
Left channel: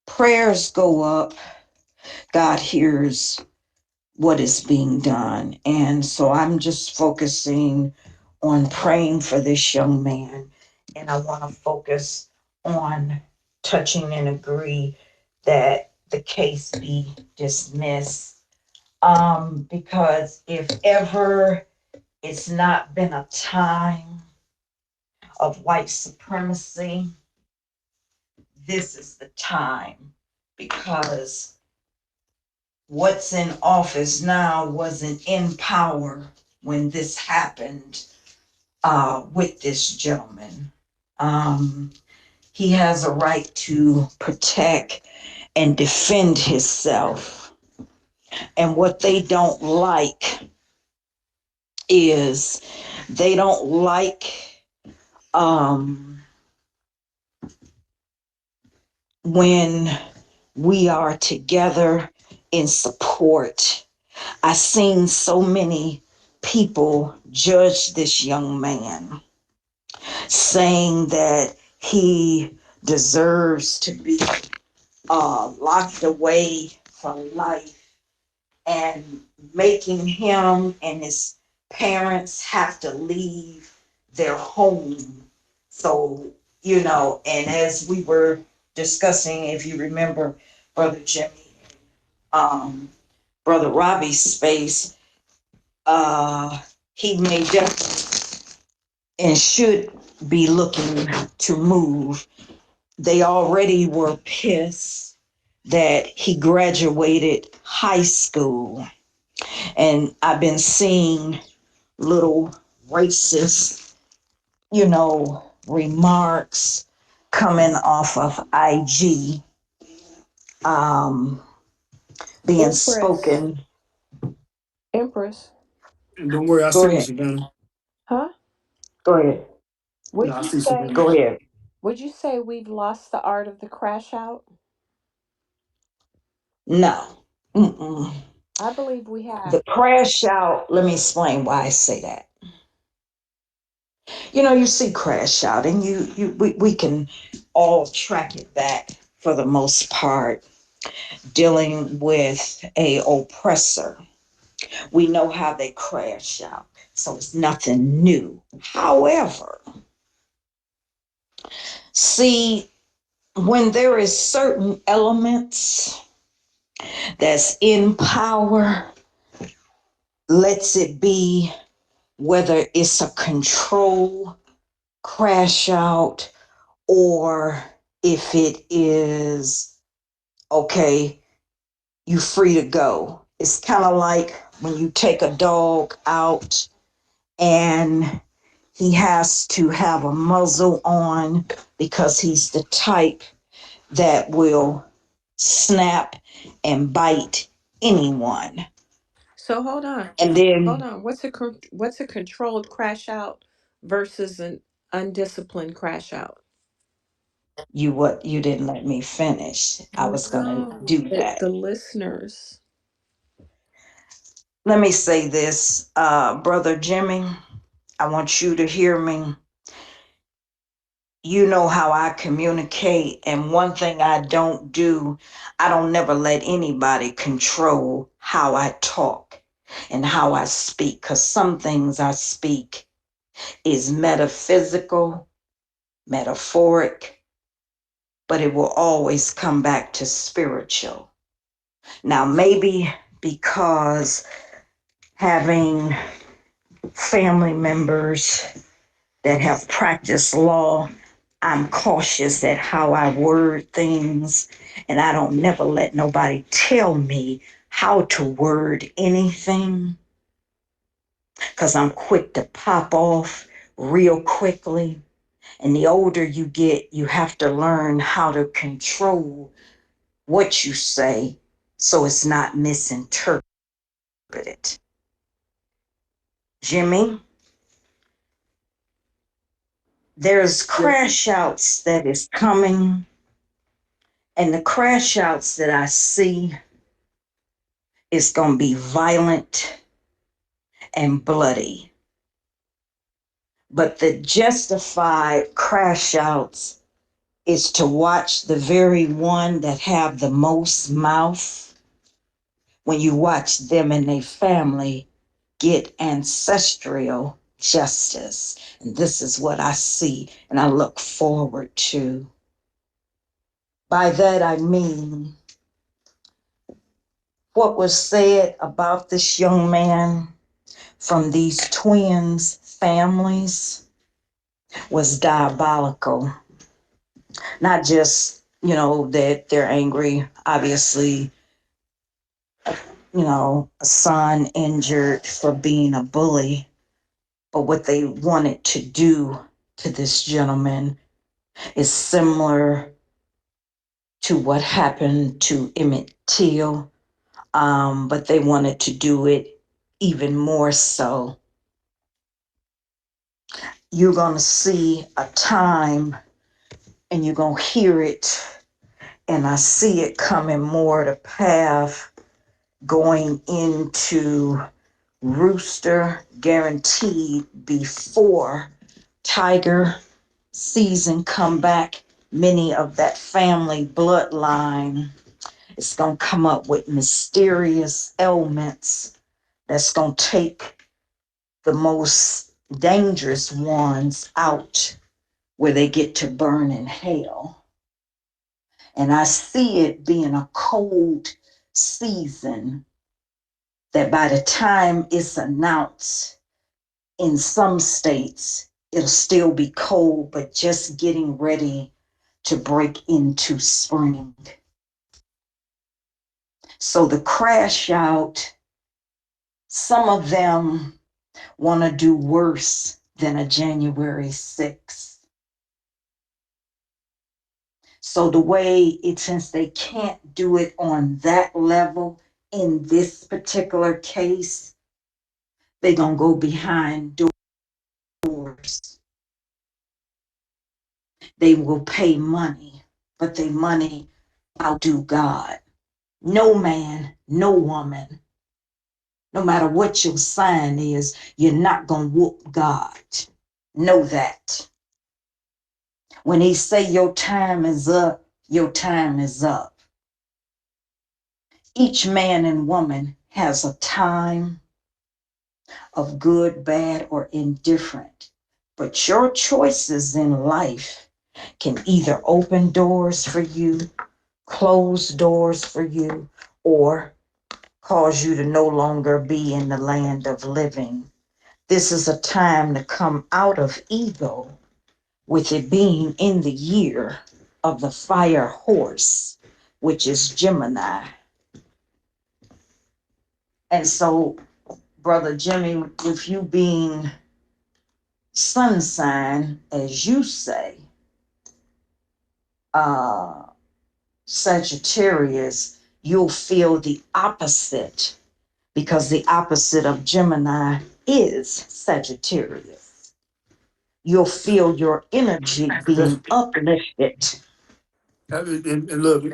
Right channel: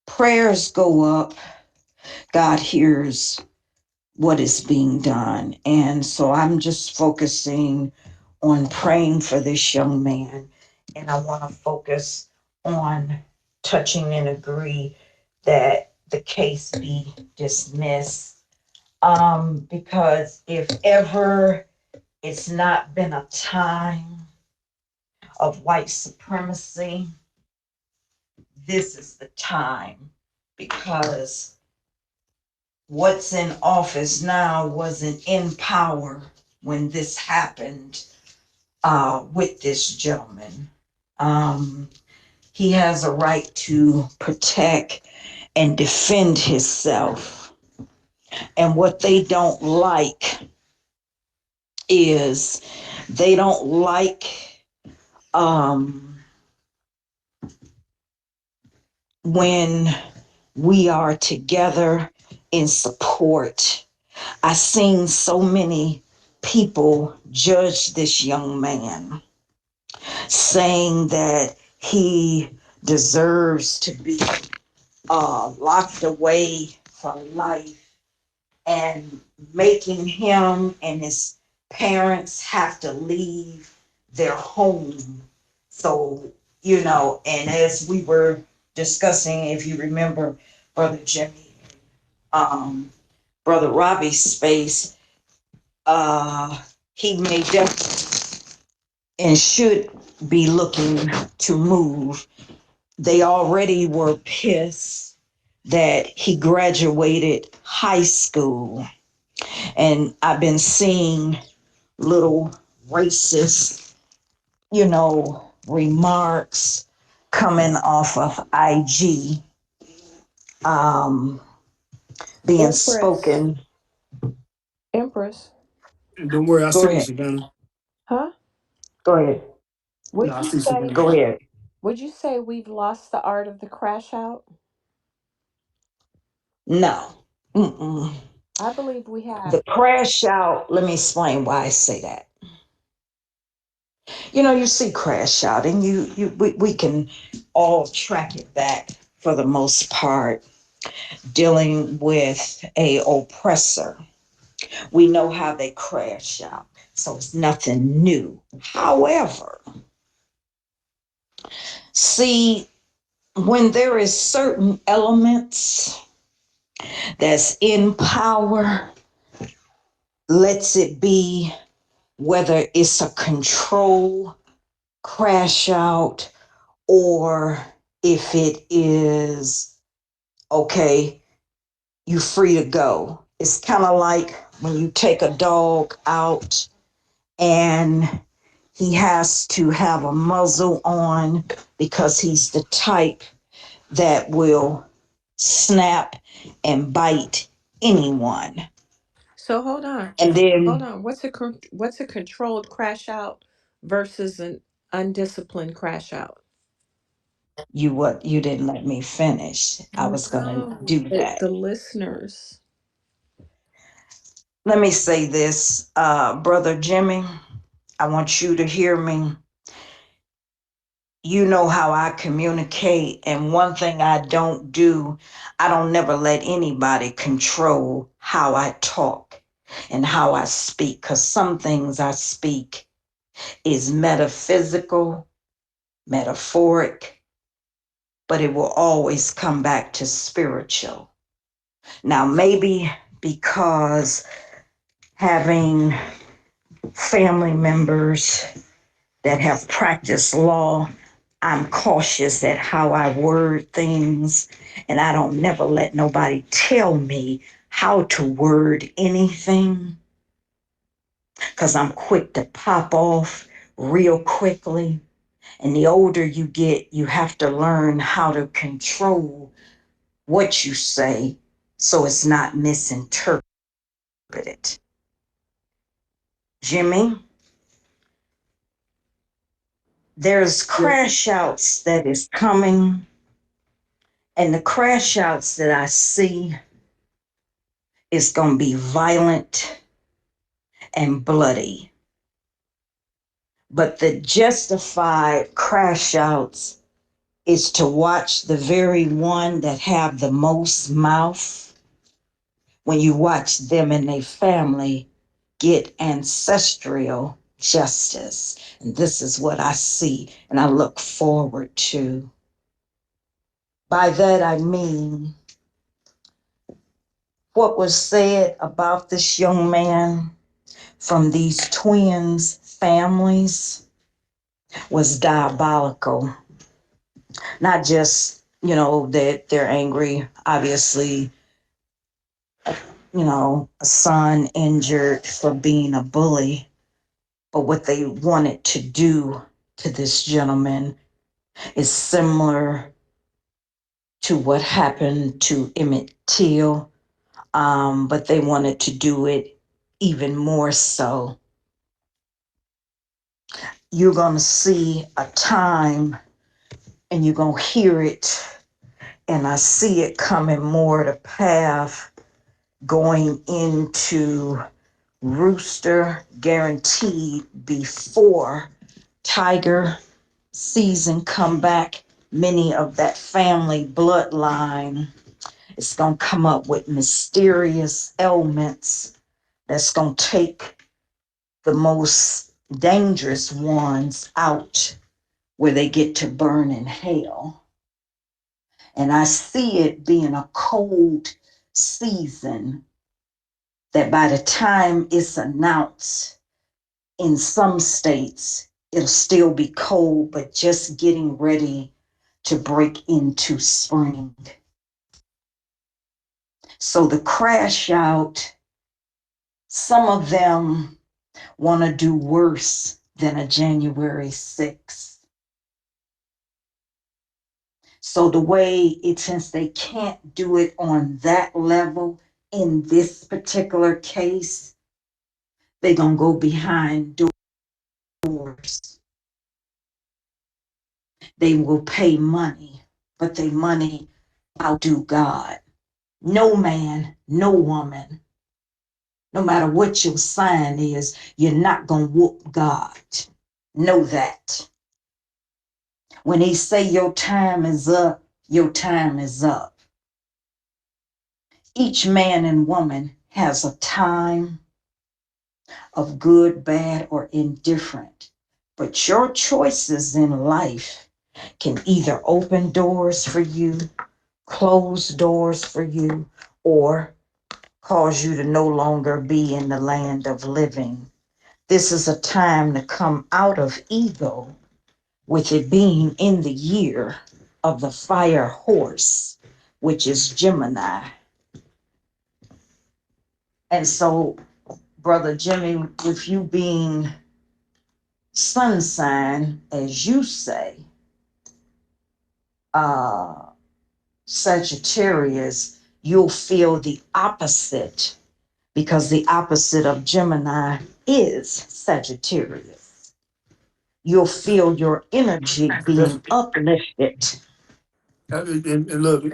prayers go up, God hears what is being done. And so I'm just focusing on praying for this young man. And I want to focus on touching and agree that the case be dismissed. Because if ever it's not been a time of white supremacy, this is the time. Because what's in office now wasn't in power when this happened with this gentleman. Um, he has a right to protect and defend himself. And what they don't like is they don't like um, when we are together in support. I've seen so many people judge this young man, saying that he deserves to be locked away from life, and making him and his parents have to leave their home. So, and as we were discussing, if you remember, Brother Jimmy, um, Brother Robbie's space, he may definitely and should be looking to move. They already were pissed that he graduated high school. And I've been seeing little racist, you know, remarks coming off of IG um, being Empress. spoken. Empress. And don't worry, I Go see you, ahead. Savannah. Huh? Go ahead. No, Would I you see say Savannah. Go ahead. we've lost the art of the crash out? No. Mm-mm. I believe we have. The crash out, let me explain why I say that. You know, you see crash out, and we can all track it back for the most part, dealing with a oppressor. We know how they crash out, so it's nothing new. However, see, when there is certain elements that's in power, lets it be whether it's a control crash out or if it is okay, you free to go. It's kind of like when you take a dog out and he has to have a muzzle on because he's the type that will snap and bite anyone. So hold on. And Hold then on. What's a controlled crash out versus an undisciplined crash out? you didn't let me finish. I was gonna No, do that. the listeners. Let me say this, brother Jimmy. I want you to hear me. You know how I communicate, and one thing I don't do, I don't never let anybody control how I talk and how I speak, because some things I speak is metaphysical, metaphoric, but it will always come back to spiritual. Now, maybe because having family members that have practiced law, I'm cautious at how I word things, and I don't never let nobody tell me how to word anything because I'm quick to pop off real quickly. And the older you get, you have to learn how to control what you say so it's not misinterpreted. Jimmy, there's Yeah. crash outs that is coming, and the crash outs that I see is going to be violent and bloody. But the justified crash outs is to watch the very one that have the most mouth. When you watch them and their family get ancestral justice. And this is what I see and I look forward to. By that I mean what was said about this young man from these twins' families was diabolical. Not just, that they're angry, obviously, a son injured for being a bully, but what they wanted to do to this gentleman is similar to what happened to Emmett Till, but they wanted to do it even more so. You're going to see a time and you're going to hear it, and I see it coming more to path going into Rooster guaranteed before Tiger season come back. Many of that family bloodline is going to come up with mysterious ailments that's going to take the most dangerous ones out where they get to burn in hell. And I see it being a cold season that by the time it's announced in some states, it'll still be cold, but just getting ready to break into spring. So the crash out, some of them want to do worse than a January 6th. So the way it, since they can't do it on that level in this particular case, they gonna go behind doors. They will pay money, but they money outdo God. No man, no woman, no matter what your sign is, you're not gonna whoop God. Know that. When he say your time is up, your time is up. Each man and woman has a time of good, bad, or indifferent. But your choices in life can either open doors for you, close doors for you, or cause you to no longer be in the land of living. This is a time to come out of ego, with it being in the year of the fire horse, which is Gemini. And so, Brother Jimmy, with you being sun sign, as you say, uh, Sagittarius, you'll feel the opposite because the opposite of Gemini is Sagittarius. You'll feel your energy That's, being uplifted. and look,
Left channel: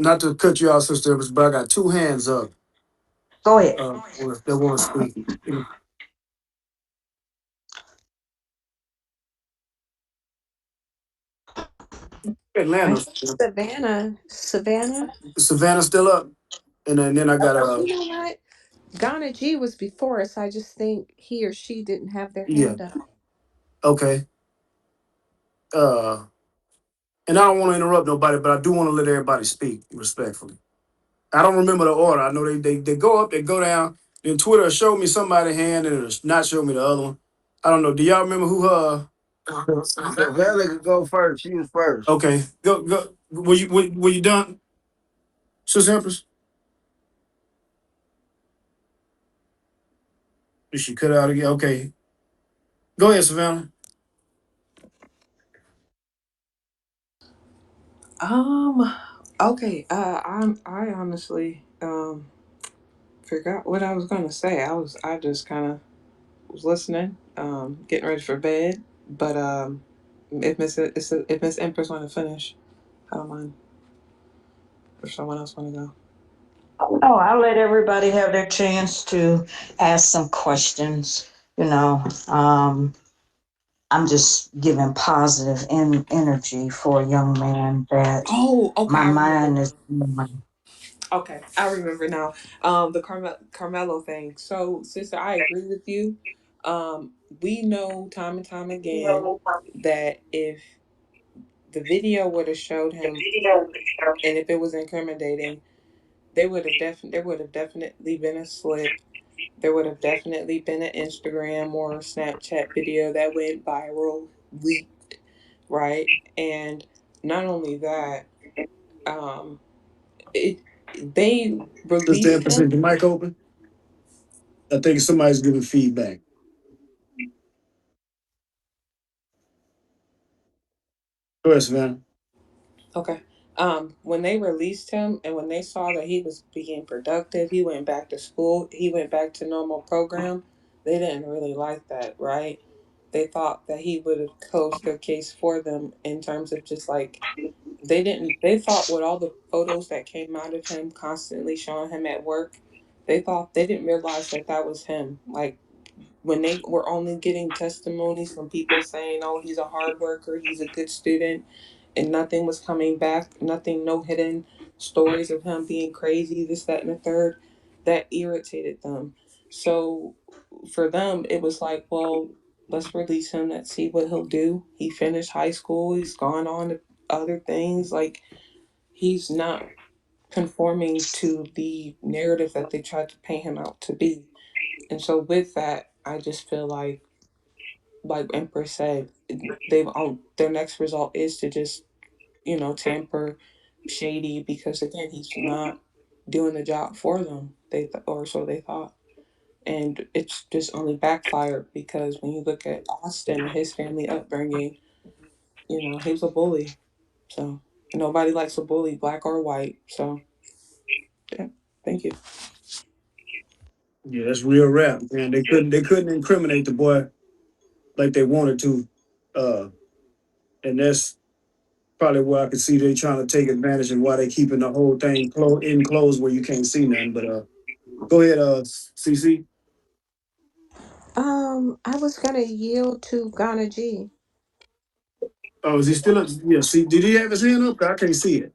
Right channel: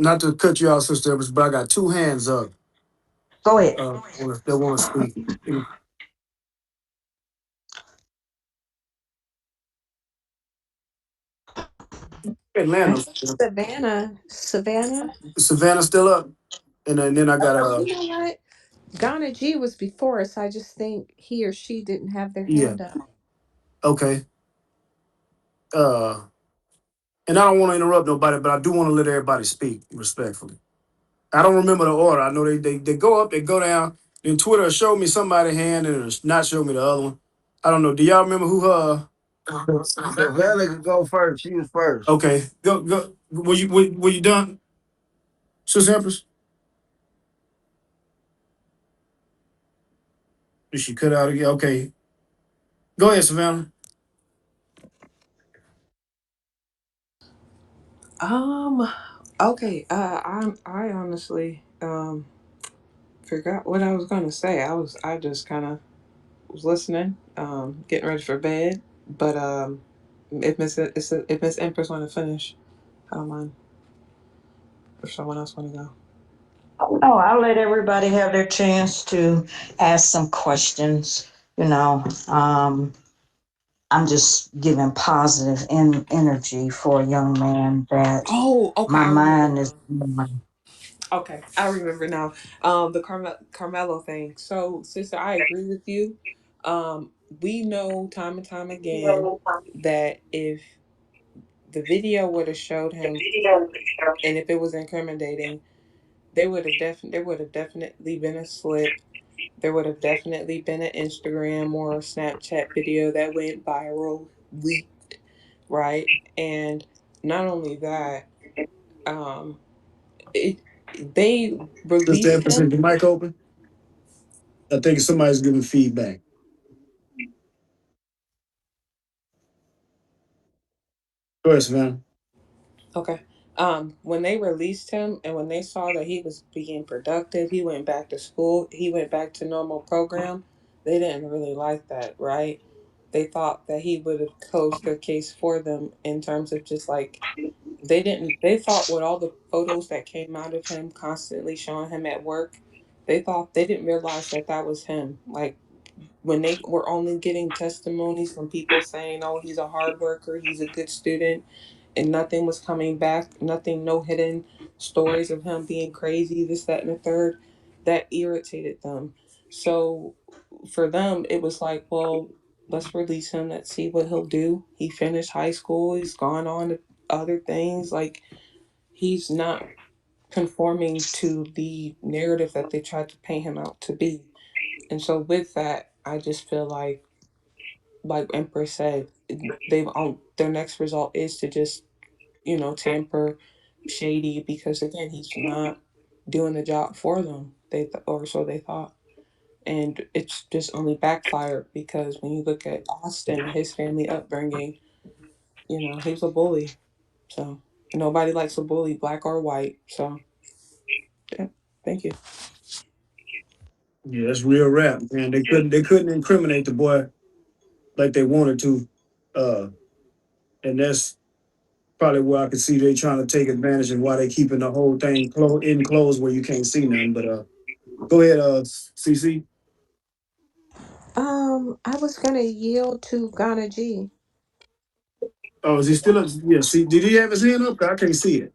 not to cut you out, Sister Evans, but I got two hands up Go ahead. that want to speak. I Atlanta. think Savannah. Savannah still up? And then I got You know what? Ghana G was before us. I just think he or she didn't have their yeah, hand up. okay. Uh, and I don't want to interrupt nobody, but I do want to let everybody speak respectfully. I don't remember the order. I know they go up, they go down. Then Twitter showed me somebody's hand and it's not show me the other one. I don't know. Do y'all remember who? Savannah could go first. She was first. Okay, go. Were you done, Sister Empress? Did she cut out again? Okay, go ahead, Savannah. Um. Okay. I honestly forgot what I was gonna say. I just kind of was listening, getting ready for bed. But if Miss Empress want to finish, I don't mind. If someone else want to go. Oh, I'll let everybody have their chance to ask some questions. You know, I'm just giving positive energy for a young man that Oh, okay. my I remember mind is. now. Okay, I remember now. The Carmelo thing. So, sister, I agree with you. Um, we know time and time again that if the video would have showed him, and if it was incriminating, there would have definitely been a slip. There would have definitely been an Instagram or Snapchat video that went viral, leaked, right? And not only that, um, it they Sister released Empress, is him. the mic open? I think somebody's giving feedback. Go ahead, Savannah. Okay. When they released him and when they saw that he was being productive, he went back to school, he went back to normal program, they didn't really like that, right? They thought that he would have closed their case for them in terms of just like they thought with all the photos that came out of him constantly showing him at work, they didn't realize that that was him. Like when they were only getting testimonies from people saying, "Oh, he's a hard worker, he's a good student," and nothing was coming back, nothing, no hidden stories of him being crazy, this, that, and the third, that irritated them. So for them, it was like, well, let's release him. Let's see what he'll do. He finished high school. He's gone on to other things. Like he's not conforming to the narrative that they tried to paint him out to be. And so with that, I just feel like Empress said, their next result is to just tamper shady because again he's not doing the job for them. Or so they thought, and it's just only backfired because when you look at Austin and his family upbringing, he was a bully. So. Nobody likes a bully, black or white. So yeah, thank you. Yeah, that's real rap, man. They couldn't incriminate the boy like they wanted to. Uh, and that's probably where I could see they trying to take advantage and why they keeping the whole thing enclosed where you can't see nothing. But go ahead, CC. I was gonna yield to Ghana G. Oh, is he still? Yeah. See, did he have his hand up? I can't see it.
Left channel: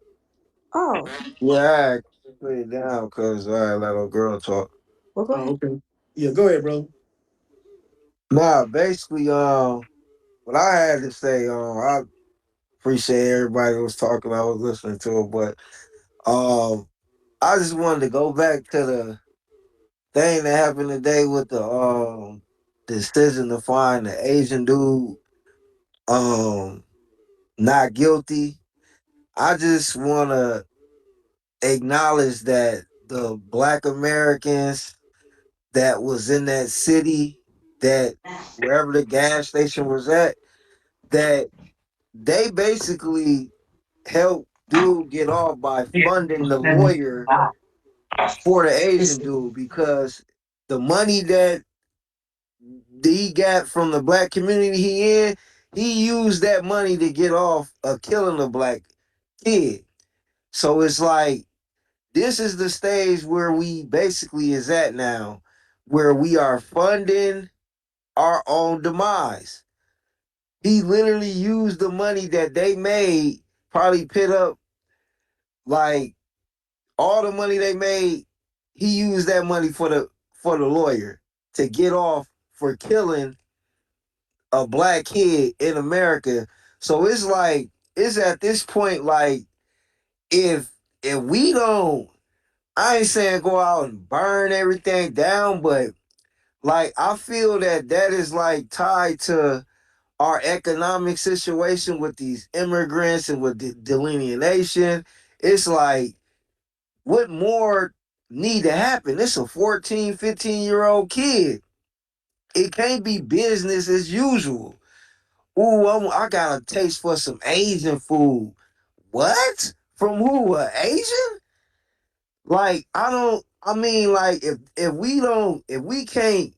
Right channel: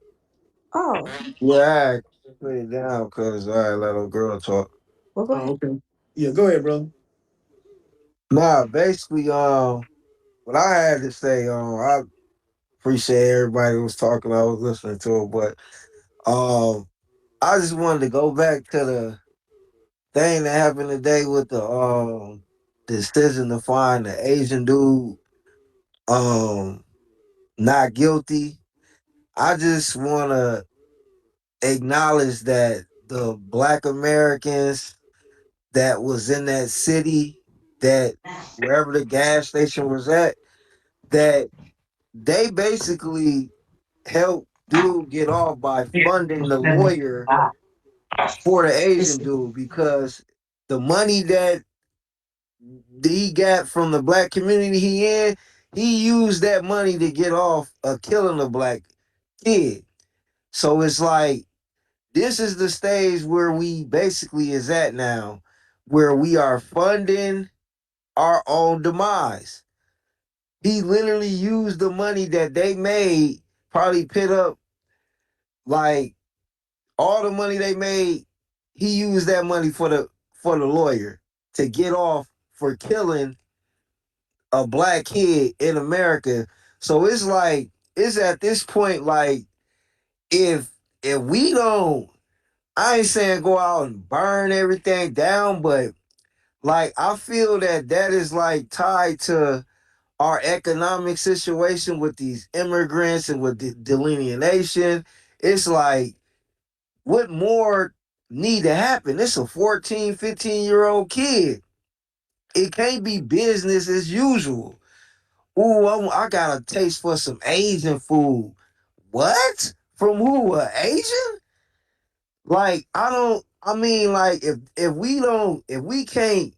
Oh, Yeah, I put it down because I let old girl talk. well, go Oh, ahead. okay. Yeah, go ahead, bro. Nah, basically, what I had to say, I appreciate everybody who was talking. I was listening to it, but I just wanted to go back to the thing that happened today with the decision to find the Asian dude um not guilty. I just want to acknowledge that the Black Americans that was in that city, that wherever the gas station was at, that they basically helped dude get off by funding the lawyer for the Asian dude, because the money that he got from the black community he used that money to get off of killing a black kid. So it's like, this is the stage where we basically is at now, where we are funding our own demise. He literally used the money that they made, probably put up like all the money they made. He used that money for the lawyer to get off for killing a black kid in America. So it's like, it's at this point like, if we don't, I ain't saying go out and burn everything down, but like, I feel that that is like tied to our economic situation with these immigrants and with the delineation. It's like, what more need to happen? It's a 14, 15-year-old kid. It can't be business as usual. Ooh, I got a taste for some Asian food. What? From who? A Asian? Like, I mean, like, if we can't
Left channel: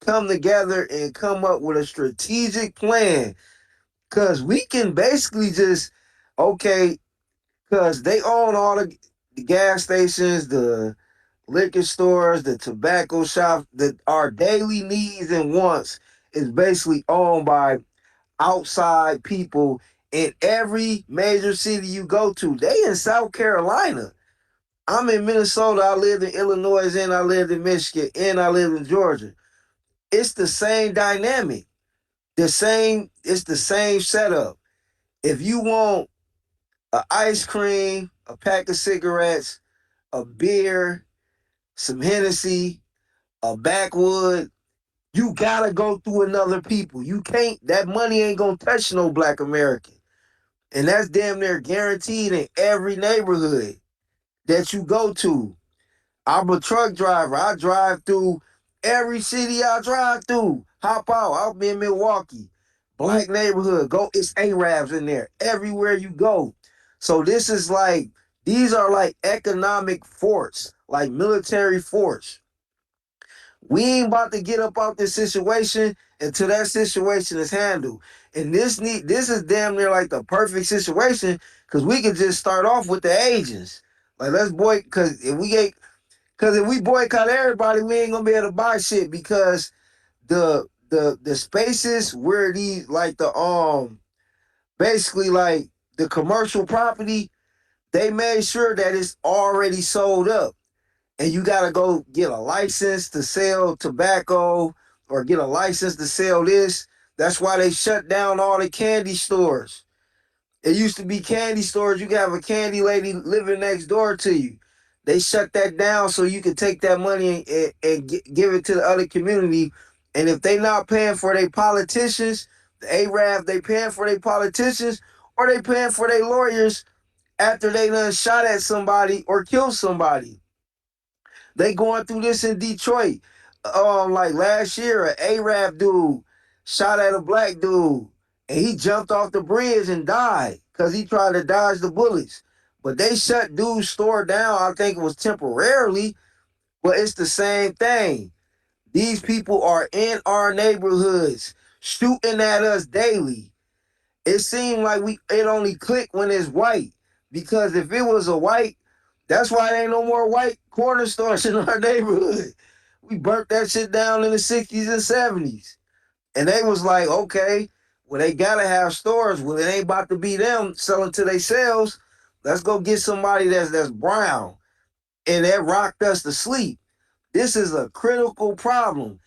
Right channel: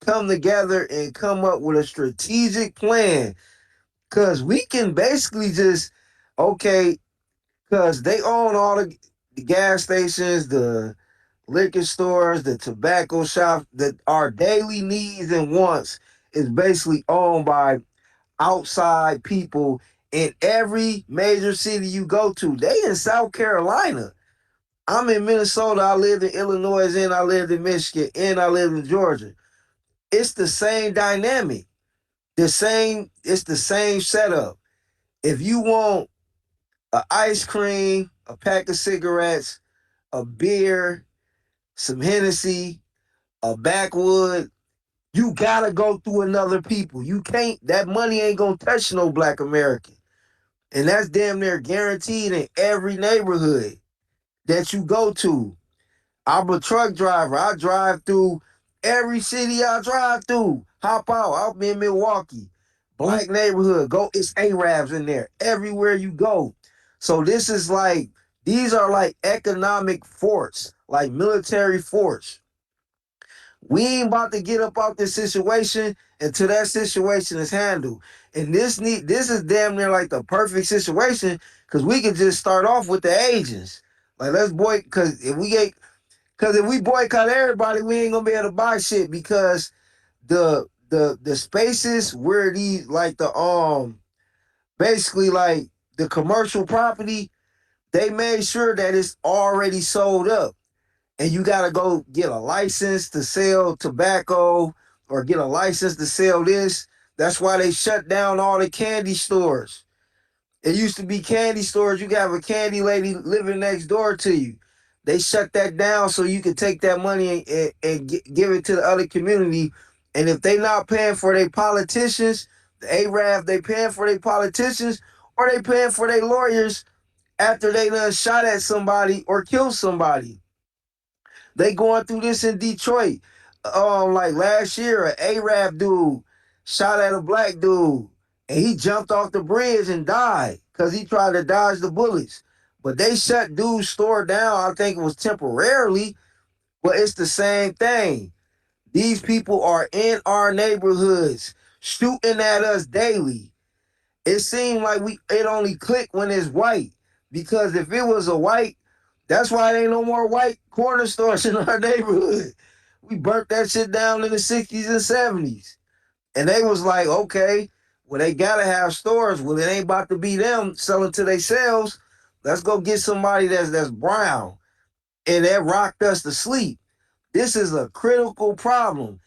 come together and come up with a strategic plan, because we can basically just, okay, because they own all the gas stations, the liquor stores, the tobacco shops, that our daily needs and wants is basically owned by outside people in every major city you go to. They in South Carolina. I'm in Minnesota. I lived in Illinois, and I lived in Michigan, and I lived in Georgia. It's the same dynamic. It's the same setup. If you want a ice cream, a pack of cigarettes, a beer, some Hennessy, a backwood, you gotta go through another people. You can't, that money ain't gonna touch no black American. And that's damn near guaranteed in every neighborhood that you go to. I'm a truck driver. I drive through every city I drive through. Hop out. I'm in Milwaukee. Black neighborhood. Go. It's Arabs in there. Everywhere you go. So this is like, these are like economic force, like military force. We ain't about to get up out this situation until that situation is handled. And this is damn near like the perfect situation, because we can just start off with the agents. Like, let's boy, because if we boycott everybody, we ain't gonna be able to buy shit, because the spaces where these, like, the basically like the commercial property, they made sure that it's already sold up, and you gotta go get a license to sell tobacco or get a license to sell this. That's why they shut down all the candy stores. It used to be candy stores. You could have a candy lady living next door to you. They shut that down so you could take that money and give it to the other community. And if they not paying for their politicians, the Arab, they paying for their politicians, or they paying for their lawyers after they done shot at somebody or killed somebody. They going through this in Detroit. Like last year, an Arab dude shot at a black dude, and he jumped off the bridge and died. because he tried to dodge the bullets. But they shut dude's store down. I think it was temporarily, but it's the same thing. These people are in our neighborhoods shooting at us daily. It seemed like it only clicked when it's white. Because if it was a white, that's why there ain't no more white corner stores in our neighborhood. We burnt that shit down in the 60s and 70s. And they was like, okay, well, they gotta have stores. Well, it ain't about to be them selling to themselves. Let's go get somebody that's brown. And that rocked us to sleep. This is a critical problem.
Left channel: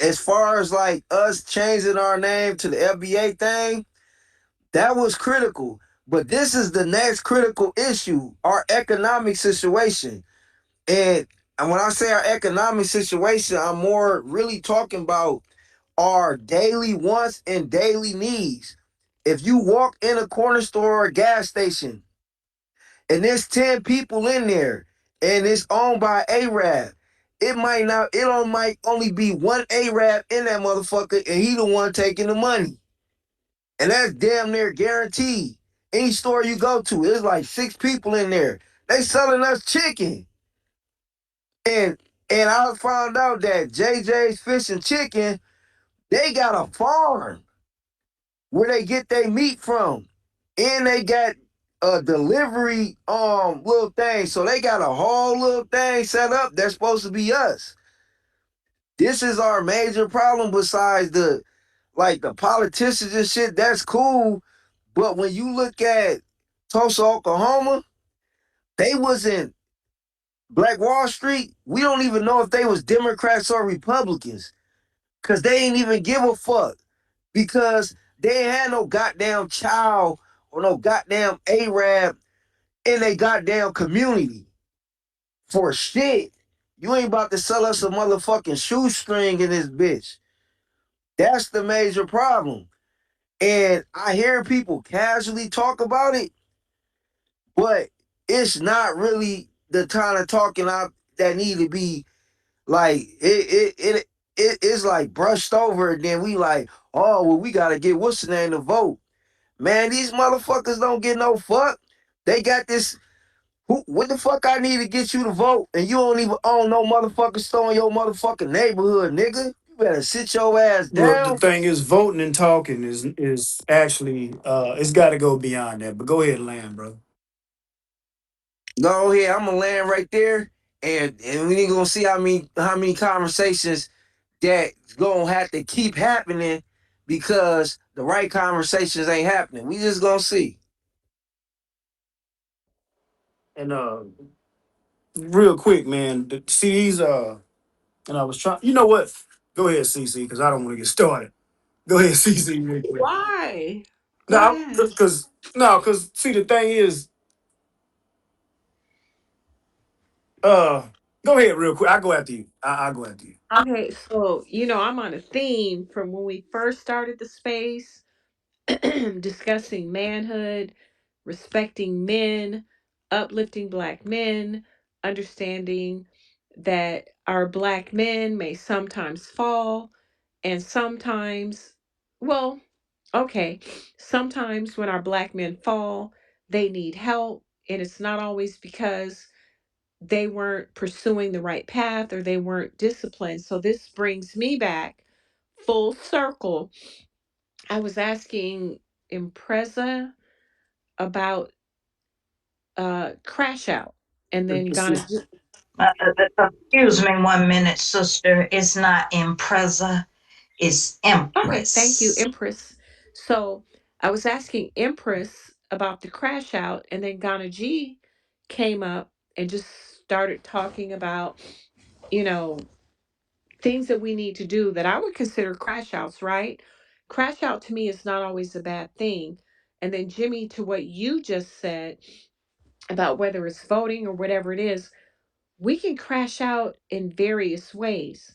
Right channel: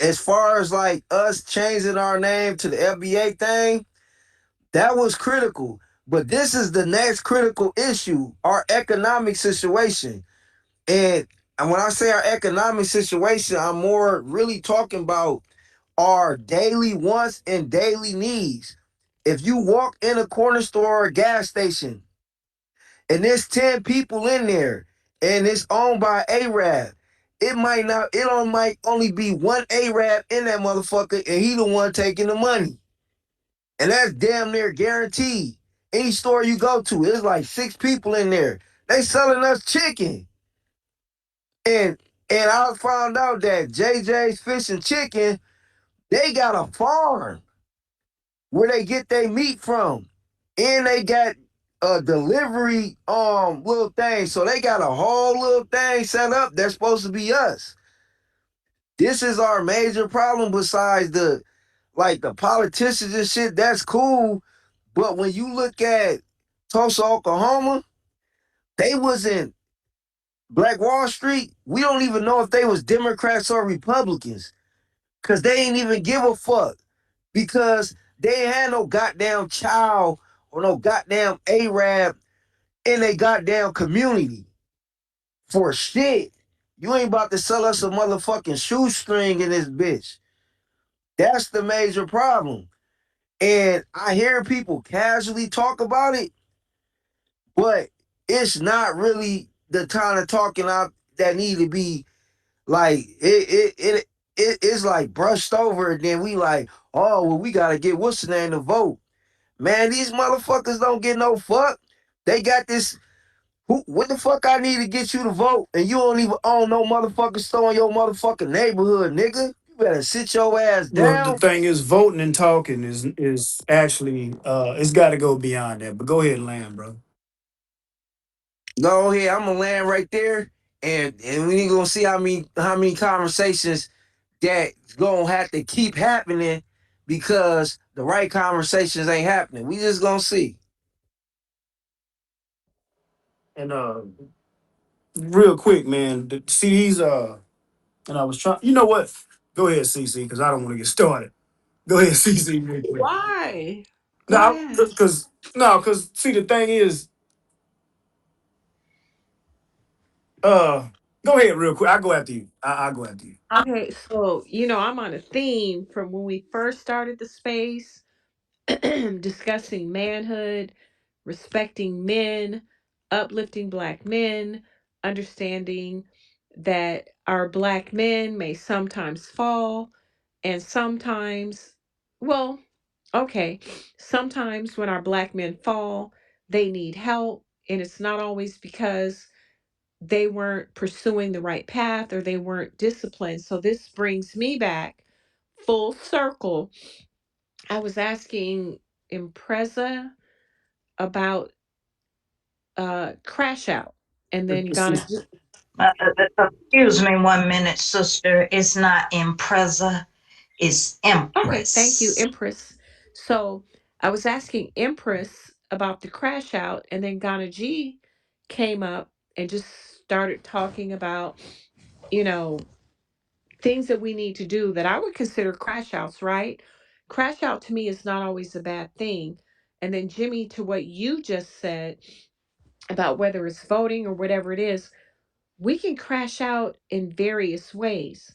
As far as like us changing our name to the FBA thing, that was critical. But this is the next critical issue, our economic situation. And when I say our economic situation, I'm more really talking about our daily wants and daily needs. If you walk in a corner store or a gas station and there's 10 people in there and it's owned by Arab, it might only be one Arab in that motherfucker and he the one taking the money. And that's damn near guaranteed. Any store you go to, there's like 6 people in there. They selling us chicken. And I found out that JJ's Fish and Chicken, they got a farm where they get their meat from. And they got a delivery little thing. So they got a whole little thing set up that's supposed to be us. This is our major problem besides the politicians and shit, that's cool. But when you look at Tulsa, Oklahoma, they wasn't Black Wall Street. We don't even know if they was Democrats or Republicans. Cause they ain't even give a fuck. Because they ain't had no goddamn child or no goddamn Arab in a goddamn community. For shit. You ain't about to sell us a motherfucking shoestring in this bitch. That's the major problem. And I hear people casually talk about it, but it's not really the kind of talking out that need to be like it's like brushed over and then we like, oh well, we gotta get what's the name to vote. Man, these motherfuckers don't get no fuck. They got this. What the fuck I need to get you to vote and you don't even own no motherfucking store in your motherfucking neighborhood, nigga. You better sit your ass Well, the down. thing is, voting and talking is actually it's got to go beyond that. But go ahead, land, bro. Go ahead, I'm gonna land right there, and we gonna see how many conversations that gonna have to keep happening because the right conversations ain't happening. We just gonna see. And real quick, man, see these and I was trying. You know what? Go ahead, CC, because I don't want to get started. Go ahead, CC, real quick. Why? Go No, ahead. because no, because see the thing is, uh, go ahead real quick. I go after you. I go after you. Okay, so I'm on a theme from when we first started the space, discussing manhood, respecting men, uplifting black men, understanding that our black men may sometimes fall, and sometimes, well, okay, sometimes when our black men fall, they need help, and it's not always because they weren't pursuing the right path or they weren't disciplined. So this brings me back full circle. I was asking Impreza about Crash Out and then gonna Excuse me 1 minute, sister. It's not Impreza, it's okay, thank you, Empress. Empress. So I was asking Empress about the Crash Out, and then Ghana G came up and just started talking about, you know, things that we need to do that I would consider crash outs, right? Crash out to me is not always a bad thing. And then, Jimmy, to what you just said about whether it's voting or whatever it is, we can crash out in various ways.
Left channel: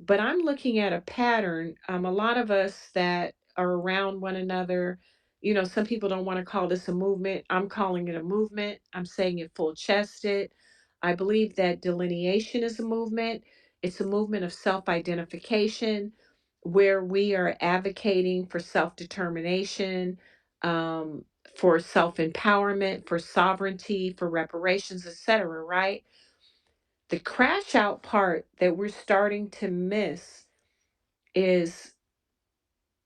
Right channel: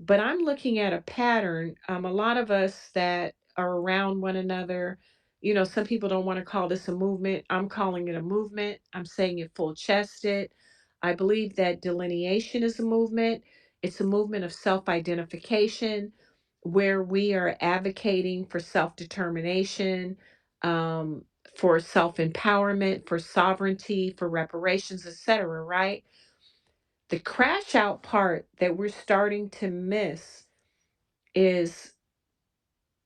But I'm looking at a pattern. A lot of us that are around one another, some people don't want to call this a movement. I'm calling it a movement. I'm saying it full chested. I believe that delineation is a movement. It's a movement of self identification where we are advocating for self determination, for self-empowerment, for sovereignty, for reparations, etc., right? The crash out part that we're starting to miss is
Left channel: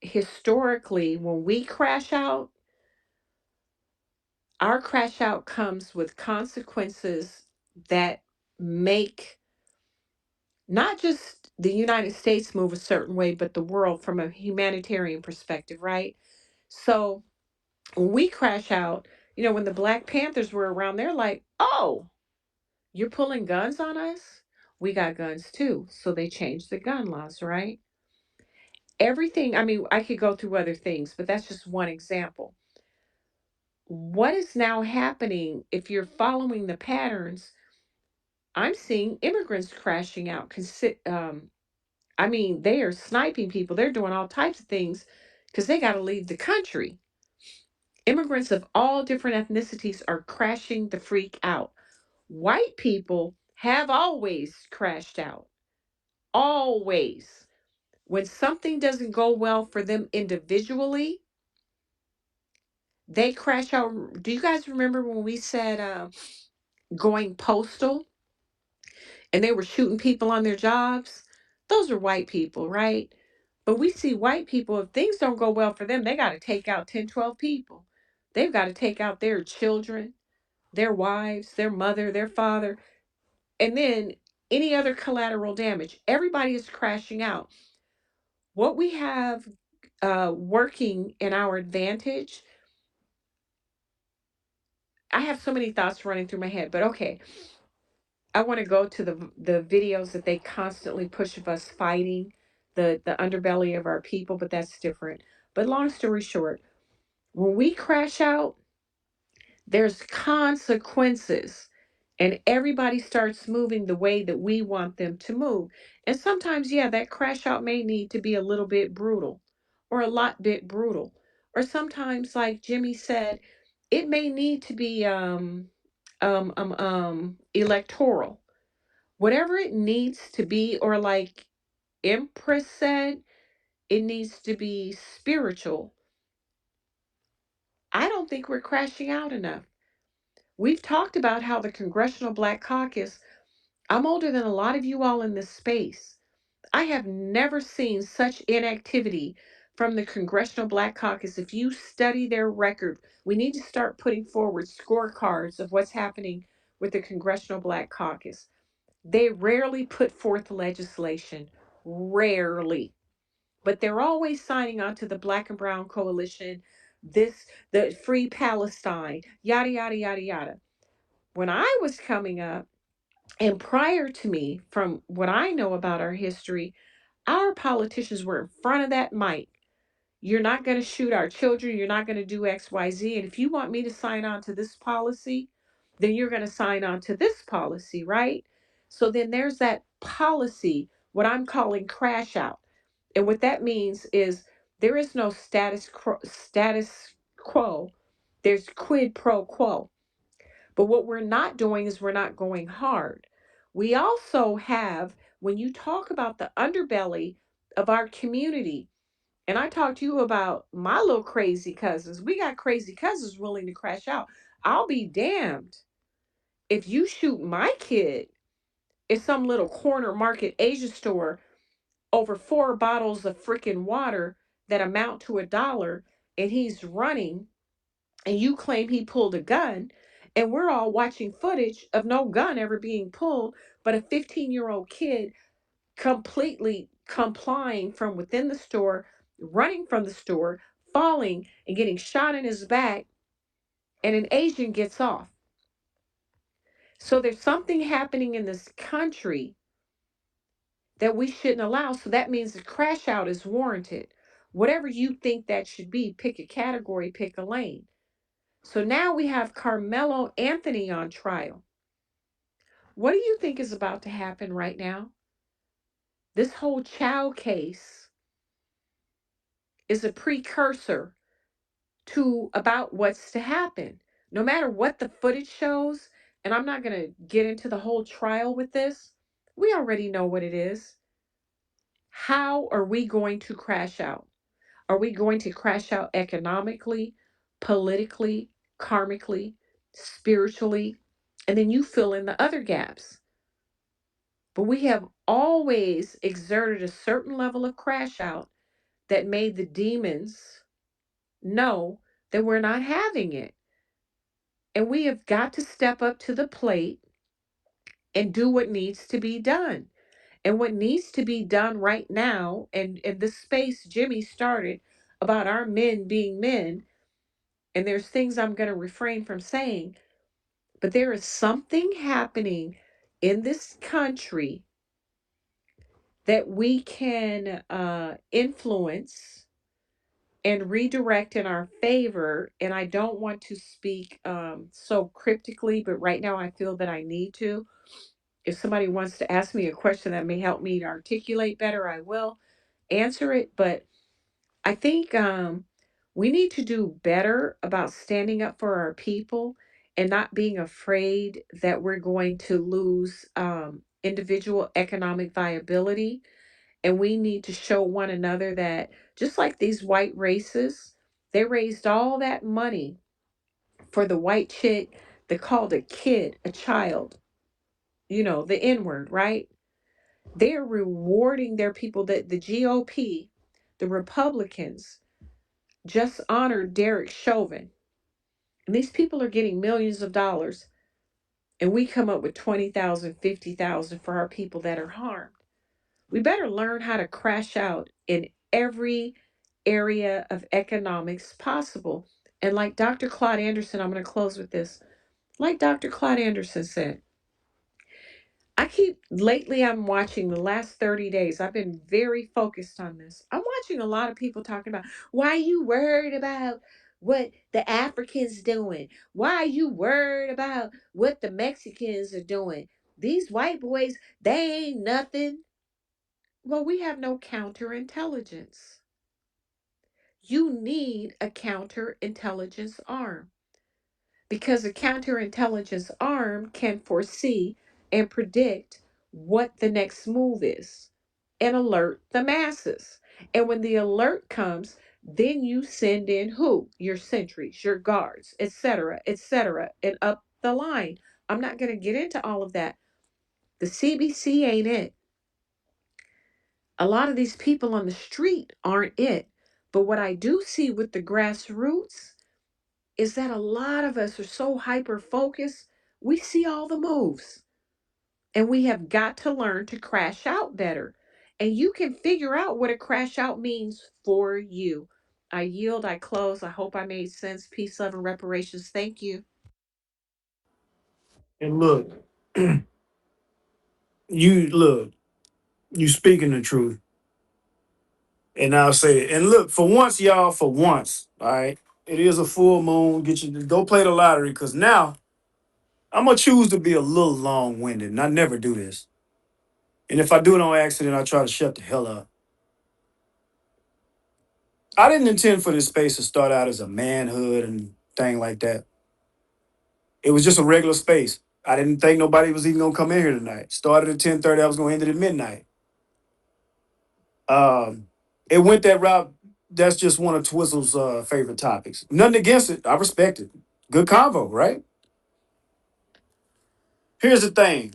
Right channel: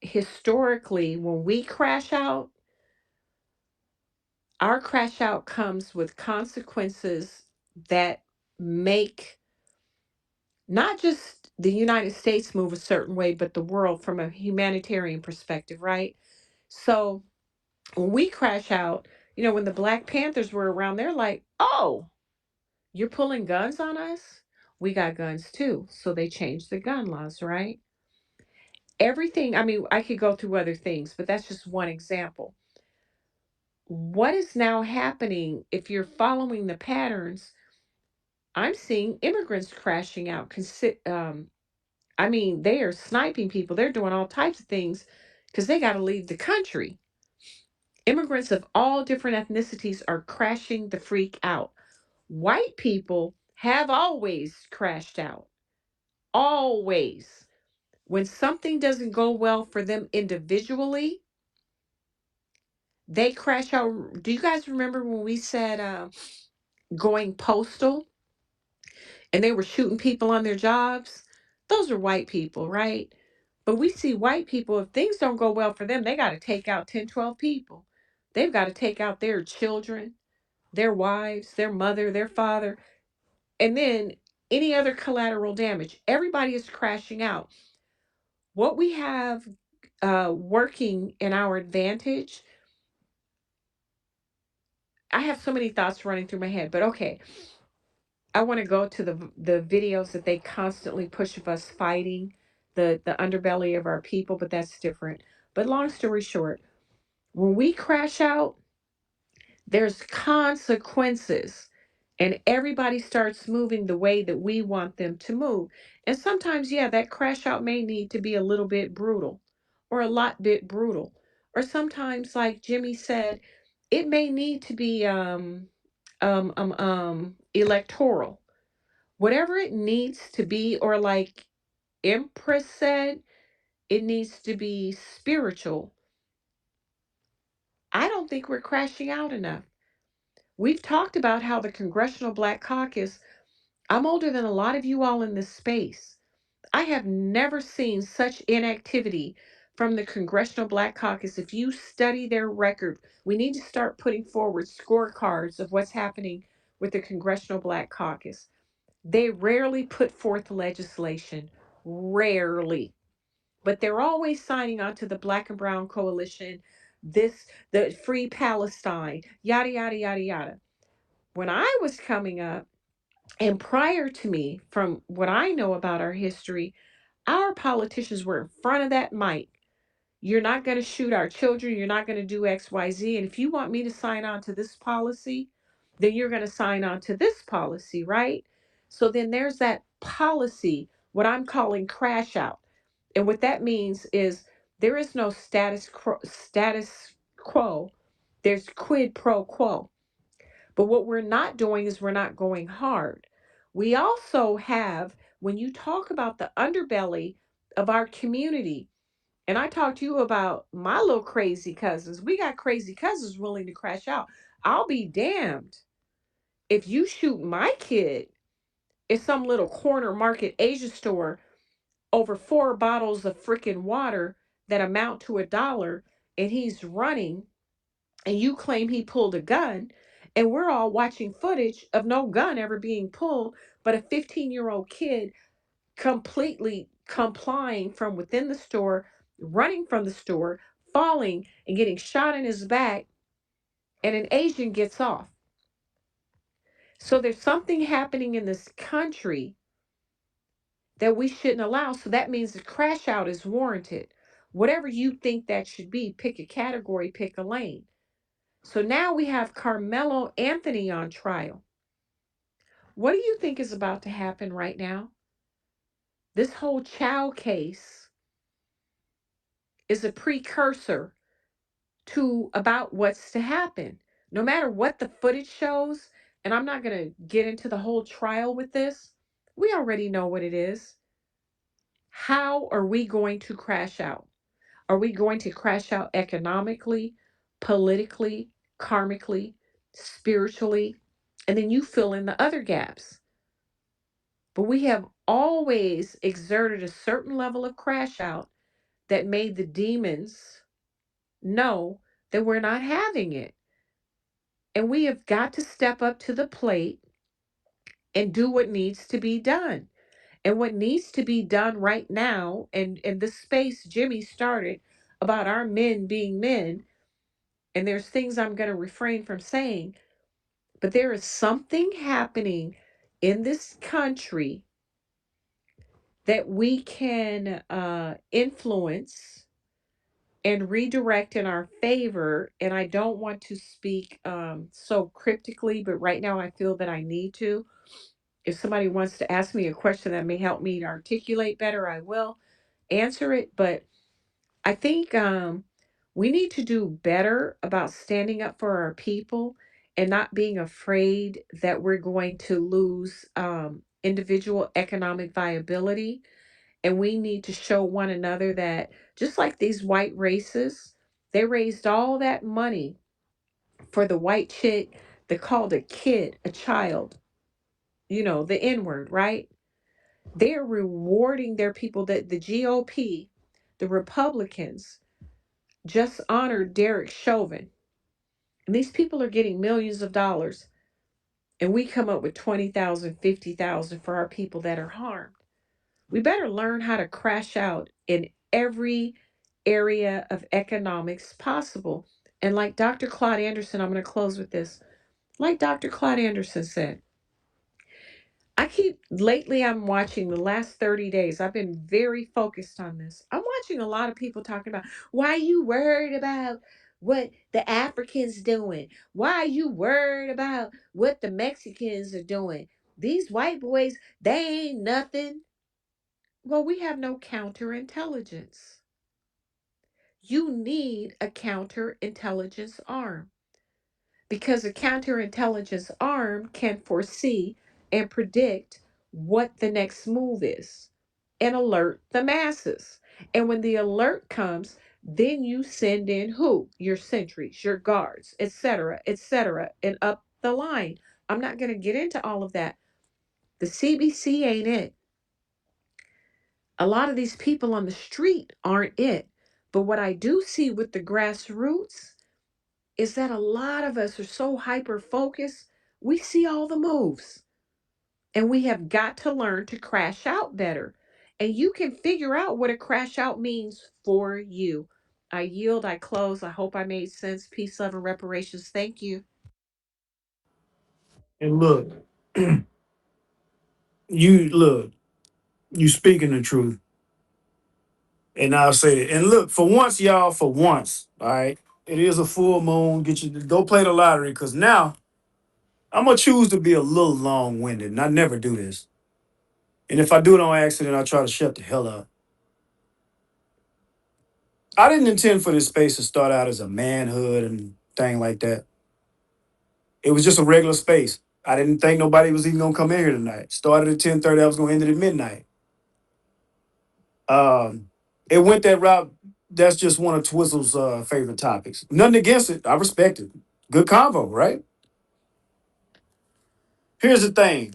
historically when we crash out, our crash out comes with consequences that make not just the United States move a certain way, but the world from a humanitarian perspective, right? So when we crash out, when the Black Panthers were around, they're like, oh, you're pulling guns on us? We got guns too. So they changed the gun laws, right? Everything, I mean, I could go through other things, but that's just one example. What is now happening if you're following the patterns? I'm seeing immigrants crashing out. I mean, they are sniping people. They're doing all types of things because they got to leave the country. Immigrants of all different ethnicities are crashing the freak out. White people have always crashed out. Always. When something doesn't go well for them individually, they crash out. Do you guys remember when we said going postal and they were shooting people on their jobs? Those are white people, right? But we see white people, if things don't go well for them, they got to take out 10, 12 people. They've got to take out their children, their wives, their mother, their father, and then any other collateral damage. Everybody is crashing out. What we have working in our advantage, I have so many thoughts running through my head, but okay. I want to go to the videos that they constantly push of us fighting the underbelly of our people, but that's different. But long story short, when we crash out, there's consequences and everybody starts moving the way that we want them to move. And sometimes, yeah, that crash out may need to be a little bit brutal or a lot bit brutal. Or sometimes, like Jimmy said, it may need to be electoral. Whatever it needs to be, or like Empress said, it needs to be spiritual. I don't think we're crashing out enough. We've talked about how the Congressional Black Caucus, I'm older than a lot of you all in this space. I have never seen such inactivity from the Congressional Black Caucus. If you study their record, we need to start putting forward scorecards of what's happening with the Congressional Black Caucus. They rarely put forth legislation, rarely, but they're always signing on to the Black and Brown Coalition, the Free Palestine, yada, yada, yada, yada. When I was coming up, and prior to me, from what I know about our history, our politicians were in front of that mic. You're not going to shoot our children. You're not going to do X, Y, Z. And if you want me to sign on to this policy, then you're going to sign on to this policy, right? So then there's that policy, what I'm calling crash out. And what that means is there is no status quo. There's quid pro quo. But what we're not doing is we're not going hard. We also have, when you talk about the underbelly of our community, and I talked to you about my little crazy cousins. We got crazy cousins willing to crash out. I'll be damned if you shoot my kid at some little corner market Asia store over 4 bottles of freaking water that amount to $1 and he's running and you claim he pulled a gun and we're all watching footage of no gun ever being pulled, but a 15-year-old kid completely complying from within the store, running from the store, falling and getting shot in his back, and an Asian gets off. So there's something happening in this country that we shouldn't allow. So that means the crash out is warranted. Whatever you think that should be, pick a category, pick a lane. So now we have Carmelo Anthony on trial. What do you think is about to happen right now? This whole child case is a precursor to about what's to happen. No matter what the footage shows, and I'm not going to get into the whole trial with this, we already know what it is. How are we going to crash out? Are we going to crash out economically? politically, karmically, spiritually, and then you fill in the other gaps. But we have always exerted a certain level of crash out that made the demons know that we're not having it. And we have got to step up to the plate and do what needs to be done. And what needs to be done right now, and in the space Jimmy started about our men being men, and there's things I'm going to refrain from saying, but there is something happening in this country that we can influence and redirect in our favor. And I don't want to speak so cryptically, but right now I feel that I need to. If somebody wants to ask me a question that may help me to articulate better, I will answer it. But I think we need to do better about standing up for our people and not being afraid that we're going to lose individual economic viability. And we need to show one another that just like these white races, they raised all that money for the white chick that called a kid a child, the N word, right? They're rewarding their people that the GOP, the Republicans, just honored Derek Chauvin. And these people are getting millions of dollars. And we come up with 20,000, 50,000 for our people that are harmed. We better learn how to crash out in every area of economics possible. And like Dr. Claude Anderson, I'm going to close with this. Like Dr. Claude Anderson said, lately, I'm watching the last 30 days. I've been very focused on this. I'm watching a lot of people talking about why are you worried about what the Africans doing? Why are you worried about what the Mexicans are doing? These white boys, they ain't nothing. Well, we have no counterintelligence. You need a counterintelligence arm because a counterintelligence arm can foresee and predict what the next move is and alert the masses. And when the alert comes, then you send in who? Your sentries, your guards, etc., and up the line. I'm not going to get into all of that. The CBC ain't it. A lot of these people on the street aren't it. But what I do see with the grassroots is that a lot of us are so hyper focused, we see all the moves. And we have got to learn to crash out better. And you can figure out what a crash out means for you. I yield, I close. I hope I made sense. Peace, love, and reparations. Thank you. And look, you speaking the truth. And I'll say it. And look, for once, y'all, for once, all right, it is a full moon. Get you go play the lottery because now I'm gonna choose to be a little long winded, and I never do this. And if I do it on accident, I try to shut the hell up. I didn't intend for this space to start out as a manhood and thing like that. It was just a regular space. I didn't think nobody was even gonna come in here tonight. Started at 10:30. I was gonna end it at midnight. Um, it went that route. That's just one of Twizzle's favorite topics. Nothing against it. I respect it. Good convo, right? Here's the thing.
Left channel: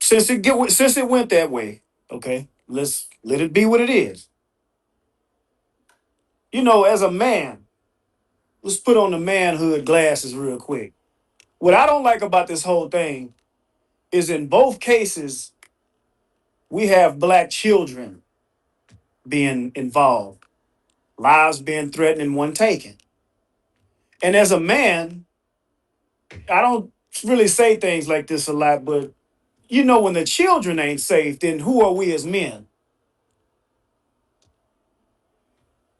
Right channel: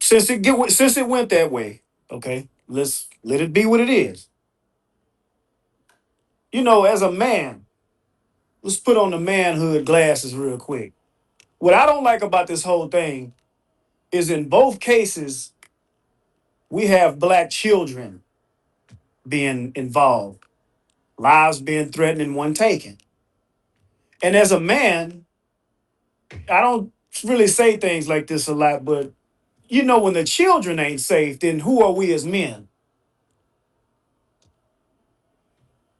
Since it went that way, okay, let's let it be what it is. As a man, let's put on the manhood glasses real quick. What I don't like about this whole thing is in both cases, we have black children being involved, lives being threatened and one taken. And as a man, I don't really say things like this a lot, but when the children ain't safe, then who are we as men?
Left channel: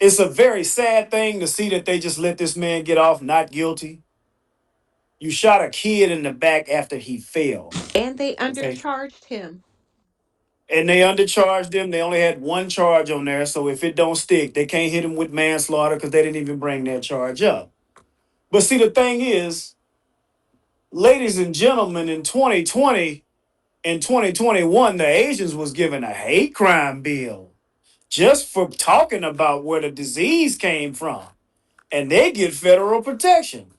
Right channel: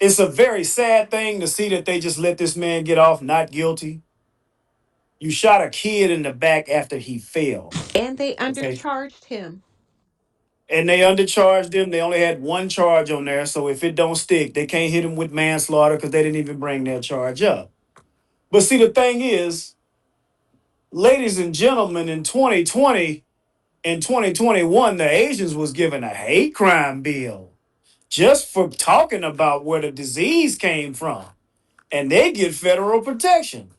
It's a very sad thing to see that they just let this man get off not guilty. You shot a kid in the back after he fell. And they Okay. undercharged him. And they undercharged him. They only had one charge on there. So if it don't stick, they can't hit him with manslaughter because they didn't even bring that charge up. But see, the thing is, ladies and gentlemen, in 2020 and 2021, the Asians was given a hate crime bill just for talking about where the disease came from. and they get federal protection.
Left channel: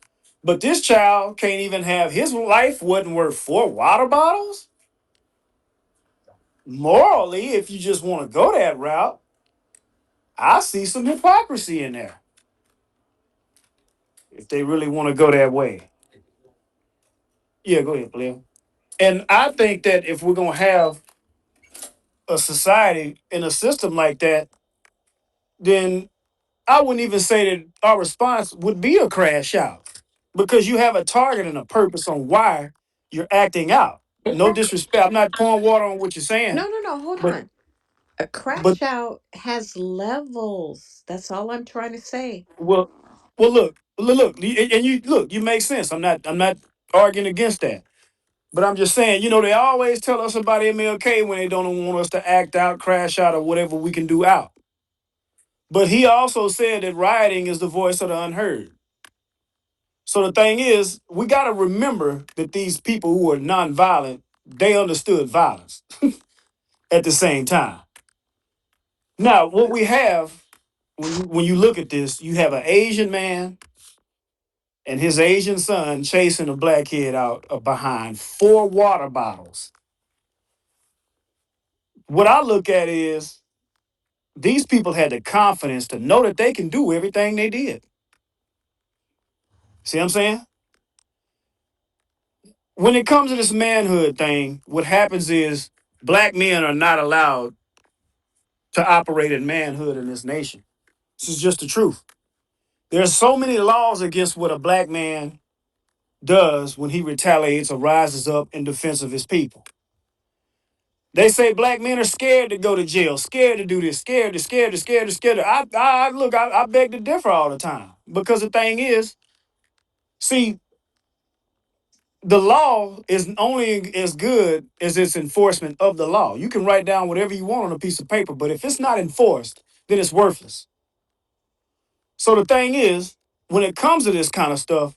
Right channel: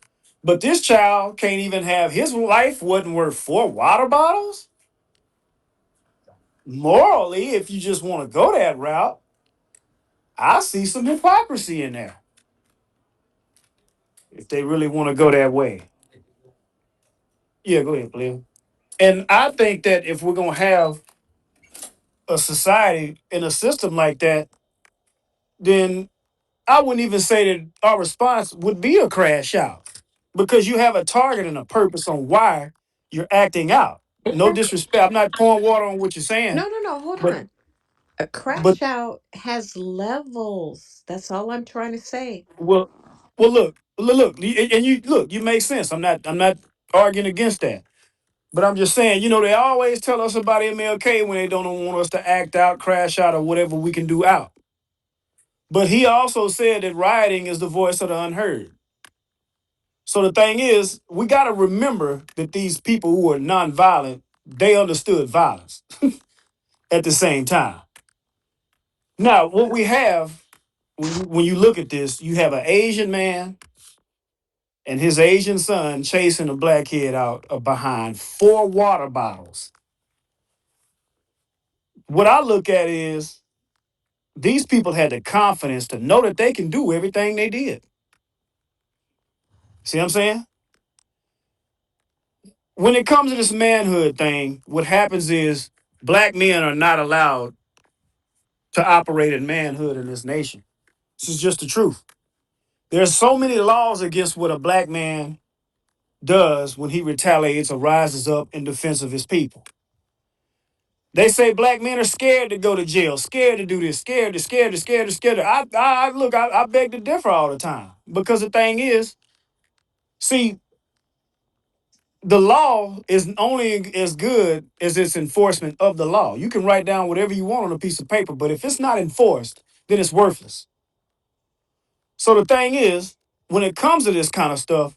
But this child can't even have his life wasn't worth 4 water bottles. Morally, if you just want to go that route, I see some hypocrisy in there. If they really want to go that way, yeah, go ahead, Blair. And I think that if we're gonna have a society and a system like that, then I wouldn't even say that our response would be a crash out because you have a target and a purpose on why you're acting out. No disrespect. I'm not pouring water on what you're saying, No, no, no, hold but on. A but crash out has levels. That's all I'm trying to say. well look, and you look, you make sense. I'm not arguing against that. But I'm just saying, they always tell us about MLK when they don't want us to act out, crash out, or whatever we can do out. But he also said that rioting is the voice of the unheard. So the thing is, we got to remember that these people who are nonviolent, they understood violence at the same time. Now, what we have when you look at this, you have an Asian man and his Asian son chasing a black kid out behind 4 water bottles. What I look at is these people had the confidence to know that they can do everything they did. See what I'm saying? When it comes to this manhood thing, what happens is black men are not allowed to operate in manhood in this nation. This is just the truth. There's so many laws against what a black man does when he retaliates or rises up in defense of his people. They say black men are scared to go to jail, scared to do this, scared. I beg to differ all the time because the thing is, see, the law is only as good as its enforcement of the law. You can write down whatever you want on a piece of paper, but if it's not enforced, then it's worthless. So the thing is, when it comes to this kind of stuff,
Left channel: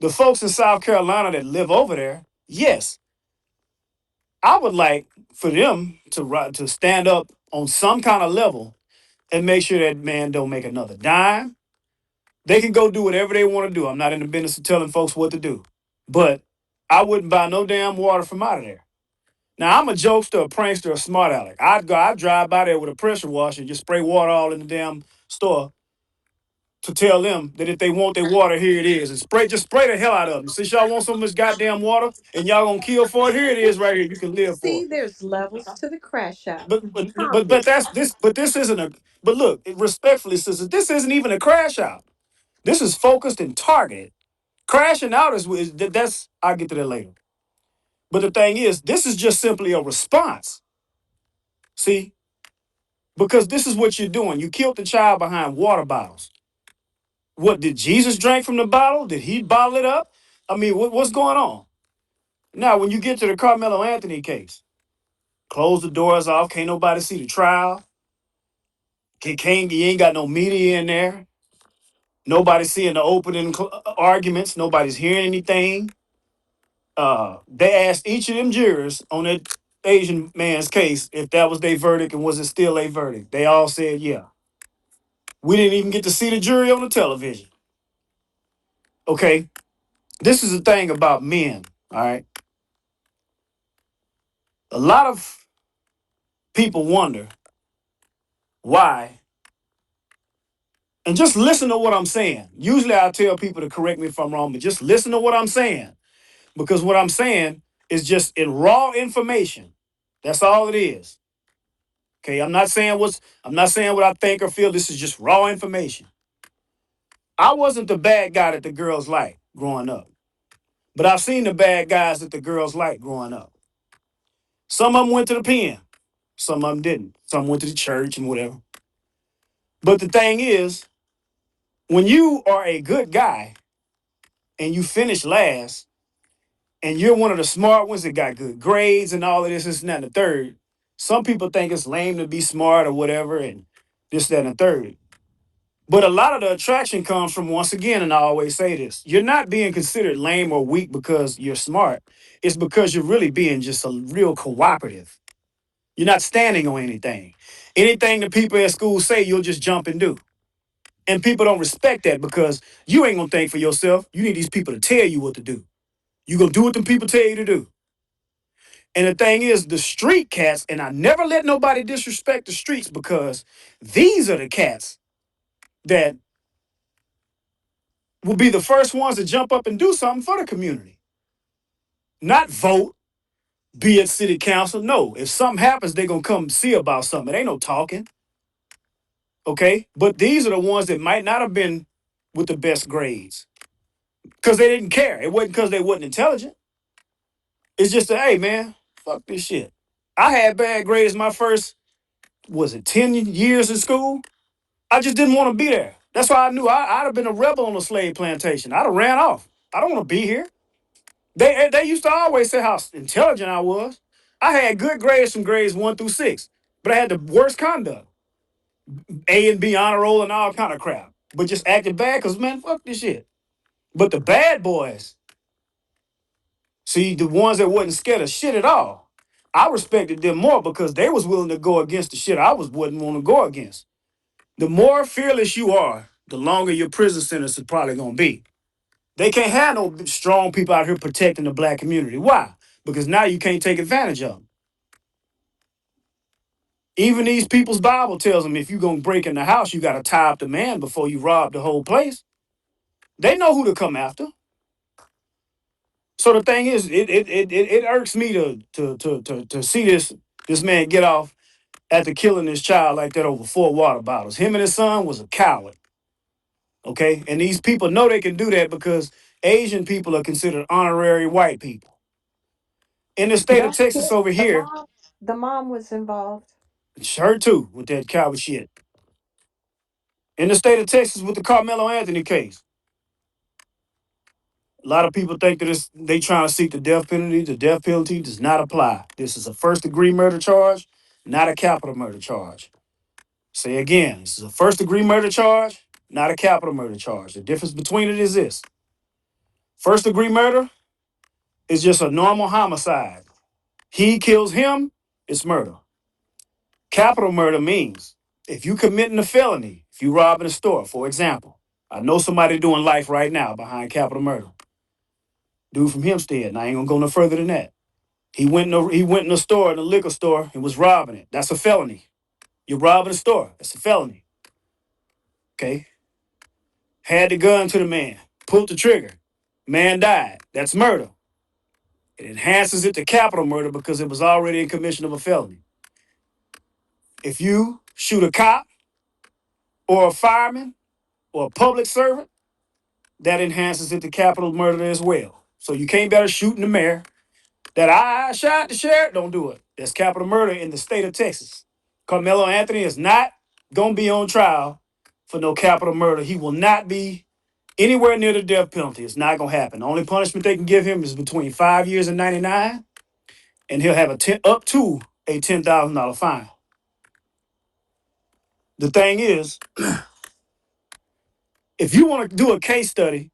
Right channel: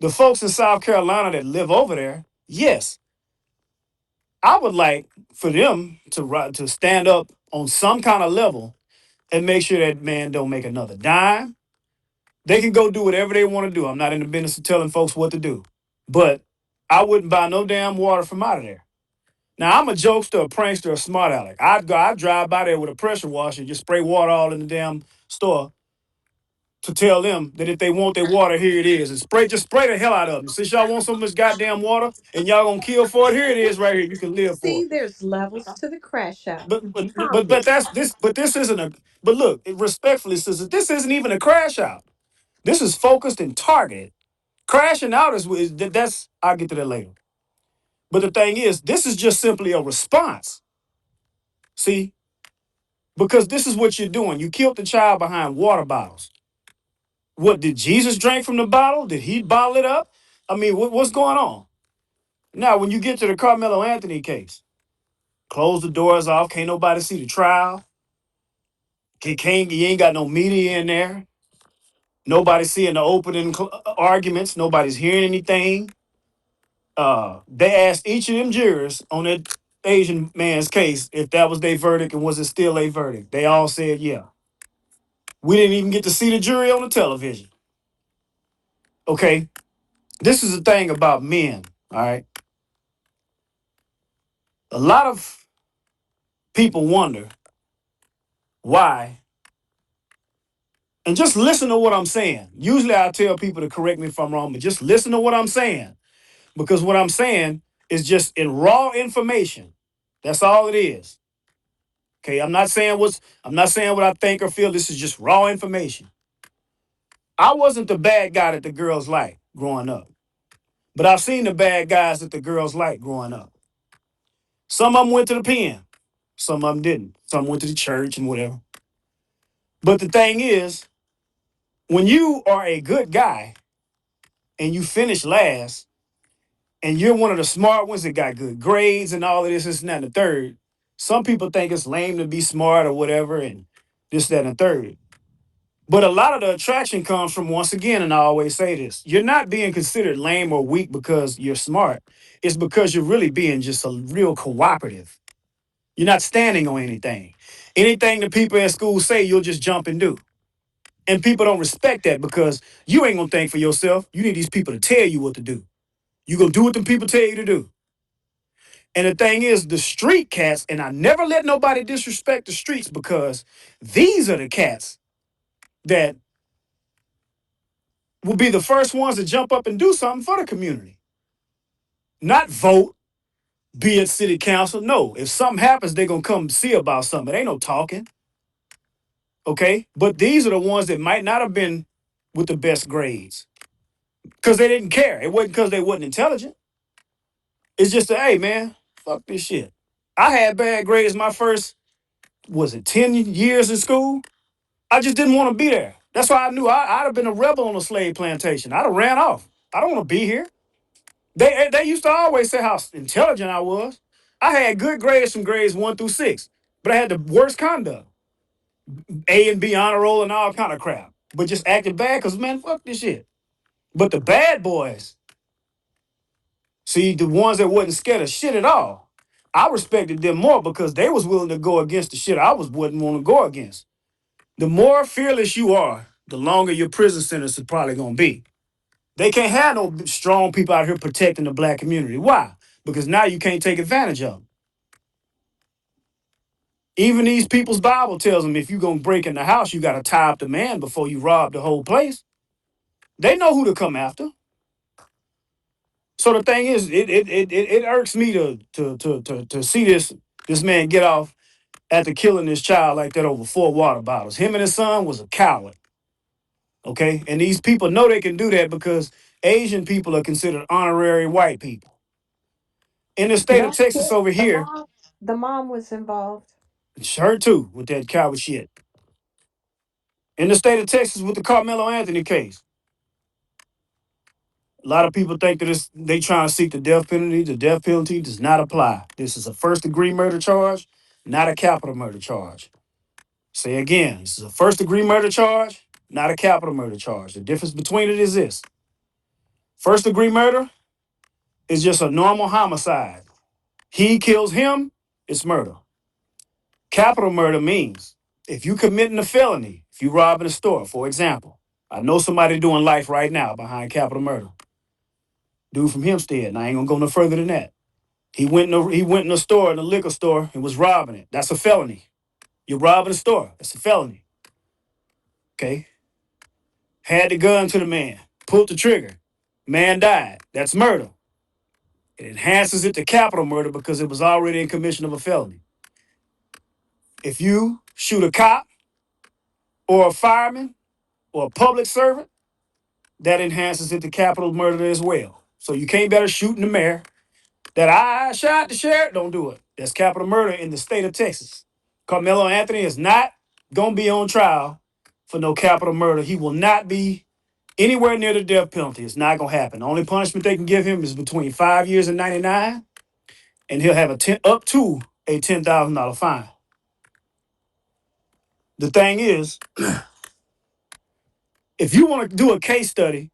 the folks in South Carolina that live over there, yes, I would like for them to stand up on some kind of level and make sure that man don't make another dime. They can go do whatever they want to do. I'm not in the business of telling folks what to do, but I wouldn't buy no damn water from out of there. Now I'm a jokester, a prankster, a smart aleck. I'd drive by there with a pressure washer and just spray water all in the damn store to tell them that if they want their water, here it is. And just spray the hell out of them. Since y'all want some of this goddamn water and y'all gonna kill for it, here it is right here. You can live for See, it. there's levels to the crash out. But that's this. But this isn't a. But look, respectfully, sister, this isn't even a crash out. This is focused and targeted. Crashing out that's. I'll get to that later. But the thing is, this is just simply a response. See, because this is what you're doing. You killed the child behind water bottles. What did Jesus drink from the bottle? Did he bottle it up? I mean, what's going on? Now, when you get to the Carmelo Anthony case, close the doors off. Can't nobody see the trial. You ain't got no media in there. Nobody's seeing the opening arguments. Nobody's hearing anything. They asked each of them jurors on that Asian man's case if that was their verdict and was it still a verdict. They all said yeah. We didn't even get to see the jury on the television. Okay, this is the thing about men. All right, a lot of people wonder why, and just listen to what I'm saying. Usually, I tell people to correct me if I'm wrong, but just listen to what I'm saying because what I'm saying is just in raw information. That's all it is. Okay, I'm not saying what I think or feel. This is just raw information. I wasn't the bad guy that the girls liked growing up, but I've seen the bad guys that the girls liked growing up. Some of them went to the pen, some of them didn't. Some went to the church and whatever. But the thing is, when you are a good guy and you finish last, and you're one of the smart ones that got good grades and all of this and that, and the third, some people think it's lame to be smart or whatever, and this, that, and the third. But a lot of the attraction comes from, once again, and I always say this, you're not being considered lame or weak because you're smart. It's because you're really being just a real cooperative. You're not standing on anything. Anything the people at school say, you'll just jump and do. And people don't respect that because you ain't gonna think for yourself. You need these people to tell you what to do. You gonna do what them people tell you to do. And the thing is, the street cats, and I never let nobody disrespect the streets because these are the cats that will be the first ones to jump up and do something for the community. Not vote, be at city council. No, if something happens, they're gonna come see about something. It ain't no talking. Okay? But these are the ones that might not have been with the best grades. Because they didn't care. It wasn't because they wasn't intelligent. It's just a, hey man, fuck this shit. I had bad grades my first, was it 10 years in school? I just didn't want to be there. That's why I knew I'd have been a rebel on a slave plantation. I'd have ran off. I don't want to be here. They used to always say how intelligent I was. I had good grades from grades 1 through 6, but I had the worst conduct. A and B honor roll and all kind of crap. But just acting bad because, man, fuck this shit. But the bad boys, see, the ones that wasn't scared of shit at all, I respected them more because they was willing to go against the shit I wasn't want to go against. The more fearless you are, the longer your prison sentence is probably gonna be. They can't have no strong people out here protecting the black community. Why? Because now you can't take advantage of them. Even these people's Bible tells them if you're gonna break in the house, you gotta tie up the man before you rob the whole place. They know who to come after. So the thing is, it irks me to see this man get off after killing his child like that over 4 water bottles. Him and his son was a coward. Okay, and these people know they can do that because Asian people are considered honorary white people. In the state of That's Texas it. over The here, mom, the mom was involved. it's her too with that coward shit. In the state of Texas with the Carmelo Anthony case, a lot of people think that they trying to seek the death penalty. The death penalty does not apply. This is a first degree murder charge, not a capital murder charge. Say again, this is a first degree murder charge, not a capital murder charge. The difference between it is this: first degree murder is just a normal homicide. He kills him, it's murder. Capital murder means if you committing a felony, if you robbing a store, for example, I know somebody doing life right now behind capital murder. Dude from Hempstead, and I ain't gonna go no further than that. He went in a store, in a liquor store, and was robbing it. That's a felony. You're robbing a store. That's a felony. Okay. Had the gun to the man, pulled the trigger. Man died. That's murder. It enhances it to capital murder because it was already in commission of a felony. If you shoot a cop or a fireman or a public servant, that enhances it to capital murder as well. So you can't better shooting the mayor. That I shot the sheriff, don't do it. That's capital murder in the state of Texas. Carmelo Anthony is not gonna be on trial for no capital murder. He will not be anywhere near the death penalty. It's not gonna happen. The only punishment they can give him is between 5 years and 99, and he'll have up to a $10,000 fine. The thing is, if you want to do a case study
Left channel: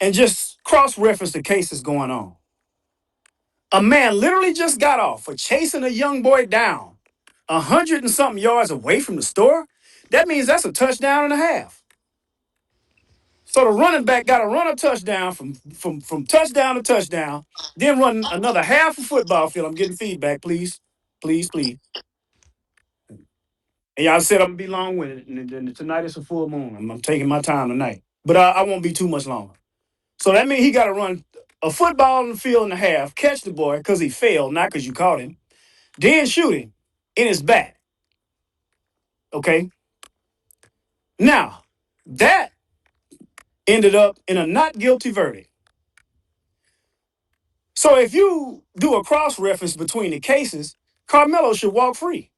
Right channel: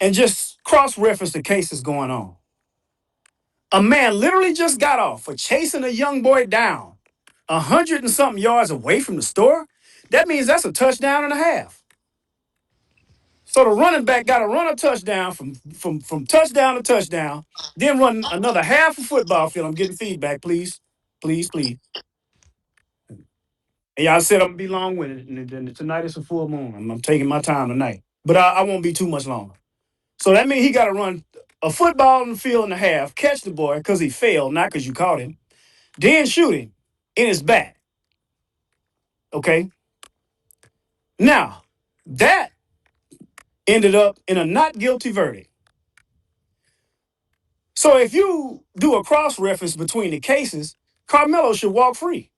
and just cross-reference the cases going on, a man literally just got off for chasing a young boy down 100 and something yards away from the store. That means that's a touchdown and a half. So the running back got to run a touchdown from touchdown to touchdown, then run another half a football field. I'm getting feedback, please, please, please. And y'all said I'm gonna be long-winded, and tonight is a full moon. I'm taking my time tonight, but I won't be too much longer. So that means he got to run a football in the field and a half, catch the boy because he failed, not because you caught him, then shoot him in his back. Okay. Now that ended up in a not guilty verdict. So if you do a cross reference between the cases, Carmelo should walk free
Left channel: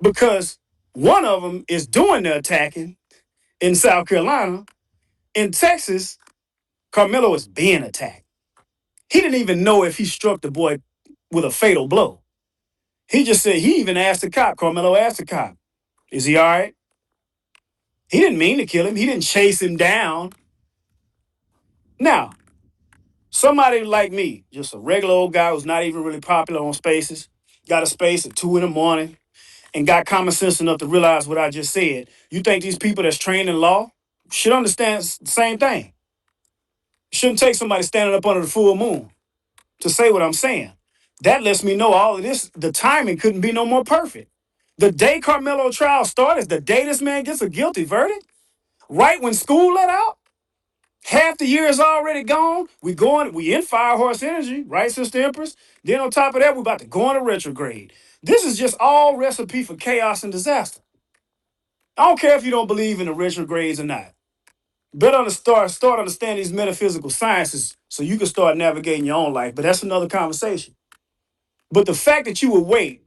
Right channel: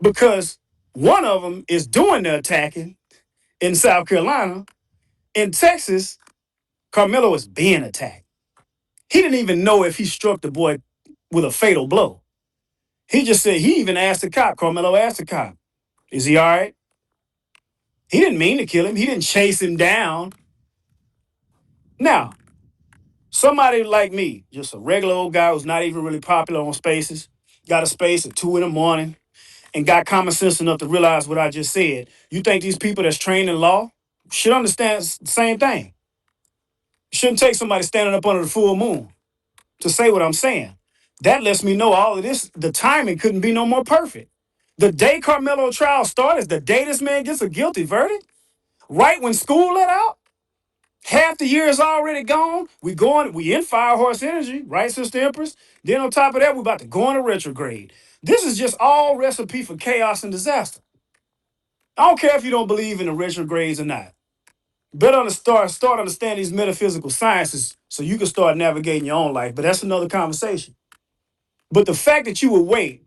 because one of them is doing the attacking in South Carolina. In Texas, Carmelo is being attacked. He didn't even know if he struck the boy with a fatal blow. He just said, he even asked the cop, Carmelo asked the cop, is he all right? He didn't mean to kill him. He didn't chase him down. Now, somebody like me, just a regular old guy who's not even really popular on spaces, got a space at 2 in the morning, and got common sense enough to realize what I just said, you think these people that's trained in law should understand the same thing? Shouldn't take somebody standing up under the full moon to say what I'm saying. That lets me know all of this, the timing couldn't be no more perfect. The day Carmelo trial started is the day this man gets a guilty verdict. Right when school let out, half the year is already gone. We in fire horse energy, right, Sister Empress? Then on top of that, we about to go into retrograde. This is just all recipe for chaos and disaster. I don't care if you don't believe in the retrogrades or not. Better to start understanding these metaphysical sciences so you can start navigating your own life. But that's another conversation. But the fact that you would wait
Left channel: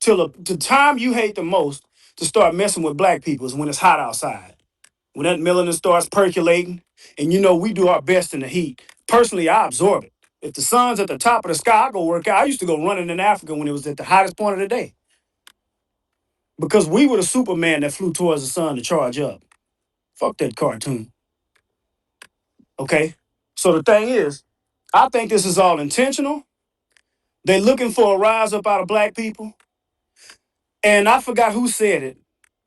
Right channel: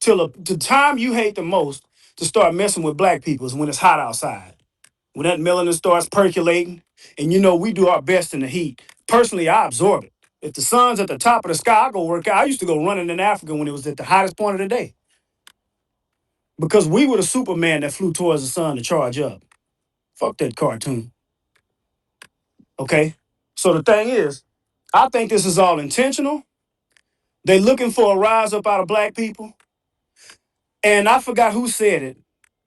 till the time you hate the most to start messing with black people is when it's hot outside. When that melanin starts percolating, and you know we do our best in the heat. Personally, I absorb it. If the sun's at the top of the sky, I go work out. I used to go running in Africa when it was at the hottest point of the day because we were the Superman that flew towards the sun to charge up. Fuck that cartoon. Okay? So the thing is, I think this is all intentional. They looking for a rise up out of black people. And I forgot who said it.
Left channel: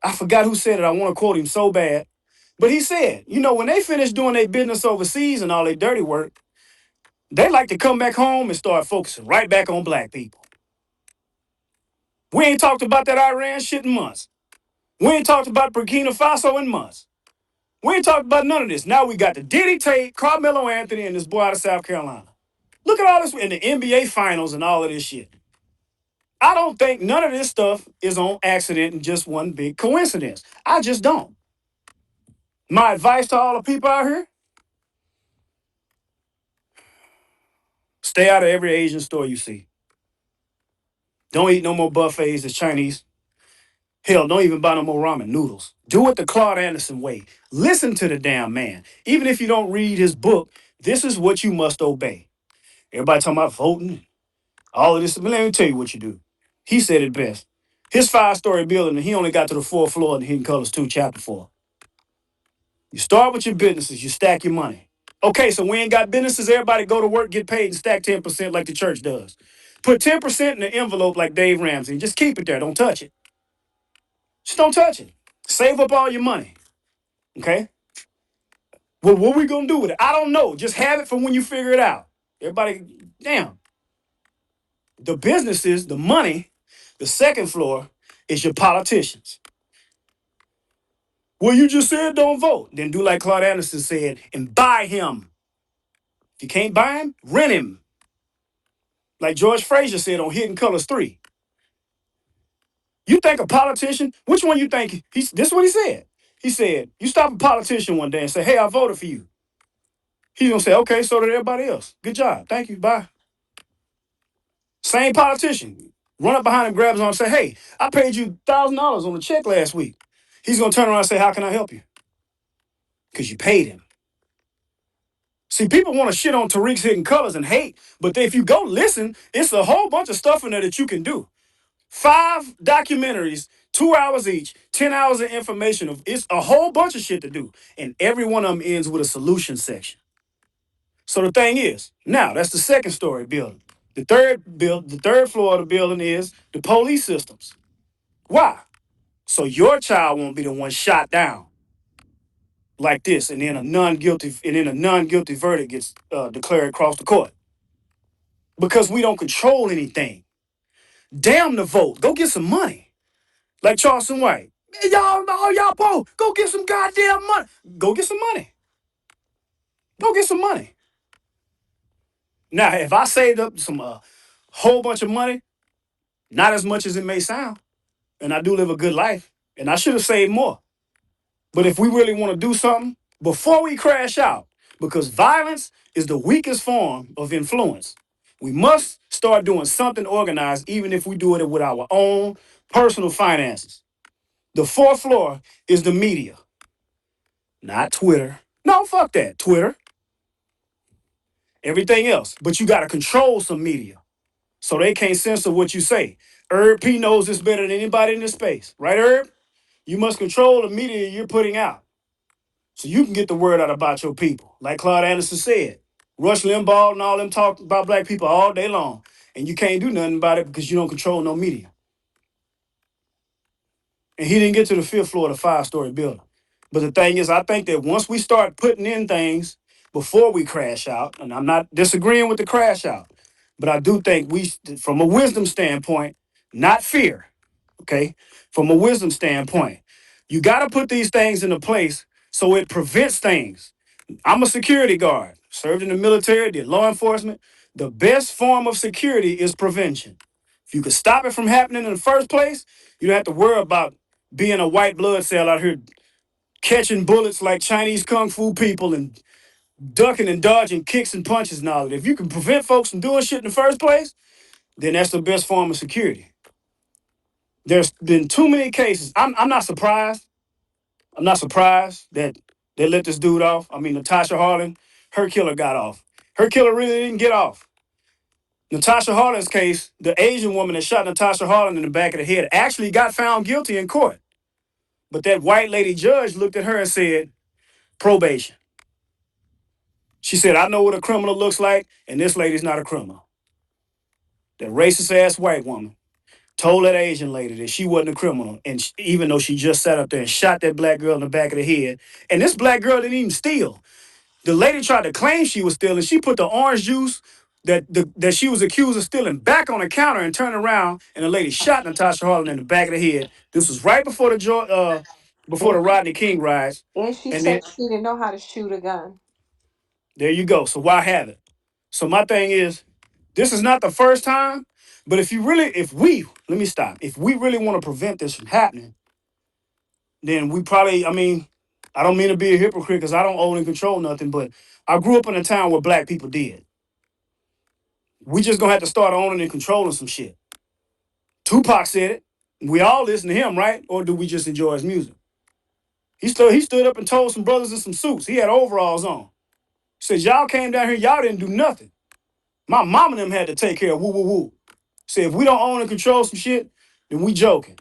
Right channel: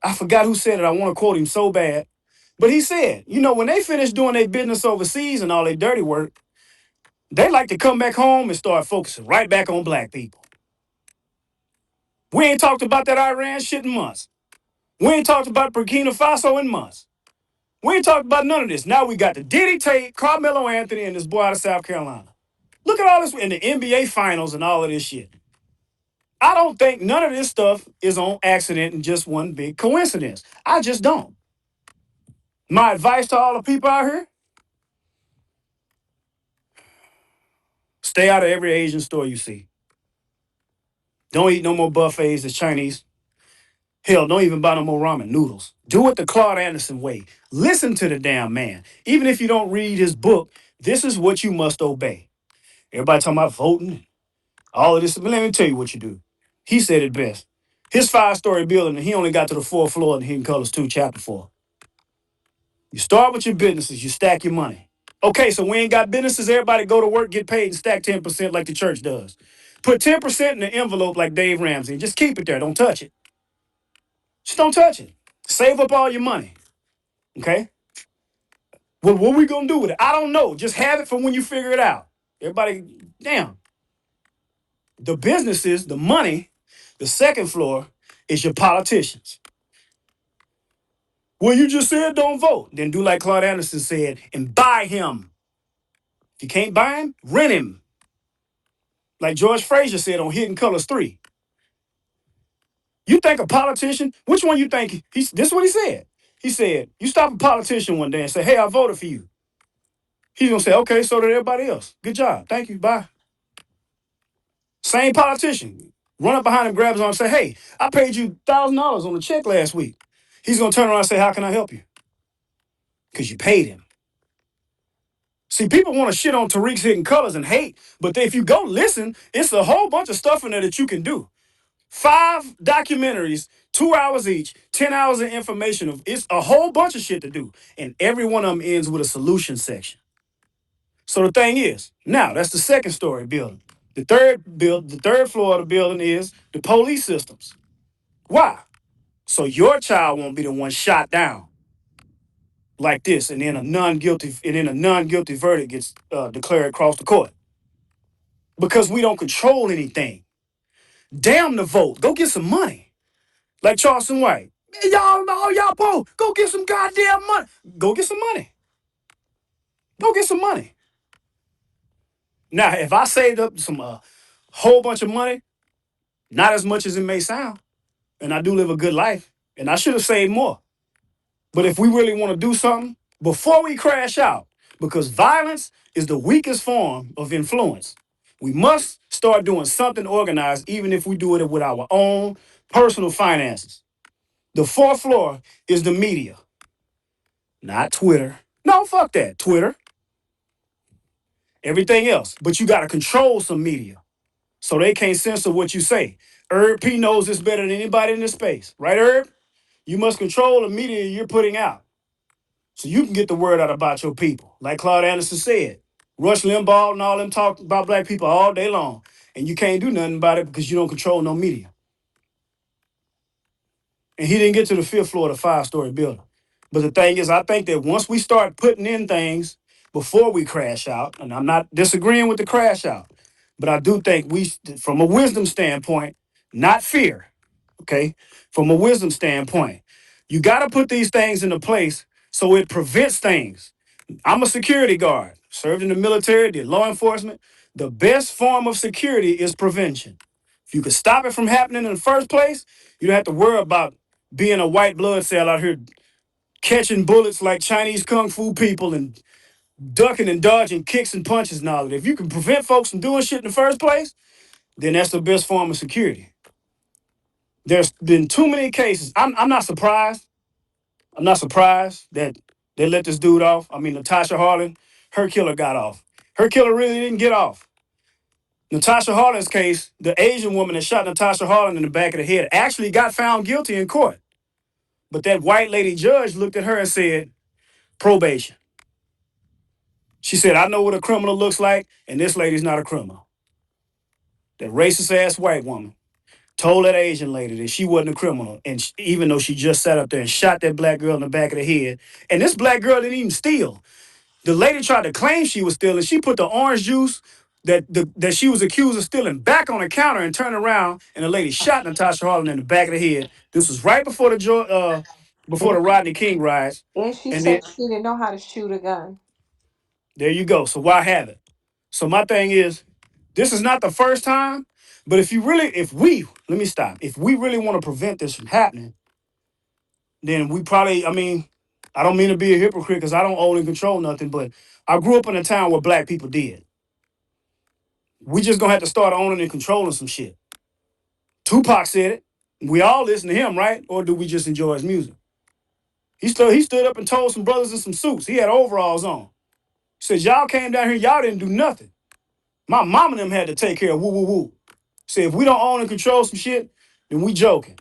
I want to quote him so bad. But he said, you know, when they finish doing their business overseas and all their dirty work, they like to come back home and start focusing right back on black people. We ain't talked about that Iran shit in months. We ain't talked about Burkina Faso in months. We ain't talked about none of this. Now we got the Diddy Tate, Carmelo Anthony, and this boy out of South Carolina. Look at all this in the NBA finals and all of this shit. I don't think none of this stuff is on accident and just one big coincidence. I just don't. My advice to all the people out here, stay out of every Asian store you see. Don't eat no more buffets that's Chinese. Hell, don't even buy no more ramen noodles. Do it the Claude Anderson way. Listen to the damn man. Even if you don't read his book, this is what you must obey. Everybody talking about voting, all of this. But let me tell you what you do. He said it best. His 5-story building, and he only got to the 4th floor in Hidden Colors 2, Chapter 4. You start with your businesses, you stack your money. Okay, so we ain't got businesses. Everybody go to work, get paid, and stack 10% like the church does. Put 10% in the envelope like Dave Ramsey. Just keep it there. Don't touch it. Just don't touch it. Save up all your money. Okay? Well, what we gonna do with it? I don't know. Just have it for when you figure it out. Everybody, damn. The businesses, the money, the second floor is your politicians. Well, you just said don't vote. Then do like Claude Anderson said and buy him. If you can't buy him, rent him. Like George Frazier said on Hidden Colors 3. You think a politician, which one you think? This is what he said. He said, you stop a politician one day and say, hey, I voted for you. He's going to say, okay, so did everybody else. Good job. Thank you. Bye. Same politician. Run up behind him, grab his arm and say, hey, I paid you $1,000 on the check last week. He's going to turn around and say, how can I help you? Because you paid him. See, people want to shit on Tariq's Hidden Colors and hate, but if you go listen, it's a whole bunch of stuff in there that you can do. 5 documentaries, 2 hours each, 10 hours of information. It's a whole bunch of shit to do. And every one of them ends with a solution section. So the thing is, now that's the second story building. The third floor of the building is the police systems. Why? So your child won't be the one shot down like this, and then a non-guilty verdict gets declared across the court. Because we don't control anything. Damn the vote. Go get some money. Like Charleston White. Man, y'all po, go get some goddamn money. Go get some money. Go get some money. Now, if I saved up some whole bunch of money, not as much as it may sound, and I do live a good life, and I should have saved more. But if we really want to do something, before we crash out, because violence is the weakest form of influence, we must start doing something organized, even if we do it with our own personal finances. The 4th floor is the media, not Twitter. No, fuck that. Twitter, everything else. But you got to control some media so they can't censor what you say. Herb P knows this better than anybody in this space. Right, Herb? You must control the media you're putting out so you can get the word out about your people. Like Claude Anderson said, Rush Limbaugh and all them talk about black people all day long. And you can't do nothing about it because you don't control no media. and he didn't get to the fifth floor of the 5-story building. But the thing is, I think that once we start putting in things before we crash out, and I'm not disagreeing with the crash out, but I do think we, from a wisdom standpoint, not fear, okay? From a wisdom standpoint, you got to put these things into place so it prevents things. I'm a security guard, served in the military, did law enforcement. The best form of security is prevention. If you could stop it from happening in the first place, you don't have to worry about being a white blood cell out here catching bullets like Chinese kung fu people and ducking and dodging kicks and punches and all of that. If you can prevent folks from doing shit in the first place, then that's the best form of security. There's been too many cases. I'm not surprised. I'm not surprised that they let this dude off. I mean, Natasha Harlan, her killer got off. Her killer really didn't get off. Natasha Harlan's case, the Asian woman that shot Natasha Harlan in the back of the head actually got found guilty in court. But that white lady judge looked at her and said, probation. She said, I know what a criminal looks like, and this lady's not a criminal. That racist ass white woman told that Asian lady that she wasn't a criminal, and even though she just sat up there and shot that black girl in the back of the head, and this black girl didn't even steal. The lady tried to claim she was stealing. She put the orange juice that she was accused of stealing back on the counter and turned around, and the lady shot Natasha Harlan in the back of the head. This was right before the And, Rodney King riots, and she and said then she didn't know how to shoot a gun. there you go. So why have it? So my thing is, this is not the first time, but let me stop. If we really want to prevent this from happening, then we probably, I mean, I don't mean to be a hypocrite because I don't own and control nothing, but I grew up in a town where black people did. We just gonna have to start owning and controlling some shit. Tupac said it. We all listen to him, right? Or do we just enjoy his music? He stood up and told some brothers in some suits. He had overalls on. He said, y'all came down here, y'all didn't do nothing. My mom and them had to take care of woo woo woo. Say if we don't own and control some shit, then we joking.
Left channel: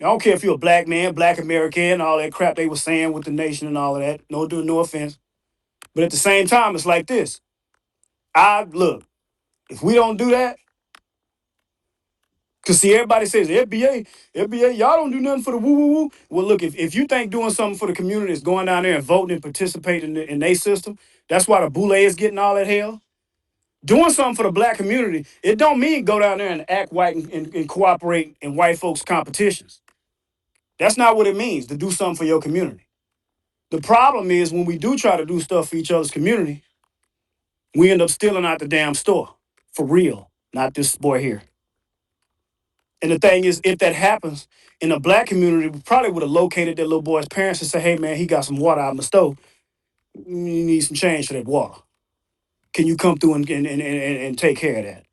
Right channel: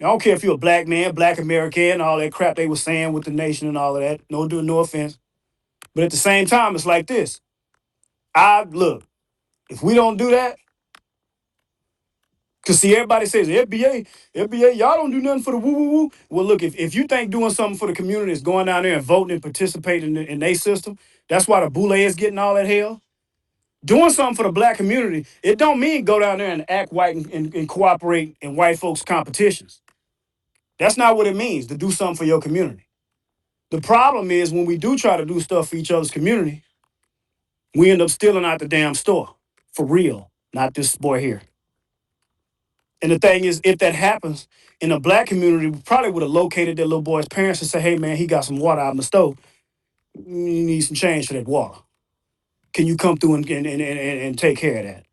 I don't care if you're a black man, black American, all that crap they were saying with the nation and all of that. No offense. But at the same time, it's like this. I look, if we don't do that, because see, everybody says FBA, y'all don't do nothing for the woo woo woo. Well, look, if you think doing something for the community is going down there and voting and participating in their system, that's why the boule is getting all that hell. Doing something for the black community, it don't mean go down there and act white and cooperate in white folks' competitions. That's not what it means to do something for your community. The problem is when we do try to do stuff for each other's community, we end up stealing out the damn store. For real. Not this boy here. And the thing is, if that happens in the black community, we probably would have located that little boy's parents and said, hey man, he got some water out in the stove. You need some change for that water. Can you come through and take care of that?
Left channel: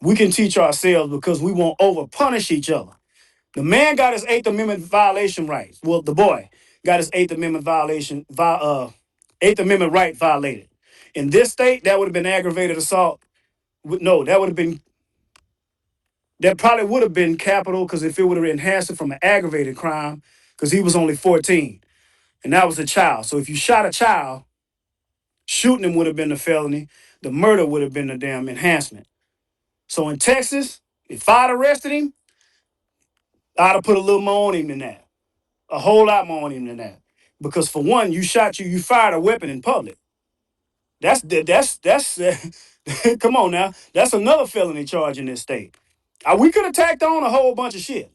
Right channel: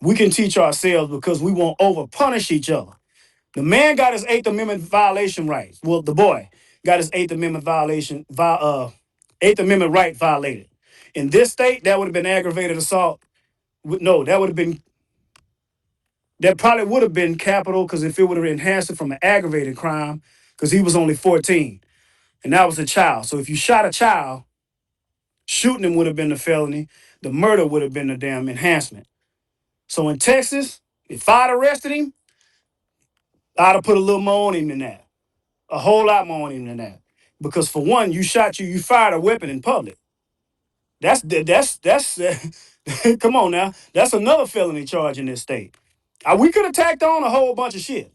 We can teach ourselves because we won't over punish each other. The man got his Eighth Amendment violation rights. Well, the boy got his Eighth Amendment right violated. In this state, that would have been aggravated assault. No, that probably would have been capital because if it would have enhanced it from an aggravated crime, because he was only 14 and that was a child. So if you shot a child, shooting him would have been a felony. The murder would have been the damn enhancement. So in Texas, if I'd arrested him, I'd have put a little more on him than that. A whole lot more on him than that. Because for one, you fired a weapon in public. That's come on now. That's another felony charge in this state. We could have tacked on a whole bunch of shit.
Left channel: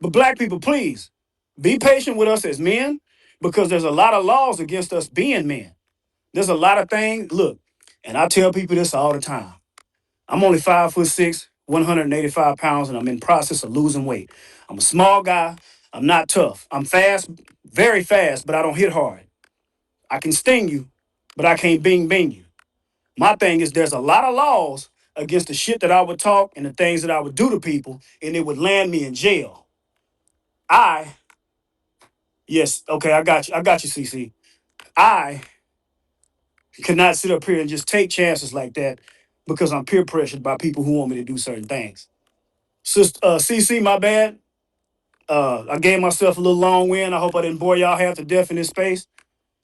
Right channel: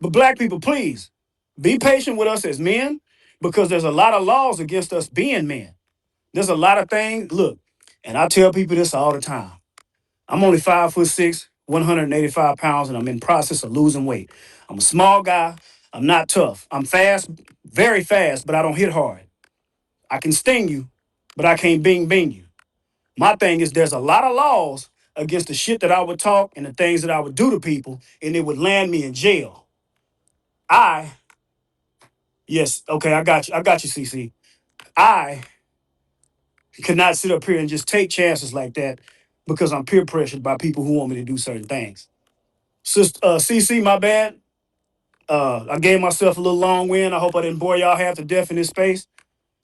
But black people, please be patient with us as men because there's a lot of laws against us being men. There's a lot of things. Look, and I tell people this all the time. I'm only 5'6", 185 pounds, and I'm in the process of losing weight. I'm a small guy. I'm not tough. I'm fast, very fast, but I don't hit hard. I can sting you, but I can't bing you. My thing is there's a lot of laws against the shit that I would talk and the things that I would do to people, and it would land me in jail. I, yes, okay, I got you, CC. I could not sit up here and just take chances like that because I'm peer pressured by people who want me to do certain things. Sister CC, my bad. I gave myself a little long wind. I hope I didn't bore y'all half to death in this space.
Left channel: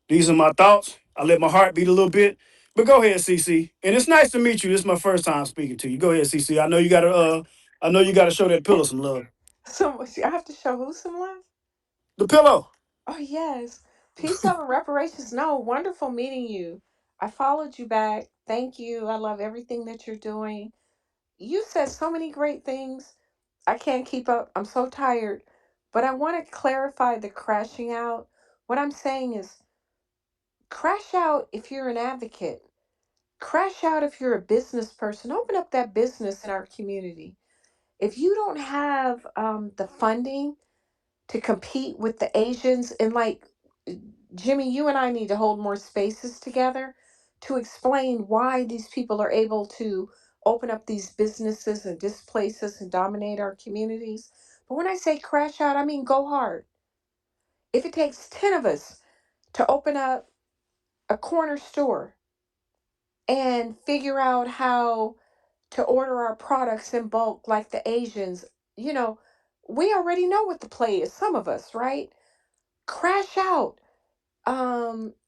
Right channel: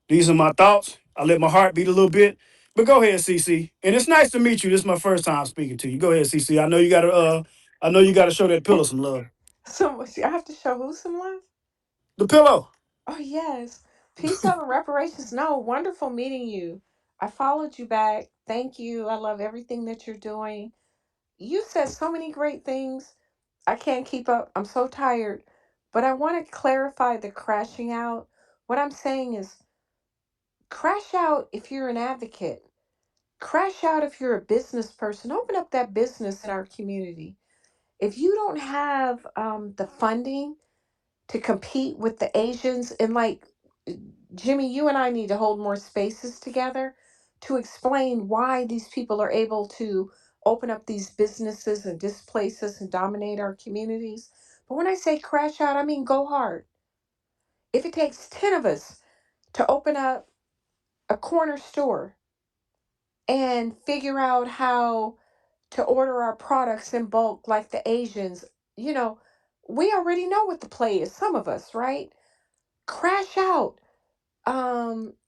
These are my thoughts. I let my heart beat a little bit. But go ahead, CC. And it's nice to meet you. This is my first time speaking to you. Go ahead, CC. I know you gotta show that pillow some love. So I have to show who some love? The pillow. Oh, yes. Peace, love, and reparations. No, wonderful meeting you. I followed you back. Thank you. I love everything that you're doing. You said so many great things. I can't keep up. I'm so tired. But I want to clarify the crashing out. What I'm saying is crash out if you're an advocate. Crash out if you're a business person. Open up that business in our community. If you don't have the funding to compete with the Asians, and like Jimmy, you and I need to hold more spaces together to explain why these people are able to open up these businesses and displace us and dominate our communities. But when I say crash out, I mean go hard. If it takes 10 of us to open up a corner store and figure out how to order our products in bulk like the Asians, you know, we already know what the play is, some of us, right? Crash out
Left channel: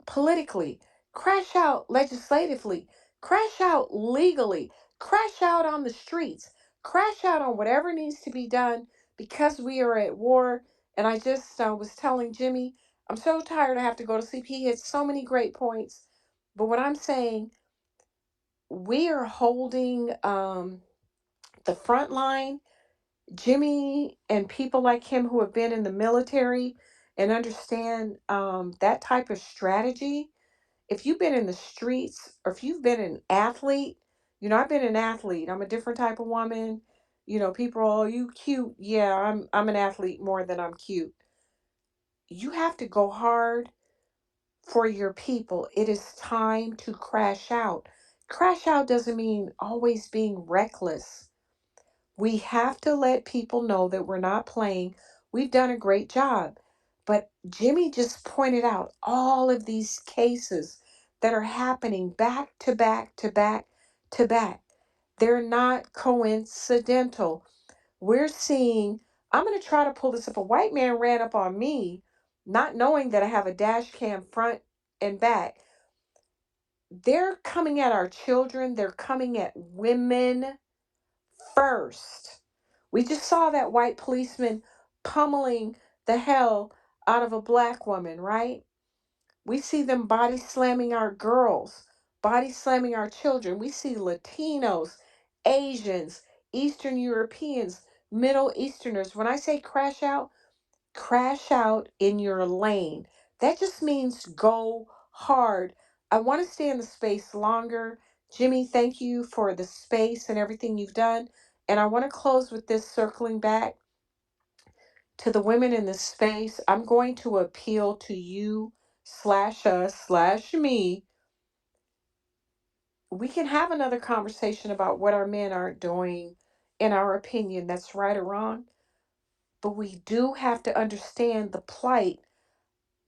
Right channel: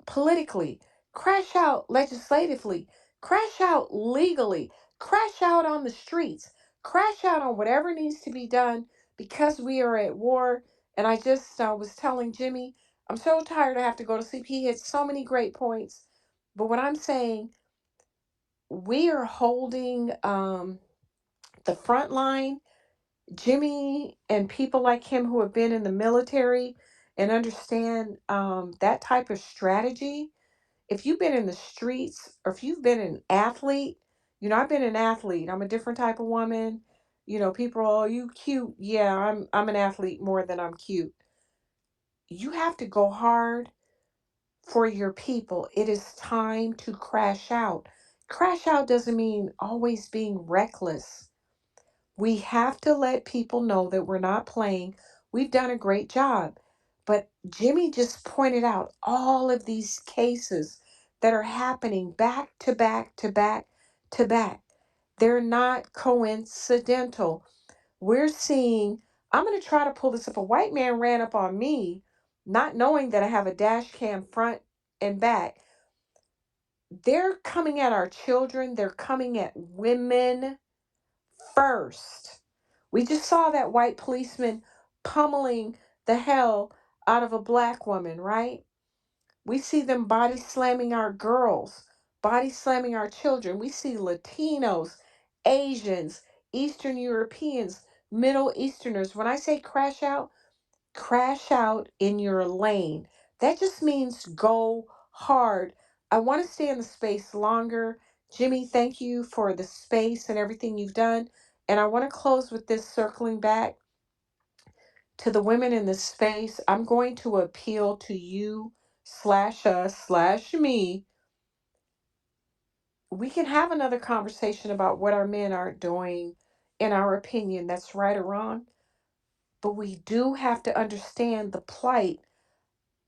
politically, crash out legislatively, crash out legally, crash out on the streets, crash out on whatever needs to be done because we are at war. And I just was telling Jimmy, I'm so tired I have to go to sleep. He hit so many great points. But what I'm saying, we are holding the front line. Jimmy and people like him who have been in the military and understand that type of strategy. If you've been in the streets or if you've been an athlete, I've been an athlete. I'm a different type of woman. People, oh, you cute. Yeah, I'm an athlete more than I'm cute. You have to go hard for your people. It is time to crash out. Crash out doesn't mean always being reckless. We have to let people know that we're not playing. We've done a great job. But Jimmy just pointed out all of these cases that are happening back to back to back to back. They're not coincidental. We're seeing, I'm going to try to pull this up. A white man ran up on me, not knowing that I have a dash cam front and back. They're coming at our children, they're coming at women first. We just saw that white policeman pummeling the hell out of a black woman, right? We see them body slamming our girls, body slamming our children. We see Latinos, Asians, Eastern Europeans, Middle Easterners. When I say crash out in your lane. That just means go hard. I want to stay in the space longer. Jimmy, thank you for the space and everything you've done. And I want to close with this, circling back to the women in this space. I'm going to appeal to you slash us slash me. We can have another conversation about what our men aren't doing, in our opinion, that's right or wrong. But we do have to understand the plight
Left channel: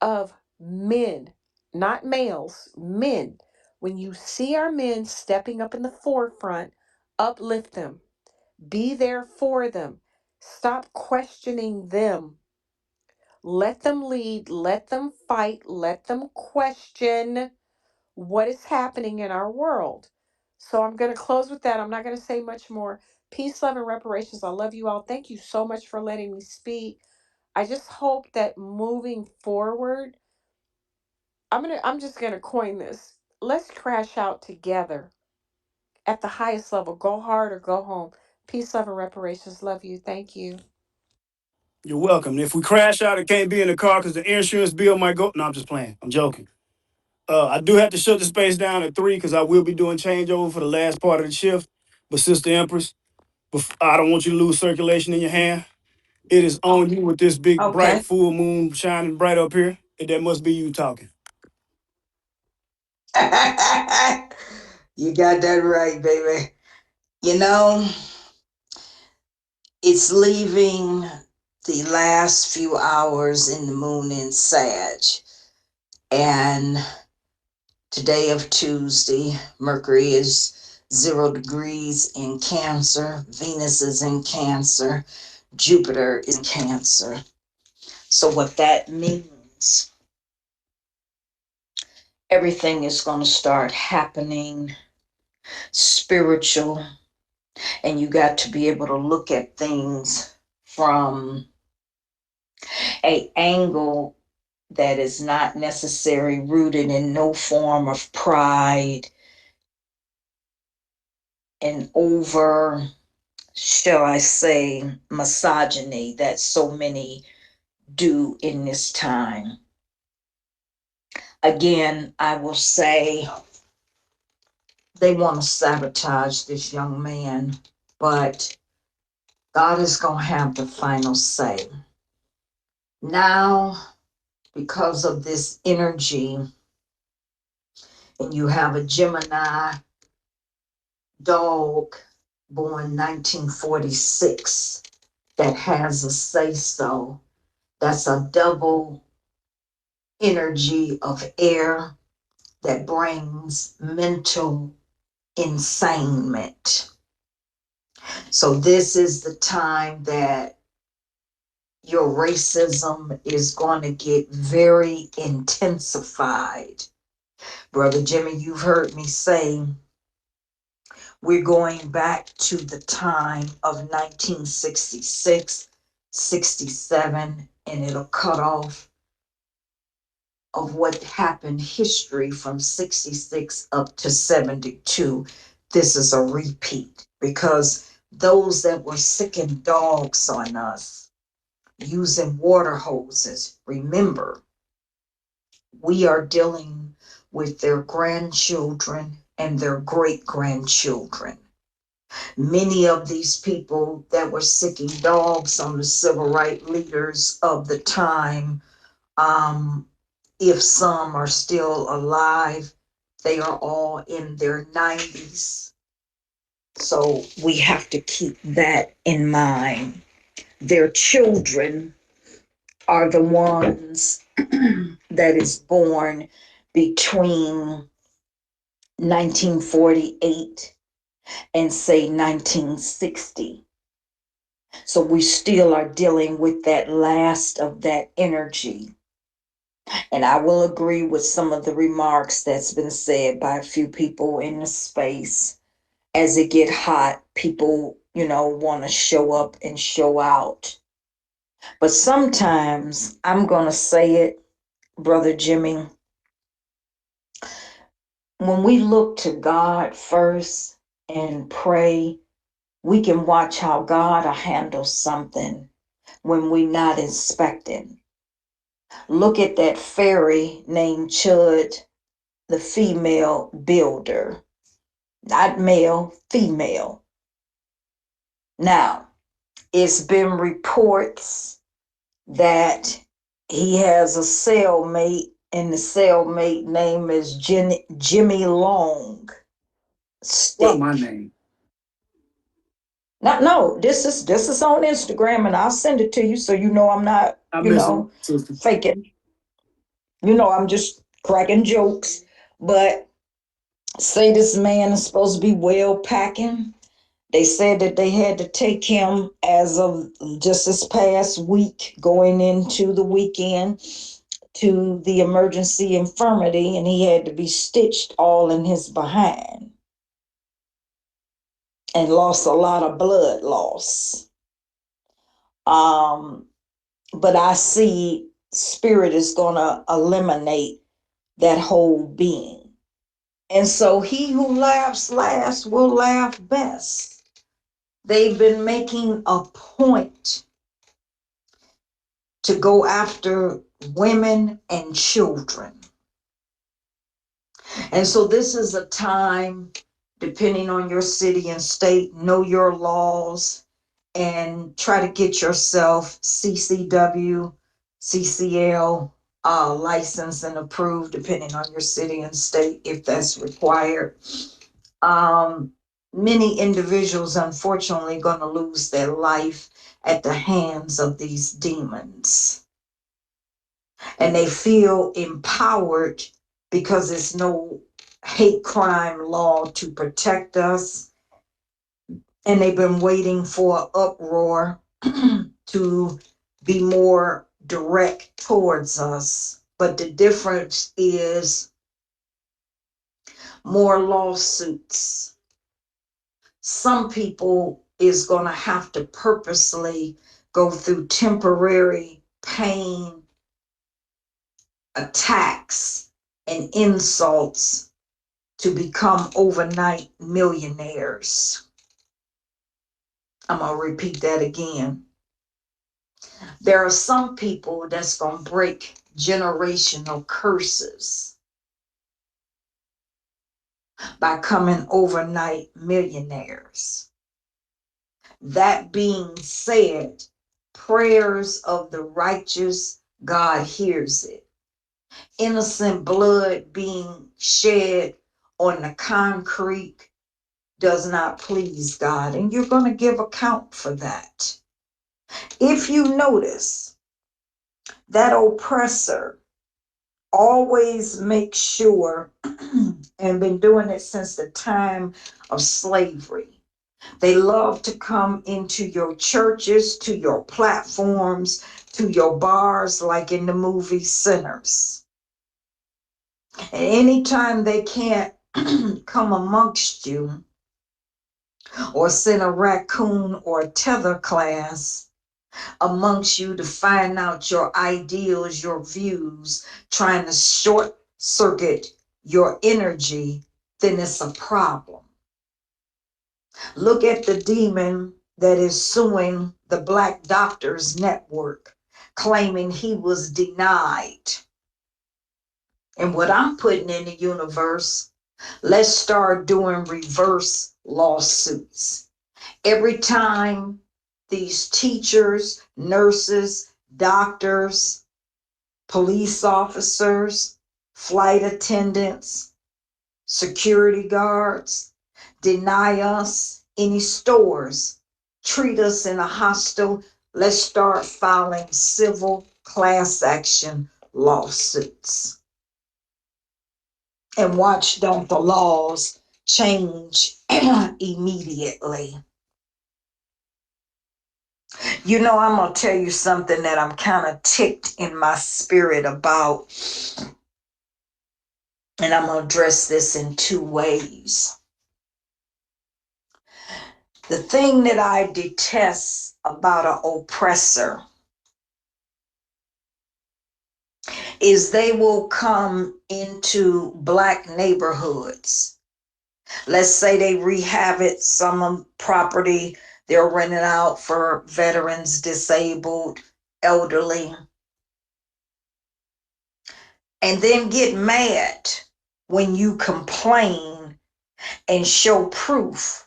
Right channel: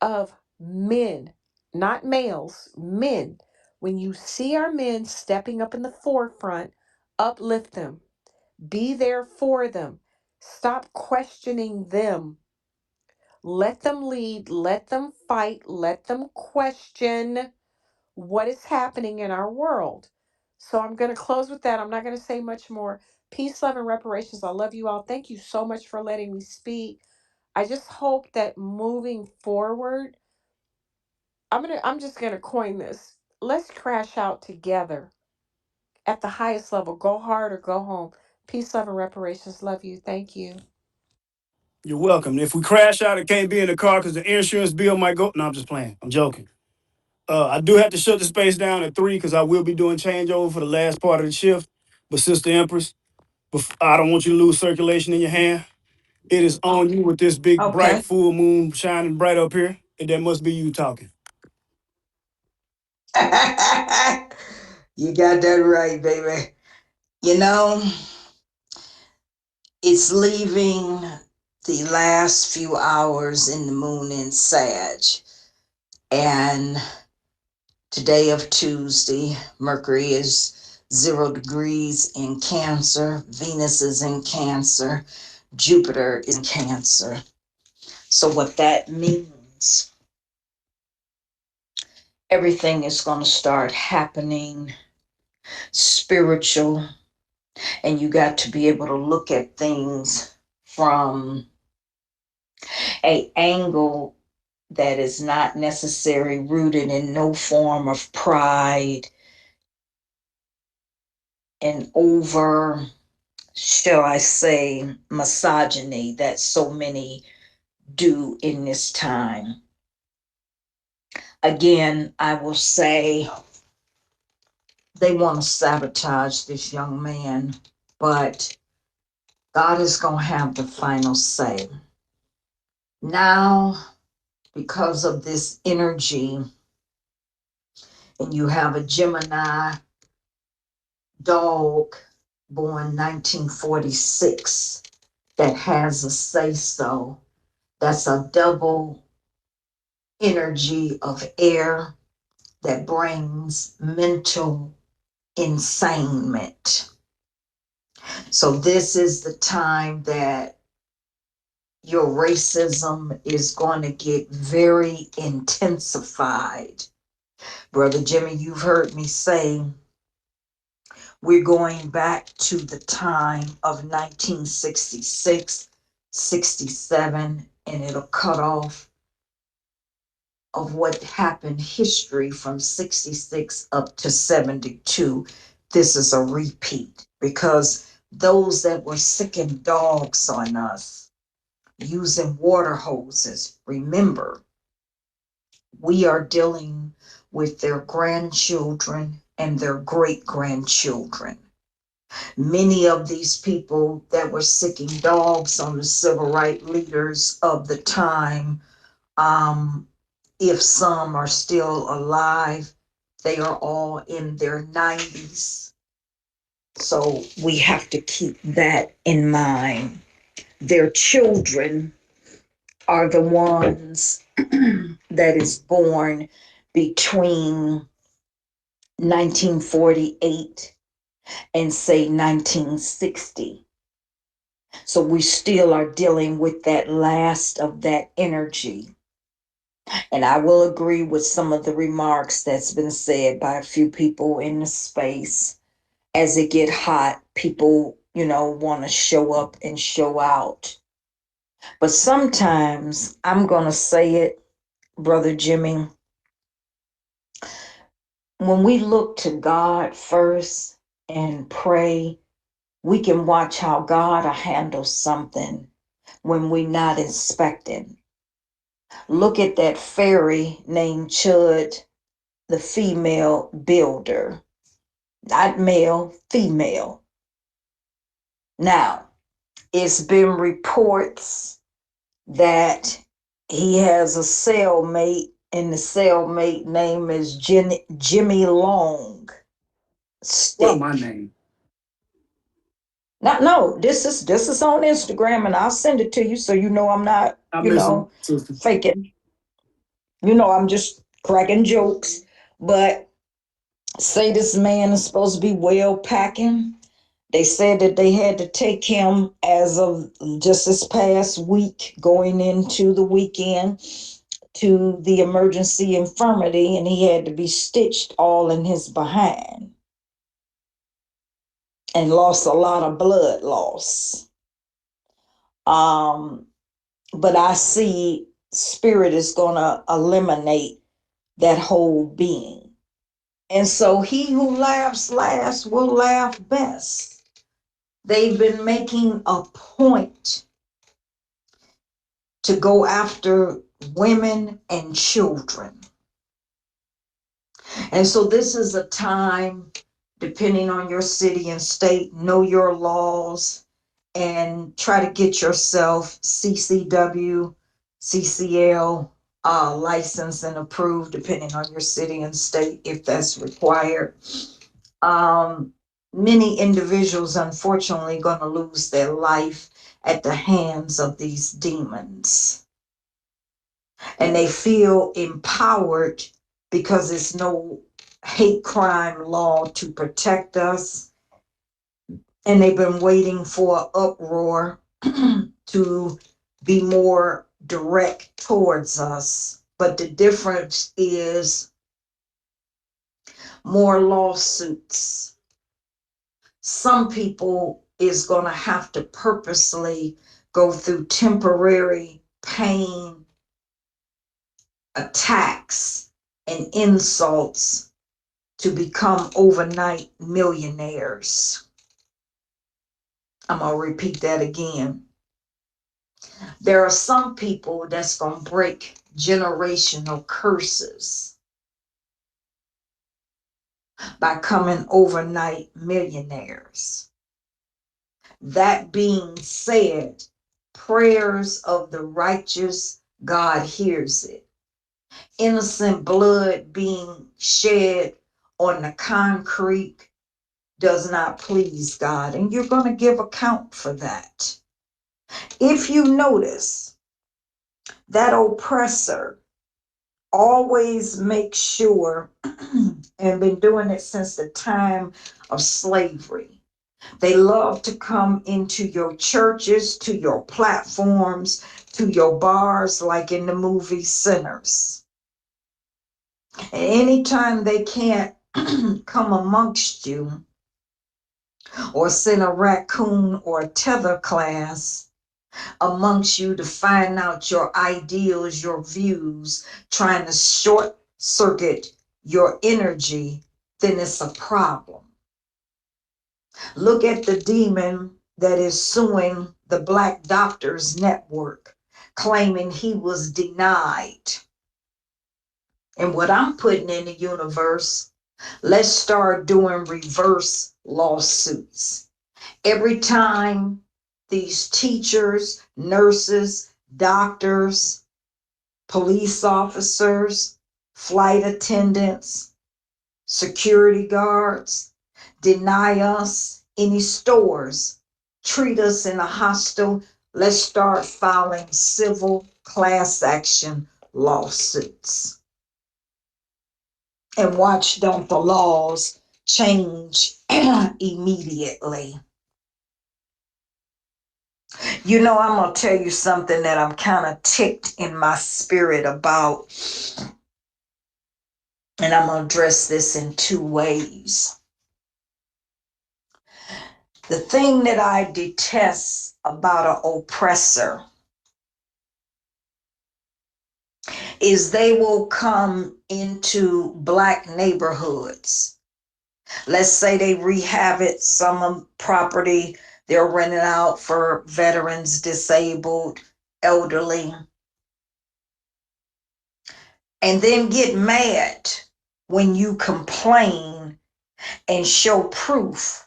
of men, not males, men. When you see our men stepping up in the forefront, uplift them, be there for them, stop questioning them. Let them lead, let them fight, let them question what is happening in our world. So I'm going to close with that. I'm not going to say much more. Peace, love, and reparations. I love you all. Thank you so much for letting me speak. I just hope that moving forward, I'm just gonna coin this. Let's crash out together at the highest level. Go hard or go home. Peace, love, and reparations. Love you. Thank you. You're welcome. If we crash out, it can't be in the car because the insurance bill might go. No, I'm just playing. I'm joking. I do have to shut the space down at 3 because I will be doing changeover for the last part of the shift. But Sister Empress, I don't want you to lose circulation in your hand. It is on you with this big, bright, Okay. full moon shining bright up here. And that must be you talking. You got that right, baby. You know, it's leaving the last few hours in the moon in Sag. And today of Tuesday, Mercury is 0 degrees in Cancer, Venus is in Cancer, Jupiter is in Cancer. So, what that means, everything is going to start happening spiritual, and you got to be able to look at things from a angle that is not necessarily rooted in no form of pride and over, shall I say, misogyny that so many do in this time. Again, I will say they want to sabotage this young man, but God is going to have the final say. Now, because of this energy, and you have a Gemini dog born 1946 that has a say so, that's a double energy of air that brings mental insanement. So, this is the time that your racism is going to get very intensified. Brother Jimmy, you've heard me say we're going back to the time of 1966, 67, and it'll cut off of what happened history from 66 up to 72. This is a repeat because those that were sicking dogs on us using water hoses, remember, we are dealing with their grandchildren and their great grandchildren. Many of these people that were sicking dogs on the civil rights leaders of the time, um, if some are still alive, they are all in their 90s. So we have to keep that in mind. Their children are the ones that is born between 1948 and say 1960. So we still are dealing with that last of that energy. And I will agree with some of the remarks that's been said by a few people in the space. As it get hot, people, want to show up and show out. But sometimes I'm going to say it, Brother Jimmy, when we look to God first and pray, we can watch how God will handle something when we're not expecting. Look at that fairy named Chud, the female builder, not male, female. Now, it's been reports that he has a cellmate, and the cellmate name is Jimmy Long Why my Stick. name? Not no, this is on Instagram, and I'll send it to you so you know I'm not, I miss him, sister. faking. I'm just cracking jokes. But say this man is supposed to be well packing. They said that they had to take him as of just this past week, going into the weekend, to the emergency infirmary, and he had to be stitched all in his behind and lost a lot of blood loss. Um, but I see spirit is going to eliminate that whole being. And so he who laughs last will laugh best. They've been making a point to go after women and children. And so this is a time, depending on your city and state, know your laws and try to get yourself CCW, CCL licensed and approved, depending on your city and state, if that's required. Um, Many individuals, unfortunately, going to lose their life at the hands of these demons. And they feel empowered because there's no hate crime law to protect us. And they've been waiting for an uproar to be more direct towards us. But the difference is more lawsuits. Some people is going to have to purposely go through temporary pain, attacks, and insults to become overnight millionaires. I'm going to repeat that again. There are some people that's going to break generational curses by coming overnight millionaires. That being said, prayers of the righteous, God hears it. Innocent blood being shed on the concrete does not please God, and you're going to give account for that. If you notice, that oppressor always makes sure, and been doing it since the time of slavery, they love to come into your churches, to your platforms, to your bars, like in the movie Sinners. And anytime they can't come amongst you or send a raccoon or a tether class amongst you to find out your ideals, your views, trying to short circuit your energy, then it's a problem. Look at the demon that is suing the Black Doctors Network, claiming he was denied. And what I'm putting in the universe, let's start doing reverse lawsuits. Every time these teachers, nurses, doctors, police officers, flight attendants, security guards deny us any stores, treat us in a hostile, let's start filing civil class action lawsuits. And watch, don't the laws change immediately. You know, I'm going to tell you something that I'm kind of ticked in my spirit about, and I'm going to address this in two ways. The thing that I detest about an oppressor is they will come into Black neighborhoods. Let's say they rehab it, some property, they're renting out for veterans, disabled, elderly, and then get mad when you complain and show proof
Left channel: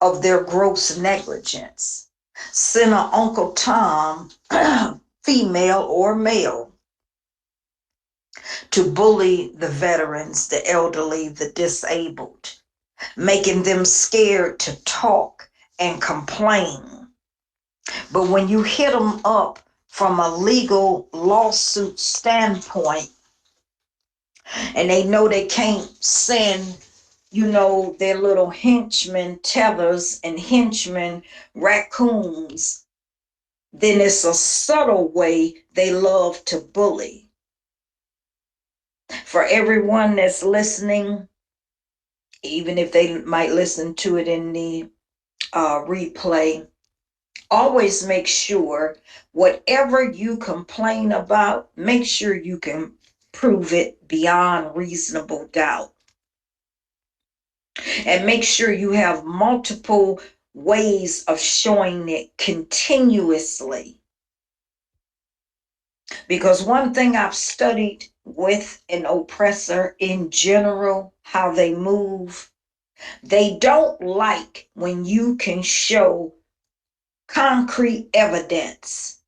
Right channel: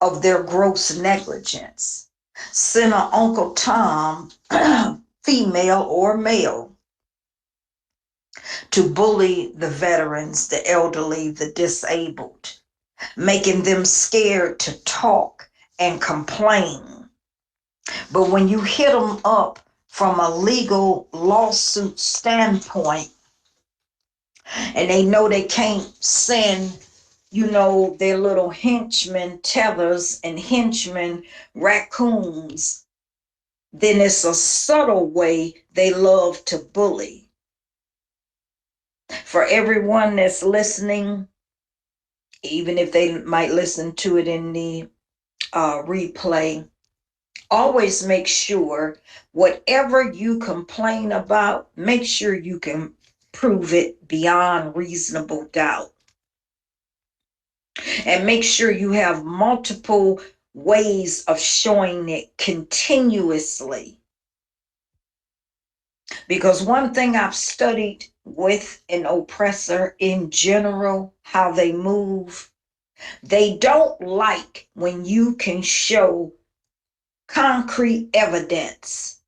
of their gross negligence. Send an Uncle Tom, female or male, to bully the veterans, the elderly, the disabled, making them scared to talk and complain. But when you hit them up from a legal lawsuit standpoint, and they know they can't send, their little henchmen, tethers, and henchmen, raccoons, then it's a subtle way they love to bully. For everyone that's listening, even if they might listen to it in the replay, always make sure whatever you complain about, make sure you can prove it beyond reasonable doubt. And make sure you have multiple ways of showing it continuously. Because one thing I've studied with an oppressor in general, how they move, they don't like when you can show concrete evidence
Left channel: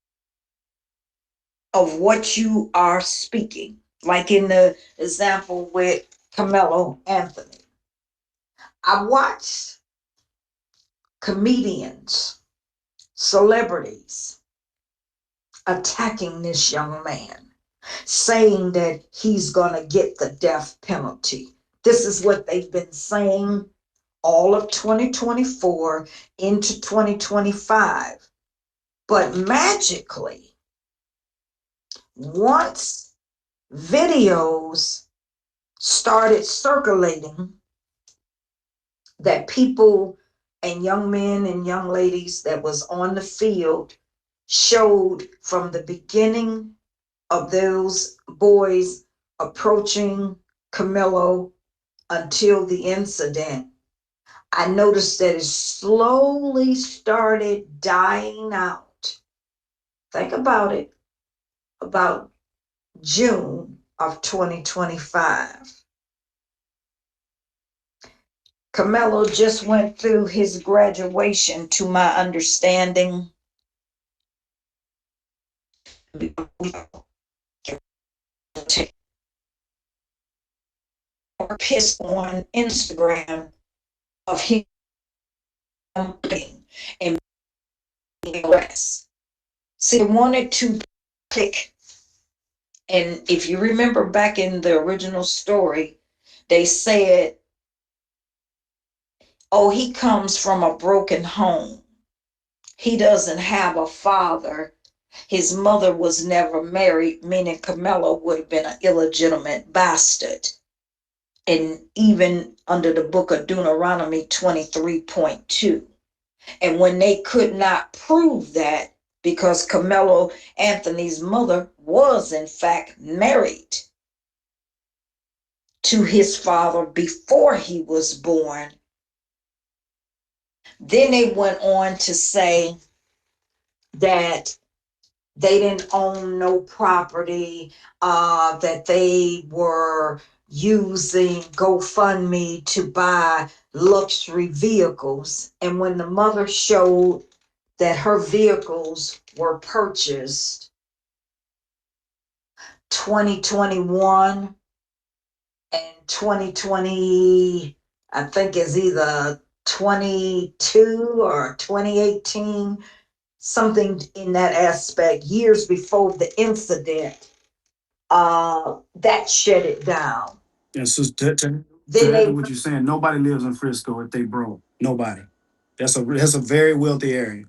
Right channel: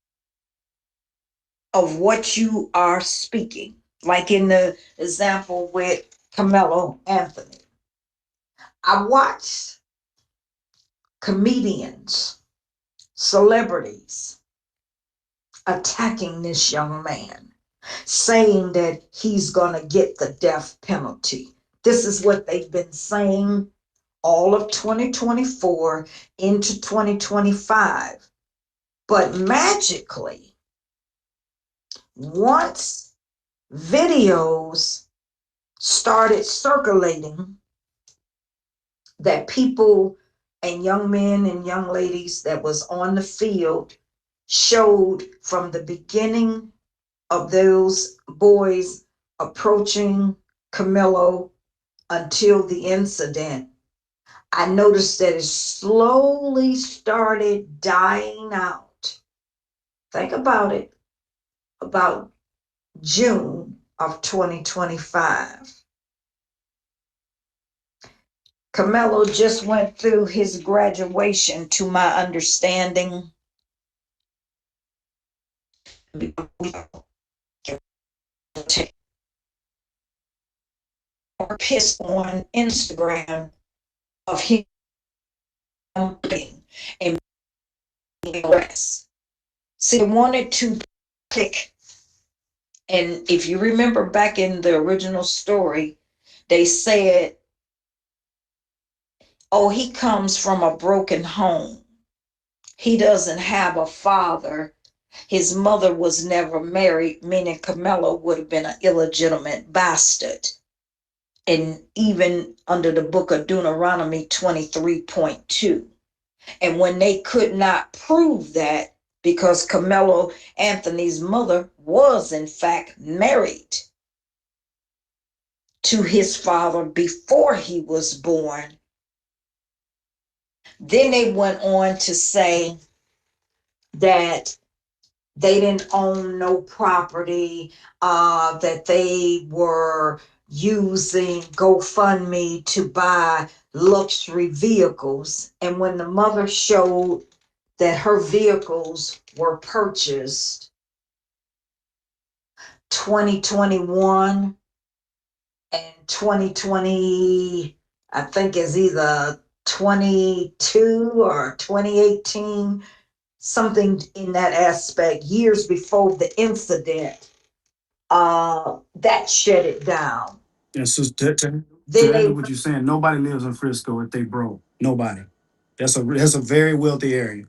of what you are speaking. Like in the example with Carmelo Anthony. I watched comedians, celebrities attacking this young man, saying that he's going to get the death penalty. This is what they've been saying all of 2024 into 2025. But magically, once videos started circulating that people and young men and young ladies that was on the field showed from the beginning of those boys approaching Camilo until the incident, I noticed that it slowly started dying out. Think about it, about June of 2025. Camelo just went through his graduation, to my understanding. Or piss on Instagram of him and arrest. See, they wanted to pick, and if you remember back in the original story, they said, oh, he comes from a broken home. He doesn't have a father. His mother was never married, meaning Camelo would have been an illegitimate bastard. And even under the book of Deuteronomy 23.2. And when they could not prove that, because Camelo Anthony's mother was in fact married to his father before he was born, then they went on to say that they didn't own no property, that they were using GoFundMe to buy luxury vehicles. And when the mother showed that her vehicles were purchased 2021 and 2020, I think is either 22 or 2018, something in that aspect, years before the incident, that shut it down. And so to Then add to they, what you're saying, nobody lives in Frisco if they broke. Nobody. That's a very wealthy area.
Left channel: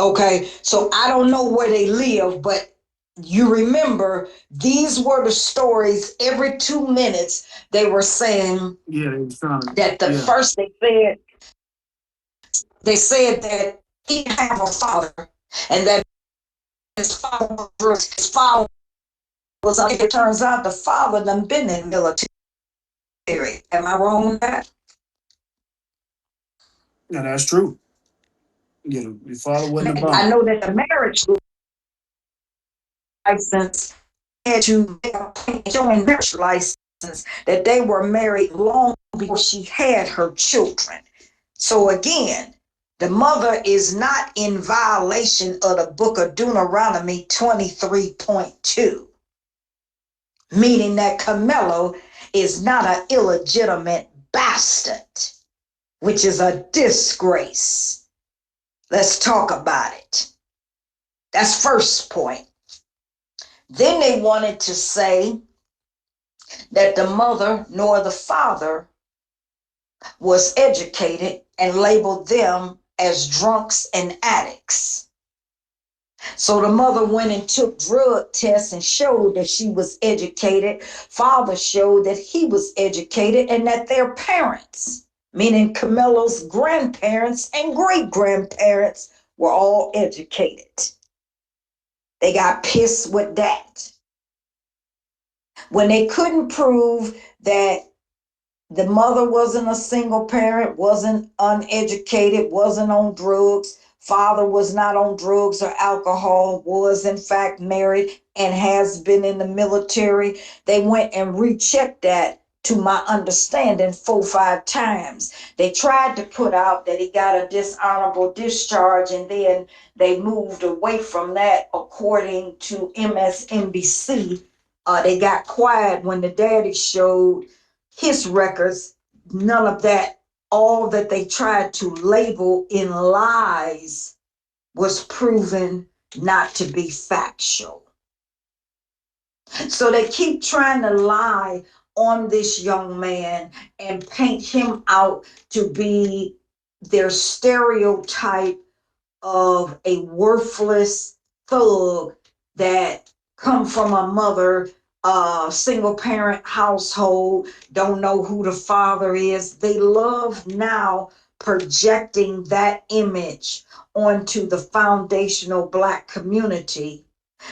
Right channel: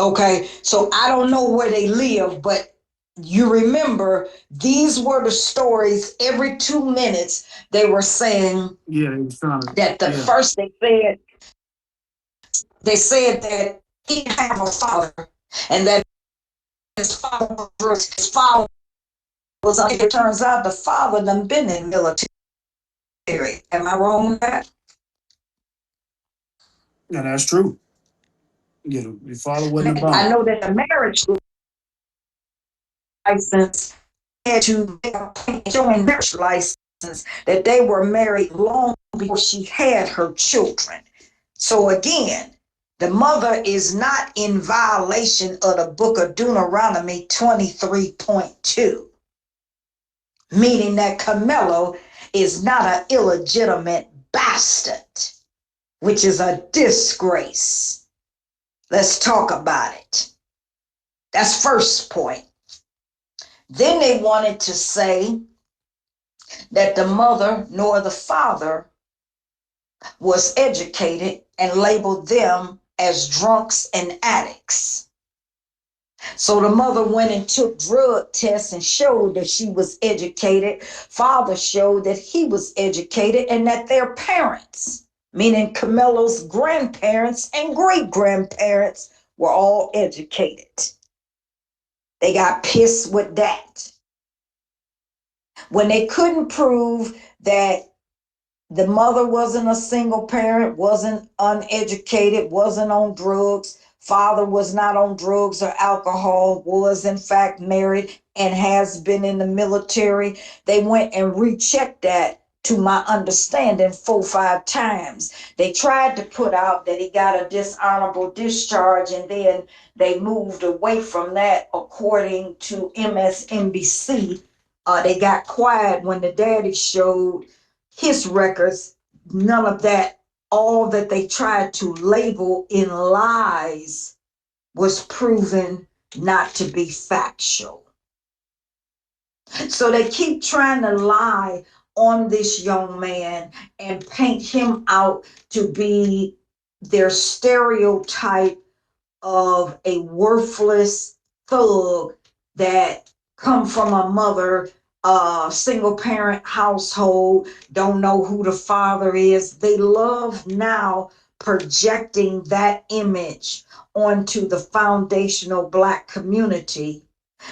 okay, so I don't know where they live, but you remember these were the stories every 2 minutes they were saying Yeah, they was trying to. that the Yeah. first they said that he didn't have a father and that his father was, it turns out the father done been in the military. Am I wrong with that? Yeah, that's true. Yeah, your father wasn't a I bum. know that the marriage license had to showing marriage license that they were married long before she had her children. So again, the mother is not in violation of the book of Deuteronomy 23.2, meaning that Camelo is not an illegitimate bastard, which is a disgrace. Let's talk about it. That's first point. Then they wanted to say that the mother nor the father was educated and labeled them as drunks and addicts. So the mother went and took drug tests and showed that she was educated. Father showed that he was educated and that their parents, meaning Camelo's grandparents and great grandparents, were all educated. They got pissed with that. When they couldn't prove that the mother wasn't a single parent, wasn't uneducated, wasn't on drugs. Father was not on drugs or alcohol, was in fact married and has been in the military. They went and rechecked that, to my understanding, 4 or 5 times. They tried to put out that he got a dishonorable discharge, and then they moved away from that, according to MSNBC. They got quiet when the daddy showed his records. None of that, all that they tried to label in lies, was proven not to be factual. So they keep trying to lie on this young man and paint him out to be their stereotype of a worthless thug that come from a mother, single parent household, don't know who the father is. They love now projecting that image onto the foundational Black community,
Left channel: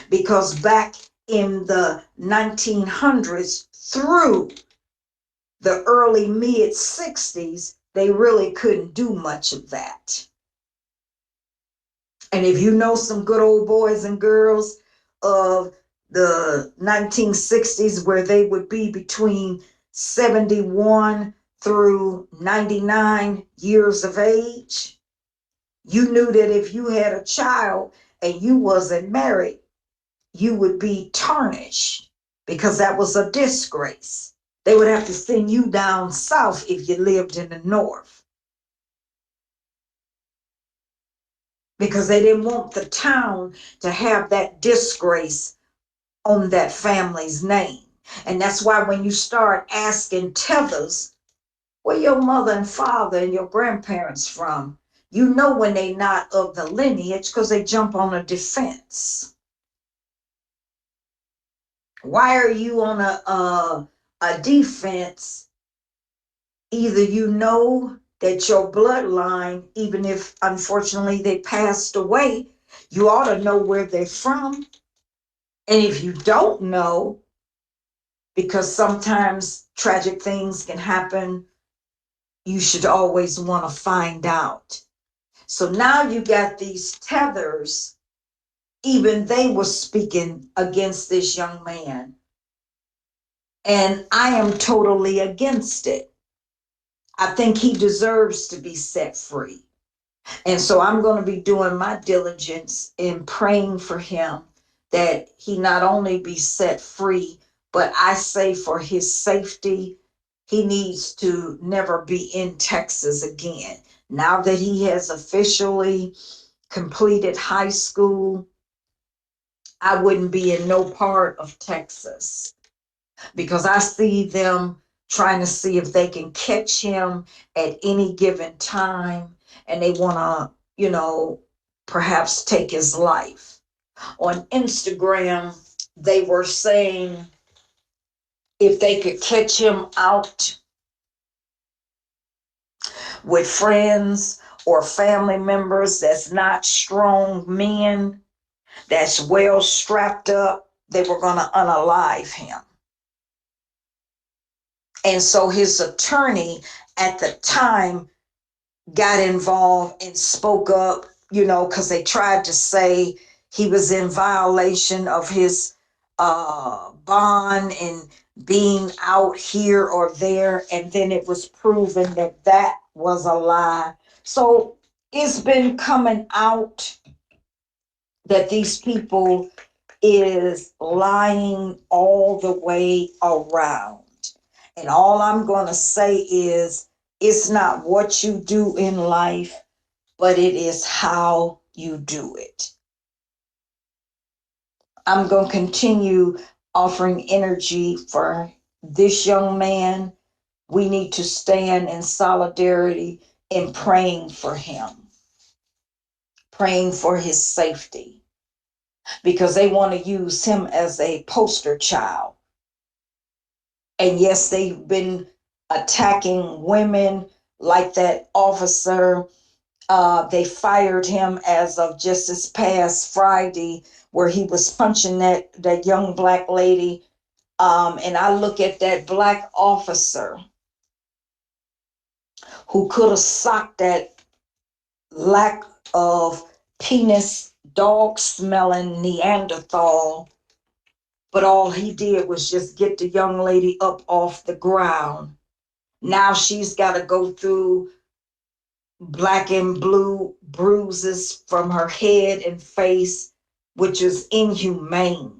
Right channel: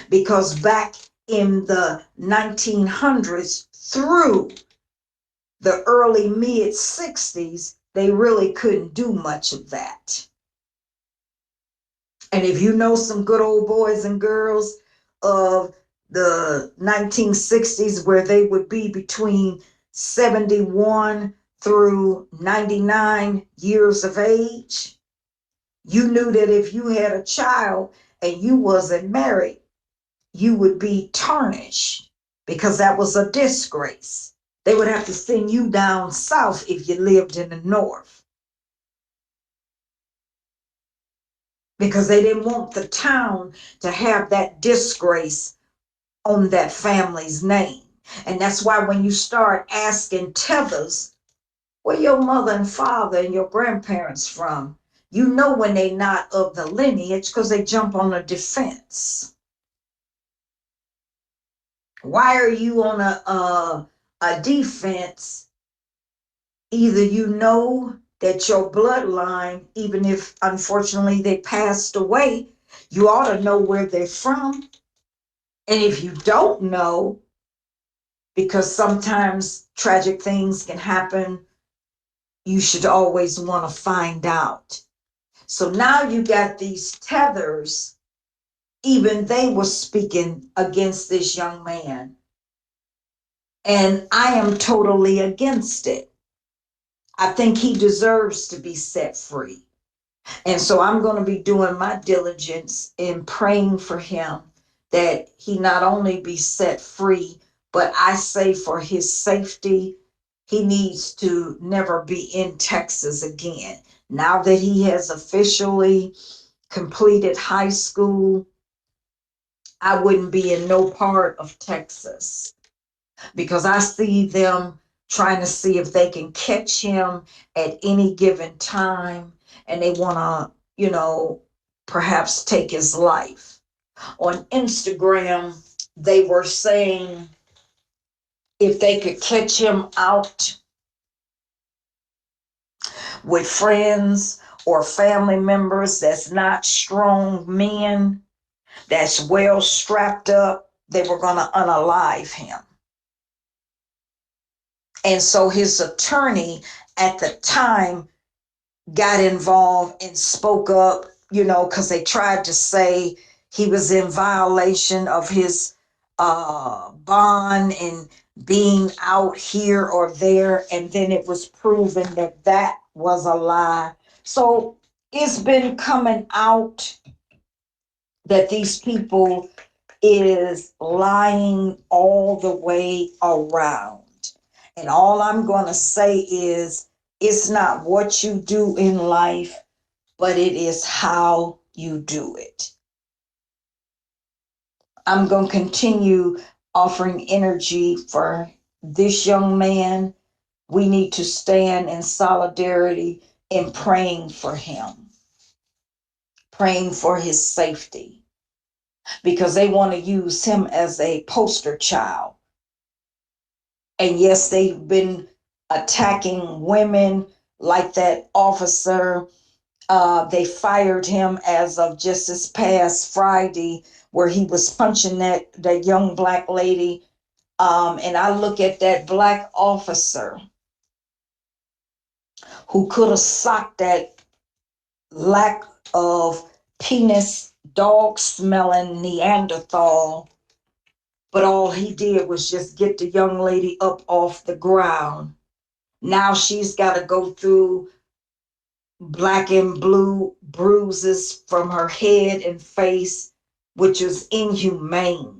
because back in the 1900s through the early mid 60s, they really couldn't do much of that. And if you know some good old boys and girls of the 1960s, where they would be between 71 through 99 years of age, you knew that if you had a child and you wasn't married, you would be tarnished, because that was a disgrace. They would have to send you down south if you lived in the north, because they didn't want the town to have that disgrace on that family's name. And that's why when you start asking tethers, where your mother and father and your grandparents from, you know when they not of the lineage, because they jump on a defense. Why are you on a defense? Either you know that your bloodline, even if unfortunately they passed away, you ought to know where they're from. And if you don't know, because sometimes tragic things can happen, you should always want to find out. So now you got these tethers, even they were speaking against this young man. And I am totally against it. I think he deserves to be set free. And so I'm going to be doing my diligence in praying for him, that he not only be set free, but I say for his safety, he needs to never be in Texas again. Now that he has officially completed high school, I wouldn't be in no part of Texas, because I see them trying to see if they can catch him at any given time, and they want to, perhaps take his life. On Instagram, they were saying if they could catch him out with friends or family members that's not strong men, that's well strapped up, they were going to unalive him. And so his attorney at the time got involved and spoke up, because they tried to say he was in violation of his bond and being out here or there. And then it was proven that that was a lie. So it's been coming out that these people is lying all the way around. And all I'm going to say is, it's not what you do in life, but it is how you do it. I'm going to continue offering energy for this young man. We need to stand in solidarity in praying for him, praying for his safety, because they want to use him as a poster child. And yes, they've been attacking women, like that officer. They fired him as of just this past Friday, where he was punching that young Black lady. And I look at that Black officer who could have socked that lack of penis, dog smelling Neanderthal, but all he did was just get the young lady up off the ground. Now she's got to go through black and blue bruises from her head and face, which is inhumane.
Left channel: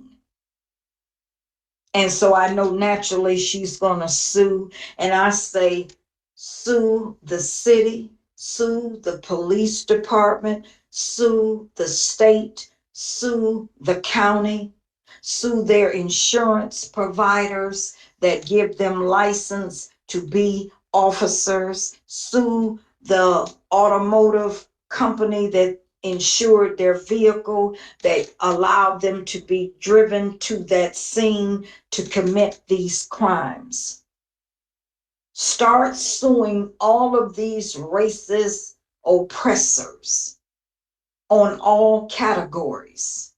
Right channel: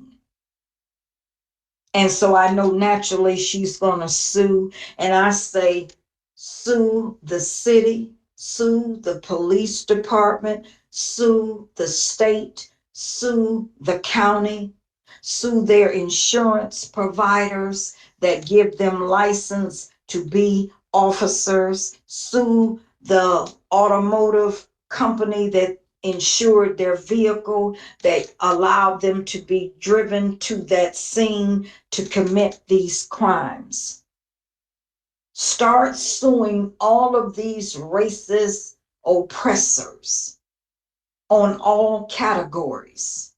And so I know naturally she's going to sue. And I say, sue the city, sue the police department, sue the state, sue the county, sue their insurance providers that give them license to be officers, sue the automotive company that insured their vehicle, that allowed them to be driven to that scene to commit these crimes. Start suing all of these racist oppressors on all categories.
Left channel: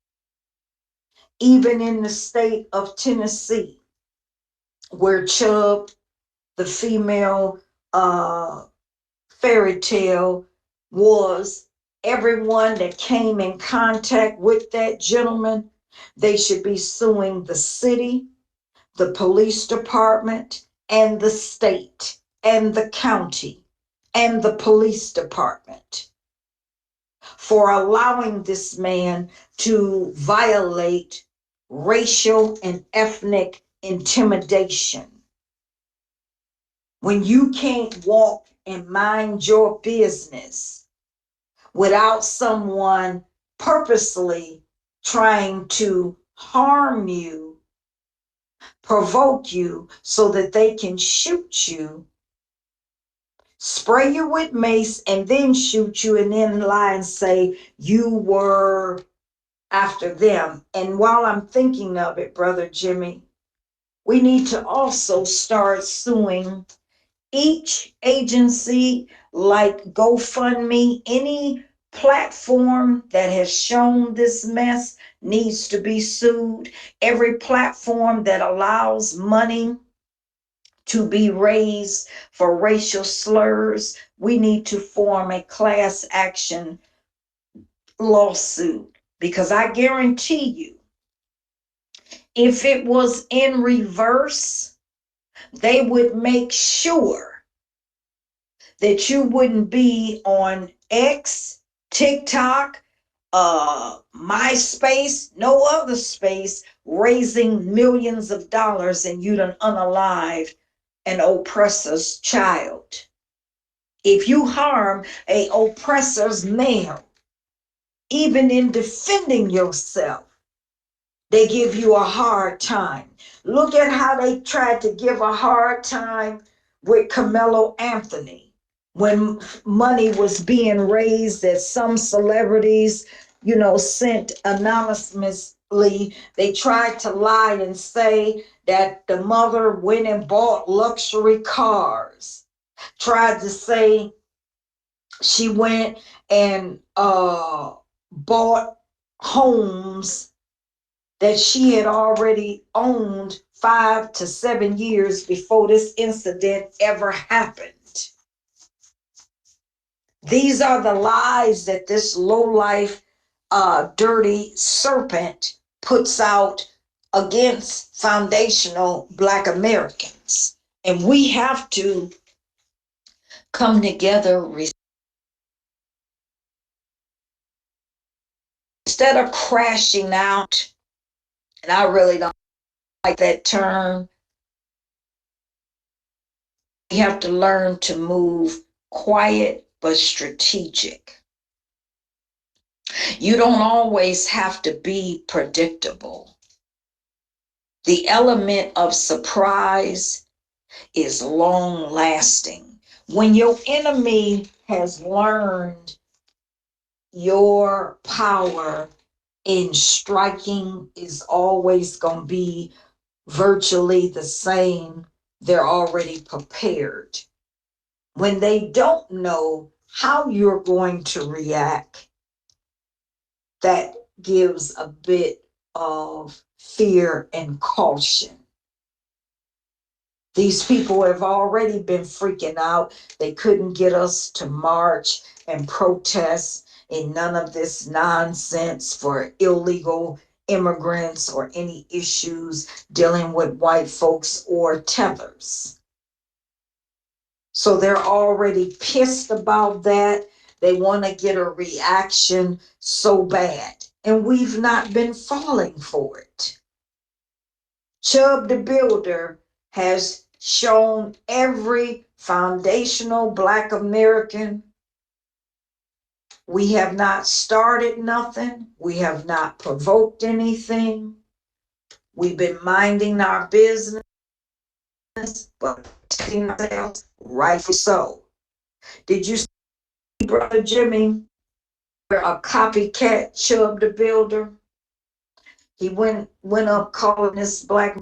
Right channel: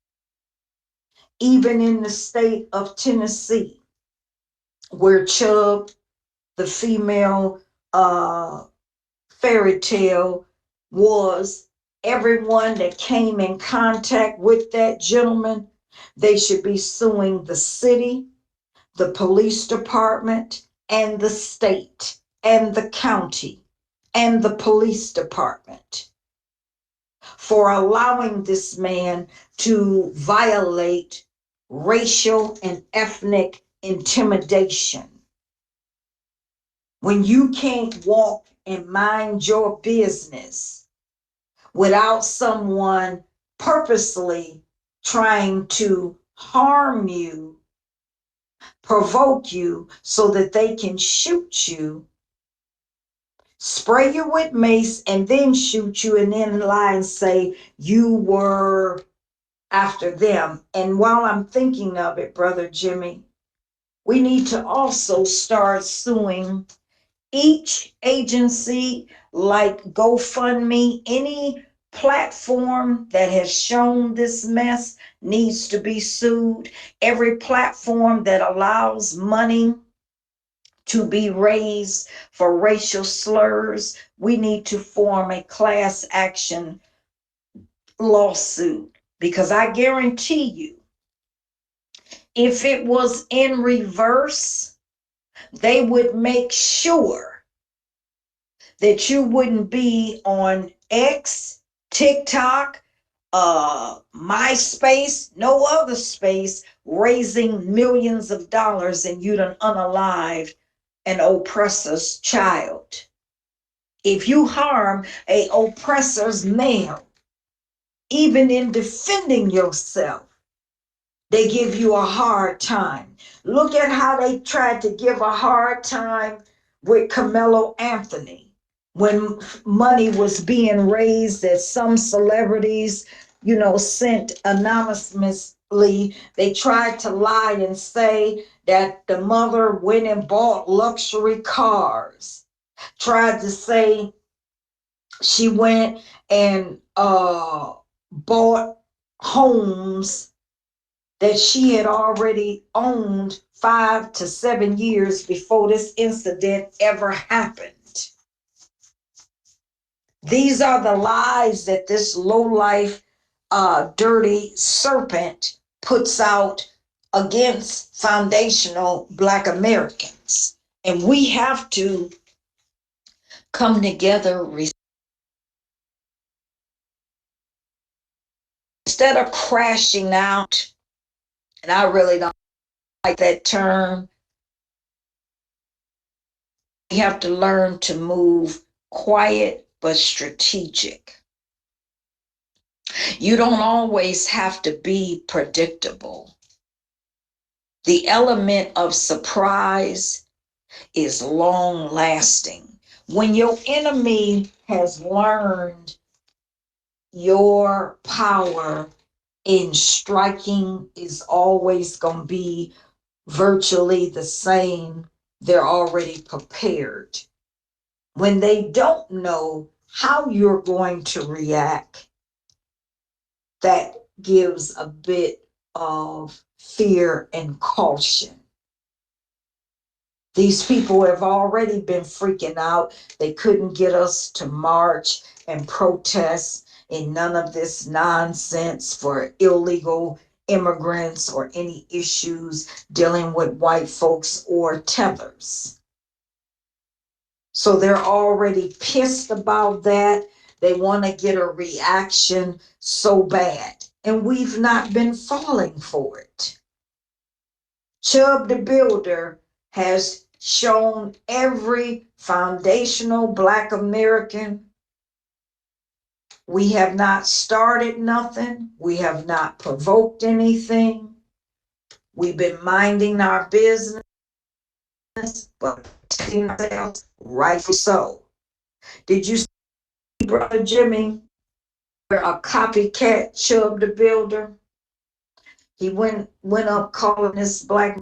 Even in the state of Tennessee, where Chubb, the female fairy tale, was, everyone that came in contact with that gentleman, they should be suing the city, the police department, and the state, and the county, and the police department for allowing this man to violate racial and ethnic intimidation. When you can't walk and mind your business without someone purposely trying to harm you, provoke you so that they can shoot you, spray you with mace, and then shoot you, and then lie and say you were after them. And while I'm thinking of it, Brother Jimmy, we need to also start suing each agency like GoFundMe. Any platform that has shown this mess needs to be sued. Every platform that allows money to be raised for racial slurs, we need to form a class action lawsuit, because I guarantee you, if it was in reverse, they would make sure that you wouldn't be on X, TikTok, MySpace, no other space, raising millions of dollars, and you done unalive an oppressor's child. If you harm a oppressor's male, even in defending yourself, they give you a hard time. Look at how they tried to give a hard time with Carmelo Anthony when money was being raised that some celebrities, sent anonymously. They tried to lie and say that the mother went and bought luxury cars, tried to say she went and bought homes that she had already owned 5 to 7 years before this incident ever happened. These are the lies that this lowlife, dirty serpent puts out against foundational Black Americans. And we have to come together instead of crashing out. And I really don't like that term. We have to learn to move quiet but strategic. You don't always have to be predictable. The element of surprise is long lasting. When your enemy has learned your power in striking is always going to be virtually the same, they're already prepared. When they don't know how you're going to react, that gives a bit of fear and caution. These people have already been freaking out. They couldn't get us to march and protest in none of this nonsense for illegal immigrants or any issues dealing with white folks or tethers. So they're already pissed about that. They want to get a reaction so bad. And we've not been falling for it. Chubb the Builder has shown every foundational Black American we have not started nothing. We have not provoked anything. We've been minding our business, but protecting ourselves, rightfully so. Did you see, Brother Jimmy, where a copycat Chubb the Builder? He went up calling this black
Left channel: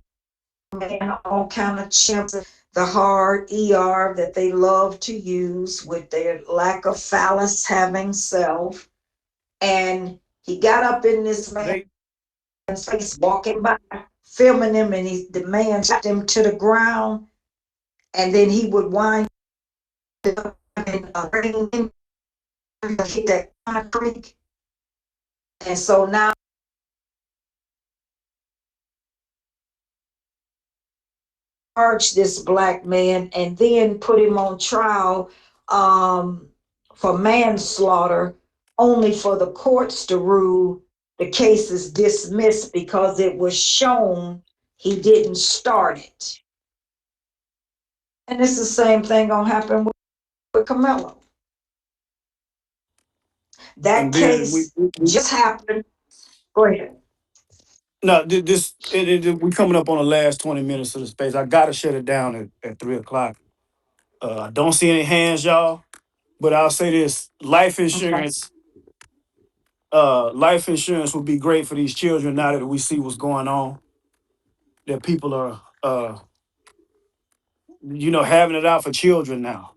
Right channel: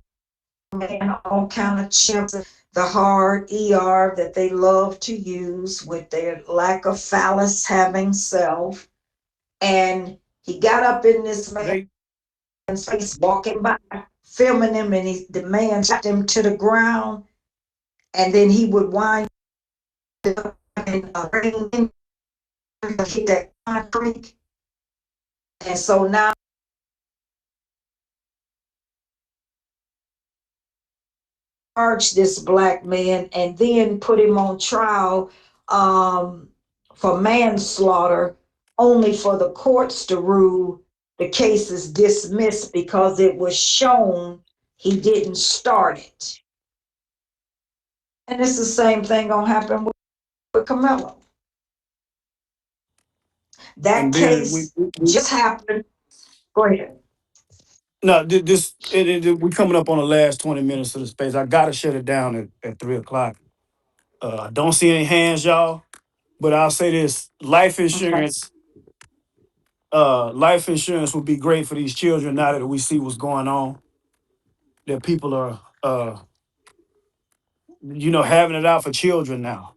man all kind of chimps. the hard ER that they love to use with their lack of phallus having self. And he got up in this man's They face walking by, filming him, and the man slapped him to the ground. And then he would wind up and hit that concrete. And so now charge this black man and then put him on trial um, for manslaughter, only for the courts to rule the case is dismissed because it was shown he didn't start it. And it's the same thing gonna happen with Camelo. That and then case just happened. Go ahead. no this we coming up on the last 20 minutes of the space. I gotta shut it down at 3 o'clock. I don't see any hands, y'all. But I'll say this: Okay. life insurance would be great for these children now that we see what's going on. That people are, having it out for children now.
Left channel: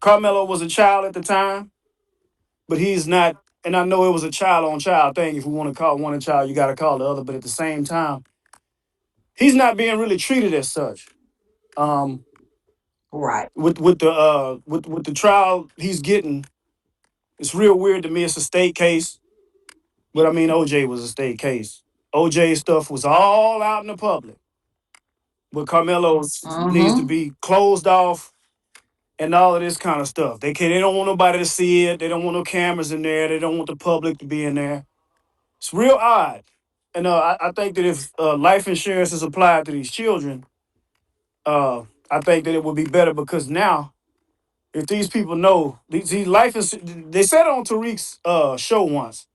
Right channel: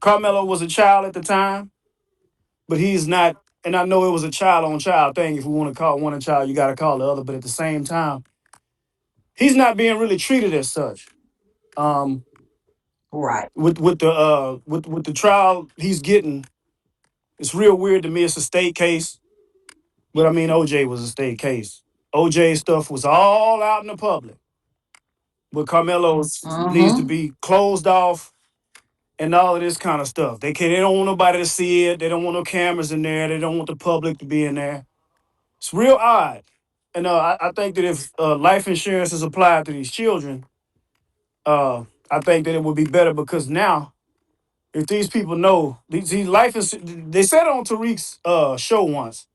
Carmelo was a child at the time, but he's not. And I know it was a child on child thing. If we want to call one a child, you got to call the other. But at the same time, he's not being really treated as such. Um, Right. with the trial he's getting, it's real weird to me. It's a state case, but I mean OJ was a state case. OJ stuff was all out in the public, but Carmelo needs to Mm-hmm. be closed off and all of this kind of stuff. They don't want nobody to see it. They don't want no cameras in there. They don't want the public to be in there. It's real odd. And I think that if life insurance is applied to these children, I think that it would be better because now, if these people know these life is, they said on Tariq's show once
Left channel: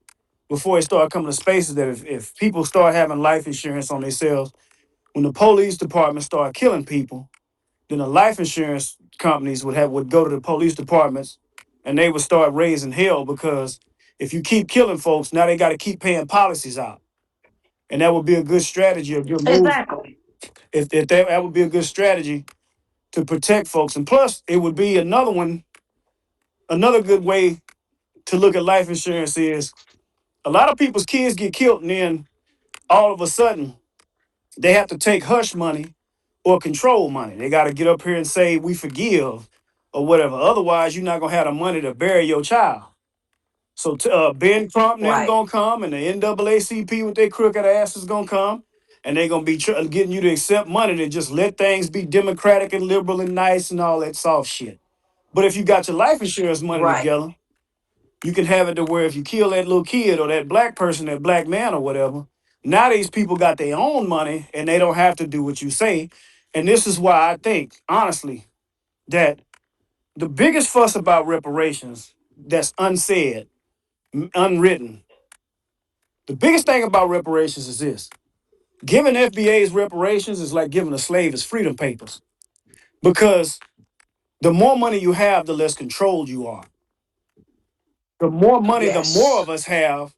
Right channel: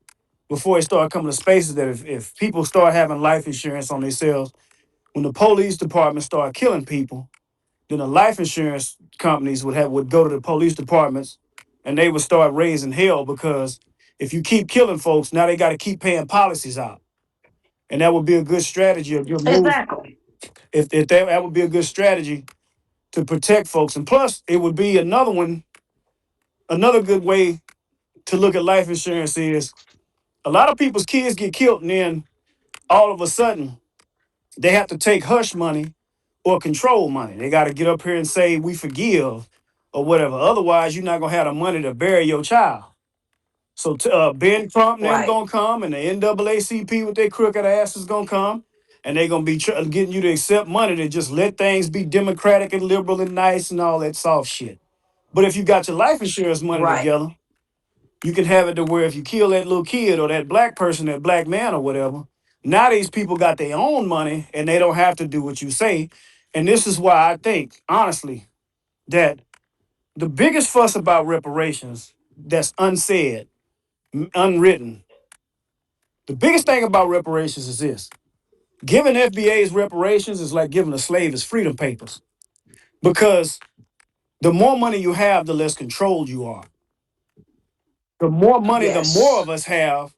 before it started coming to spaces that if people start having life insurance on themselves, when the police department start killing people, then the life insurance companies would go to the police departments and they would start raising hell because if you keep killing folks, now they got to keep paying policies out. And that would be a good strategy, a good move. Exactly. If that would be a good strategy to protect folks. And plus, it would be another good way to look at life insurance is a lot of people's kids get killed and then all of a sudden they have to take hush money or control money. They got to get up here and say, we forgive or whatever. Otherwise, you're not going to have the money to bury your child. So Ben Crump and them Right. going to come and the NAACP with their crooked asses going to come and they're going to be getting you to accept money to just let things be democratic and liberal and nice and all that soft shit. But if you got your life insurance money Right. together, you can have it to where if you kill that little kid or that black person, that black man or whatever, now these people got their own money and they don't have to do what you say. And this is why I think, honestly, that the biggest fuss about reparations that's unsaid, unwritten, the biggest thing about reparations is this. Giving FBA's reparations is like giving a slave his freedom papers because the more money you have, the less controlled you are. The more money the more Yes. of us have,